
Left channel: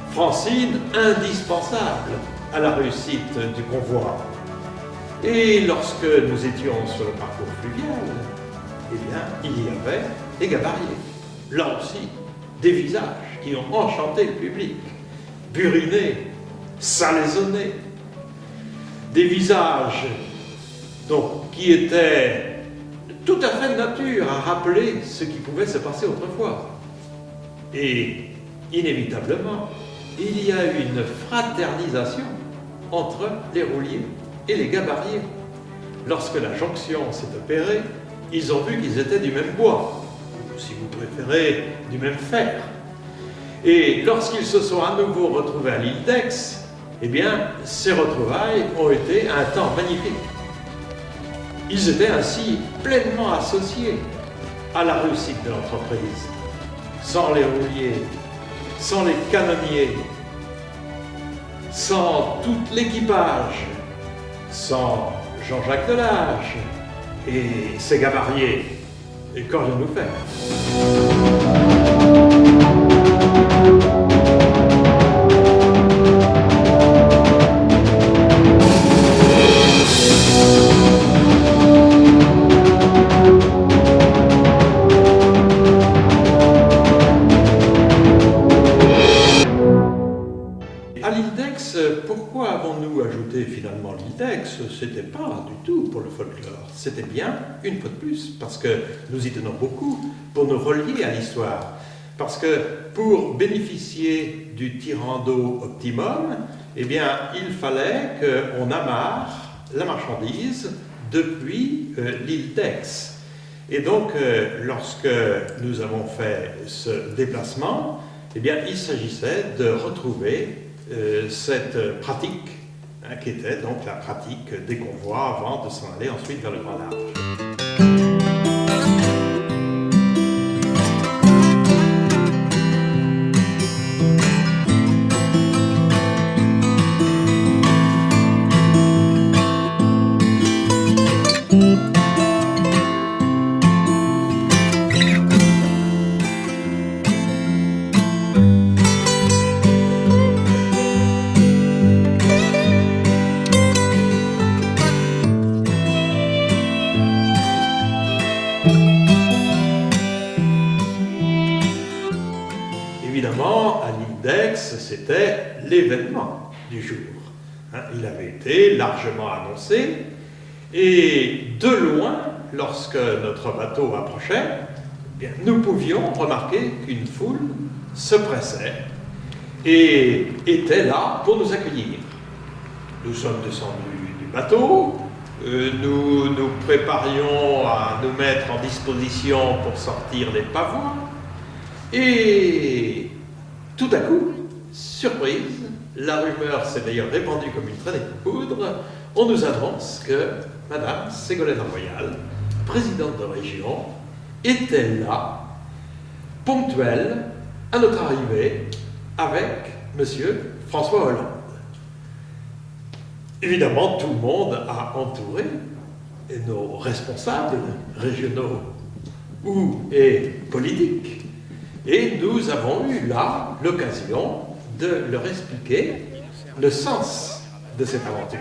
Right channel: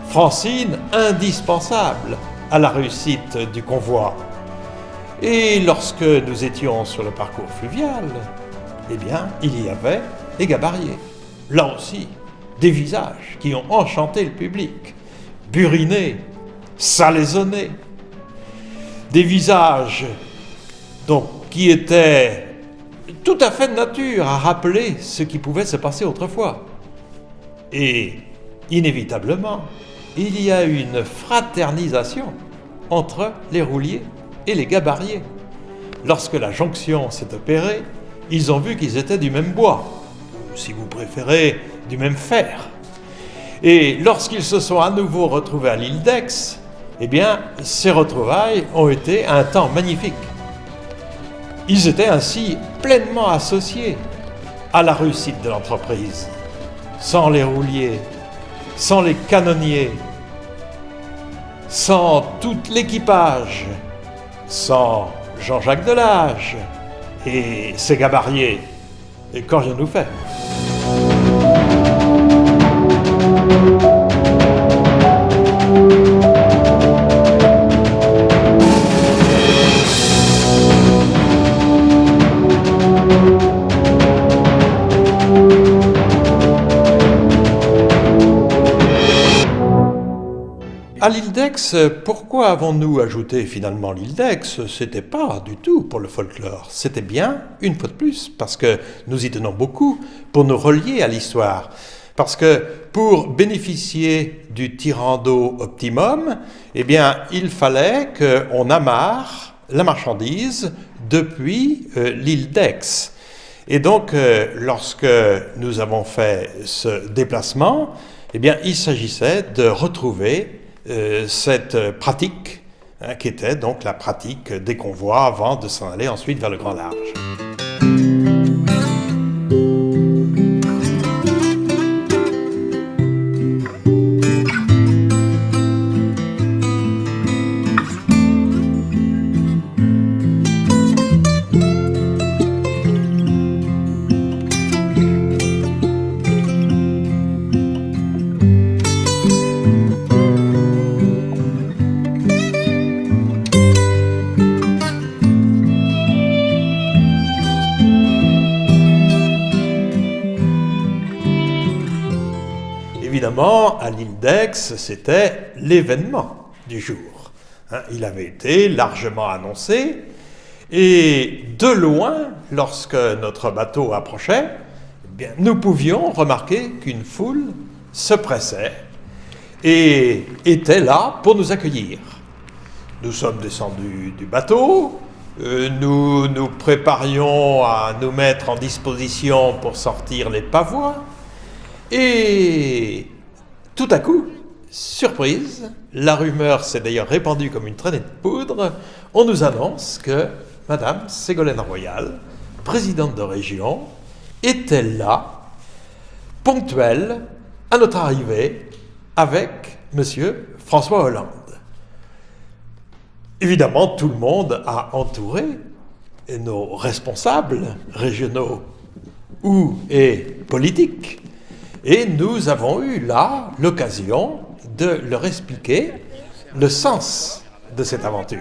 Francine, indispensable à la réussite du convoi. Et lorsque nous étions sur le parcours fluvial, eh bien, il y avait des gabariers. Là aussi, des visages qui ont enchanté le public, burinés, salaisonnés. Des visages donc, qui étaient tout à fait de nature à rappeler ce qui pouvait se passer autrefois. Et inévitablement, il y a eu une fraternisation entre les rouliers et les gabariers. Lorsque la jonction s'est opérée, ils ont vu qu'ils étaient du même bois, si vous préférez, du même fer. Et lorsqu'ils se sont à nouveau retrouvés à l'île d'Aix, eh bien, ces retrouvailles ont été un temps magnifique. Ils étaient ainsi pleinement associés à la réussite de l'entreprise. Sans les rouliers, sans les canonniers, sans tout l'équipage, sans Jean-Jacques Delage et ses gabariers, qu'aurions-nous fait ? d'Aix, pourquoi avons-nous ajouté finalement l'île d'Aix? C'était pas du tout pour le folklore, c'était bien, une fois de plus, parce que nous y tenons beaucoup, pour nous relier à l'histoire. Parce que pour bénéficier du tirant d'eau optimum, eh bien, il fallait qu'on amarre la marchandise depuis l'île d'Aix. Et donc, lorsque nous avons fait ce déplacement, eh bien, il s'agissait de retrouver cette pratique, hein, qui était donc la pratique des convois avant de s'en aller ensuite vers le Grand Large. Évidemment, à l'île d'Aix, c'était l'événement du jour. Hein, il avait été largement annoncé, et de loin, lorsque notre bateau approchait, eh bien, nous pouvions remarquer qu'une foule se pressait et était là pour nous accueillir. Nous sommes descendus du bateau, nous nous préparions à nous mettre en disposition pour sortir les pavois, et tout à coup, surprise, la rumeur s'est d'ailleurs répandue comme une traînée de poudre, on nous annonce que Madame Ségolène Royal, présidente de région, était là, ponctuelle, à notre arrivée, avec Monsieur François Hollande. Évidemment, tout le monde a entouré nos responsables régionaux et politiques. Et nous avons eu là l'occasion de leur expliquer le sens de cette aventure.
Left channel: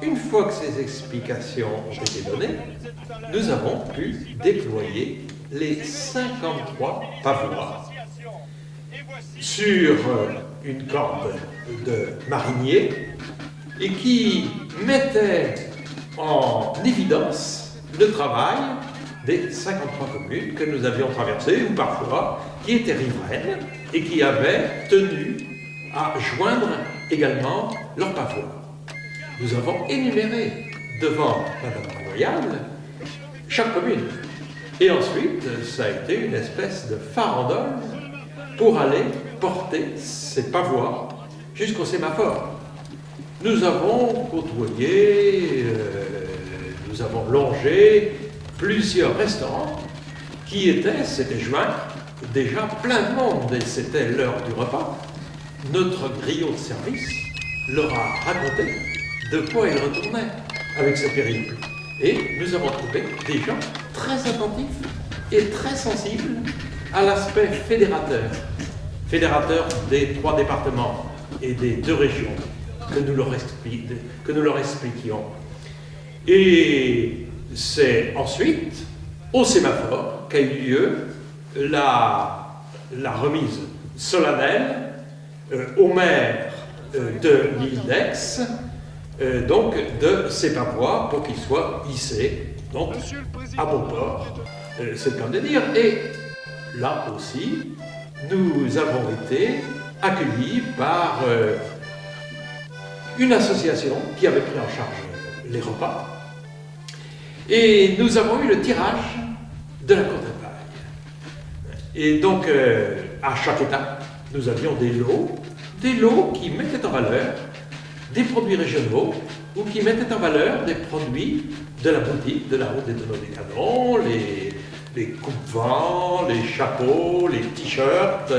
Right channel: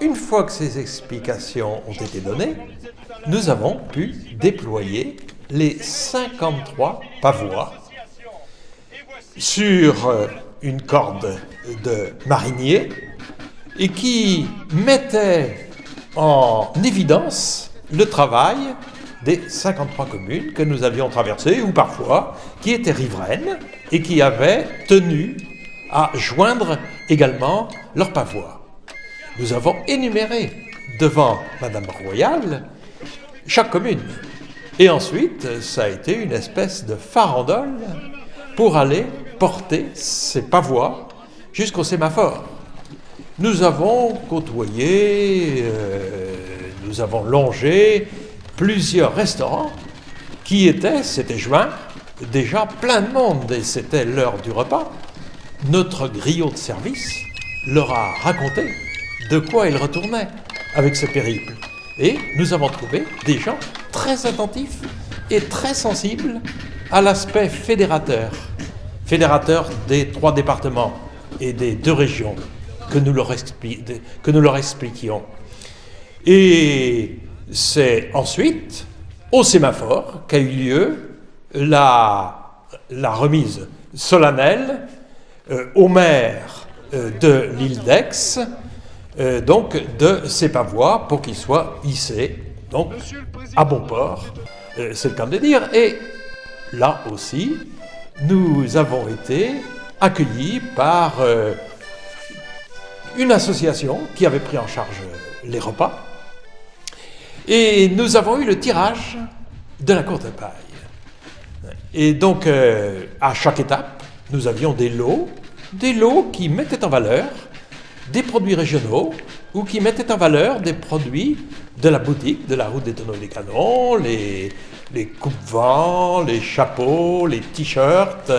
Une fois que ces explications ont été données, nous avons pu déployer les 53 pavois sur une corde de marinier et qui mettait en évidence le travail des 53 communes que nous avions traversées, ou parfois qui étaient riveraines et qui avaient tenu à joindre également leurs pavois. Nous avons énuméré devant Madame Royal chaque commune. Et ensuite, ça a été une espèce de farandole pour aller porter ces pavois jusqu'au sémaphore. Nous avons côtoyé, nous avons longé plusieurs restaurants qui s'étaient joints, déjà plein de monde, et c'était l'heure du repas. Notre griot de service leur a raconté de quoi il retournait avec ce périple. Et nous avons trouvé des gens très attentifs et très sensibles à l'aspect fédérateur des 3 départements et des 2 régions que nous leur expliquions. Et c'est ensuite au sémaphore qu'a eu lieu la remise solennelle au maire de l'île d'Aix, donc de ces pavois pour qu'ils soient hissés donc à bon port, c'est le cas de dire. Et là aussi, nous avons été accueillis par une association qui avait pris en charge les repas, et nous avons eu le tirage de la courte paille. Et donc, à chaque étape, nous avions des lots qui mettaient en valeur des produits régionaux ou qui mettaient en valeur des produits de la boutique de la route des Tonneaux des Canons, les coupe-vents, les chapeaux, les t-shirts.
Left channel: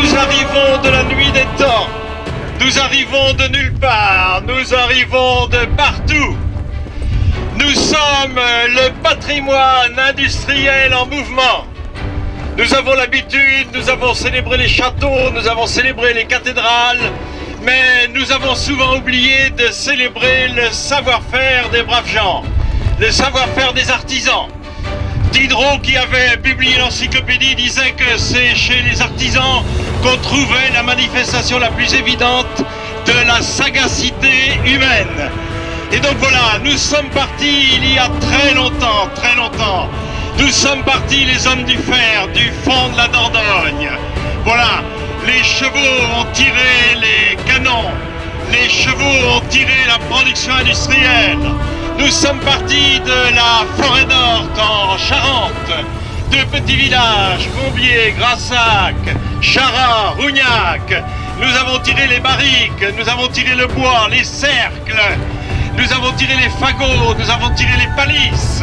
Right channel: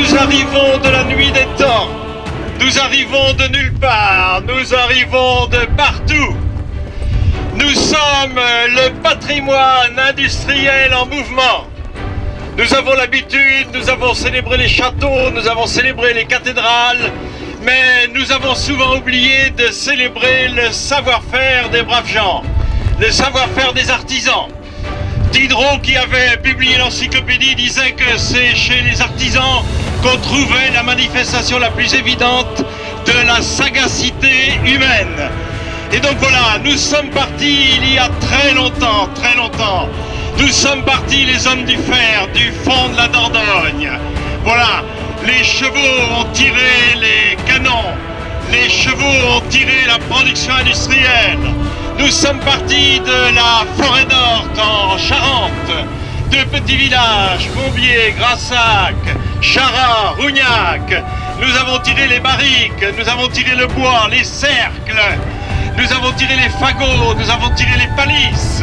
Nous arrivons de la nuit des temps. Nous arrivons de nulle part. Nous arrivons de partout. Nous sommes le patrimoine industriel en mouvement. Nous avons l'habitude, nous avons célébré les châteaux, nous avons célébré les cathédrales, mais nous avons souvent oublié de célébrer le savoir-faire des braves gens, le savoir-faire des artisans. Diderot, qui avait publié l'encyclopédie, disait que c'est chez les artisans qu'on trouvait la manifestation la plus évidente de la sagacité humaine. Et donc voilà, nous sommes partis il y a très longtemps, très longtemps. Nous sommes partis les hommes du fer, du fond de la Dordogne. Voilà, les chevaux ont tiré les canons, les chevaux ont tiré la production industrielle. Nous sommes partis de la forêt d'Orte en Charente, de petits villages, Combiers, Grassac, Charat, Rougnac. Nous avons tiré les barriques, nous avons tiré le bois, les cercles, nous avons tiré les fagots, nous avons tiré les palisses.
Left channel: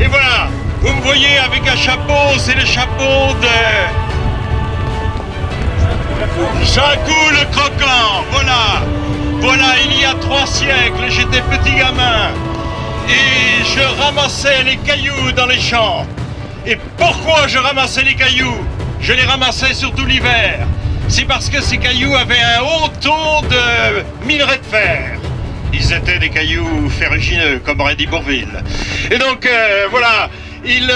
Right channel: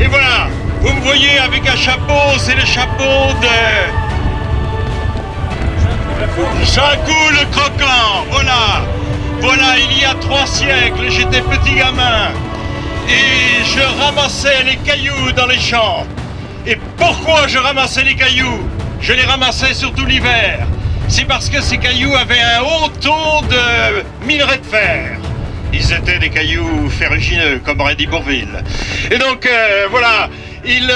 Et voilà, vous me voyez avec un chapeau, c'est le chapeau de Jacou le Croquant. Voilà, voilà, il y a 3 siècles, j'étais petit gamin et je ramassais les cailloux dans les champs. Et pourquoi je ramassais les cailloux? Je les ramassais surtout l'hiver. C'est parce que ces cailloux avaient un haut taux de minerai de fer. Ils étaient des cailloux ferrugineux, comme aurait dit Bourvil. Et donc, voilà, ils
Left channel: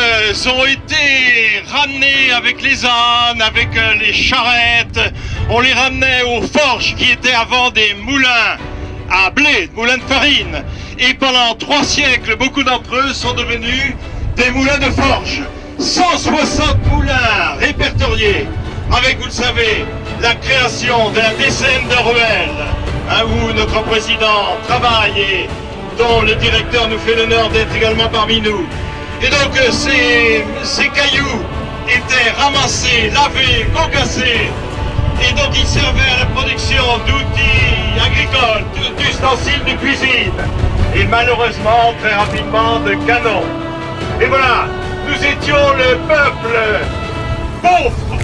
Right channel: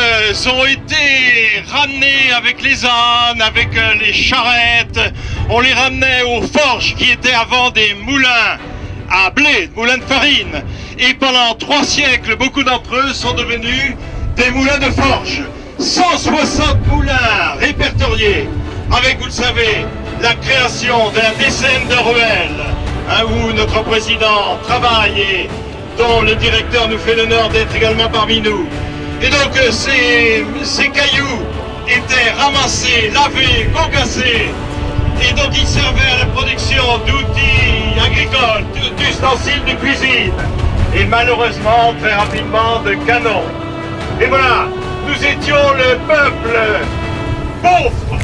ont été ramenés avec les ânes, avec les charrettes. On les ramenait aux forges qui étaient avant des moulins à blé, des moulins de farine. Et pendant 3 siècles, beaucoup d'entre eux sont devenus des moulins de forge. 160 moulins répertoriés, avec, vous le savez, la création d'un décème de ruelles, hein, où notre président travaille et dont le directeur nous fait l'honneur d'être également parmi nous. Et donc ces cailloux étaient ramassés, lavés, concassés, et donc ils servaient à la production d'outils agricoles, d'ustensiles de cuisine, et malheureusement, très rapidement, de canons. Et voilà, nous étions le peuple pauvre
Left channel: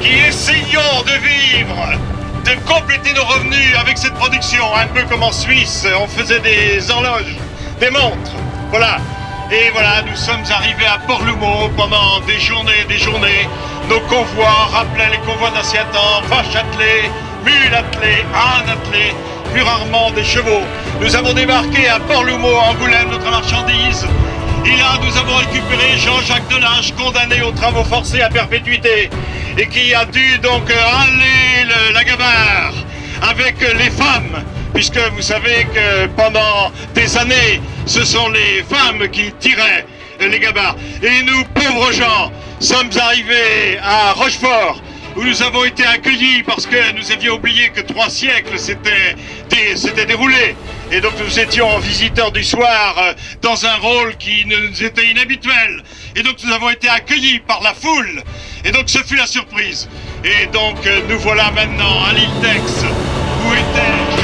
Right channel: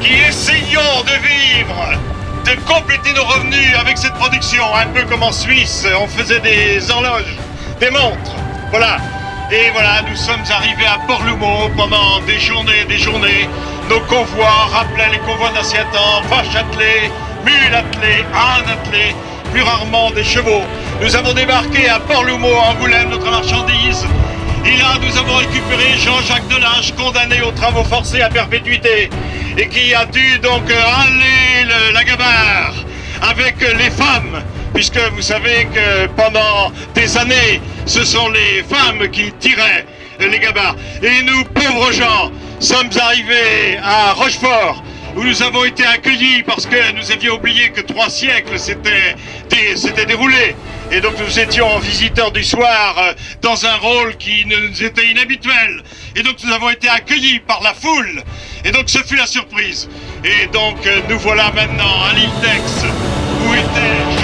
qui essayons de vivre, de compléter nos revenus avec cette production, un peu comme en Suisse, on faisait des horloges, des montres, voilà. Et voilà, nous sommes arrivés à Port-Loumo pendant des journées. Nos convois rappelaient les convois d'ancien temps, vaches attelées, mules attelées, ânes attelés, plus rarement des chevaux. Nous avons débarqué à Port-Loumo, Angoulême, notre marchandise. Et là, nous avons récupéré Jean-Jacques Delage, condamné aux travaux forcés à perpétuité, et qui a dû donc aller la gabarre avec les femmes, puisque vous savez que pendant des années, ce sont les femmes qui tiraient les gabarres. Et nous, pauvres gens, sommes arrivés à Rochefort, où nous avons été accueillis parce que nous avions oublié que 3 siècles s'étaient déroulés. Et donc nous étions visiteurs du soir dans un rôle qui nous était inhabituel. Et donc nous avons été accueillis par la foule. Et donc ce fut la surprise. Et donc nous voilà maintenant à l'île d'Aix, où était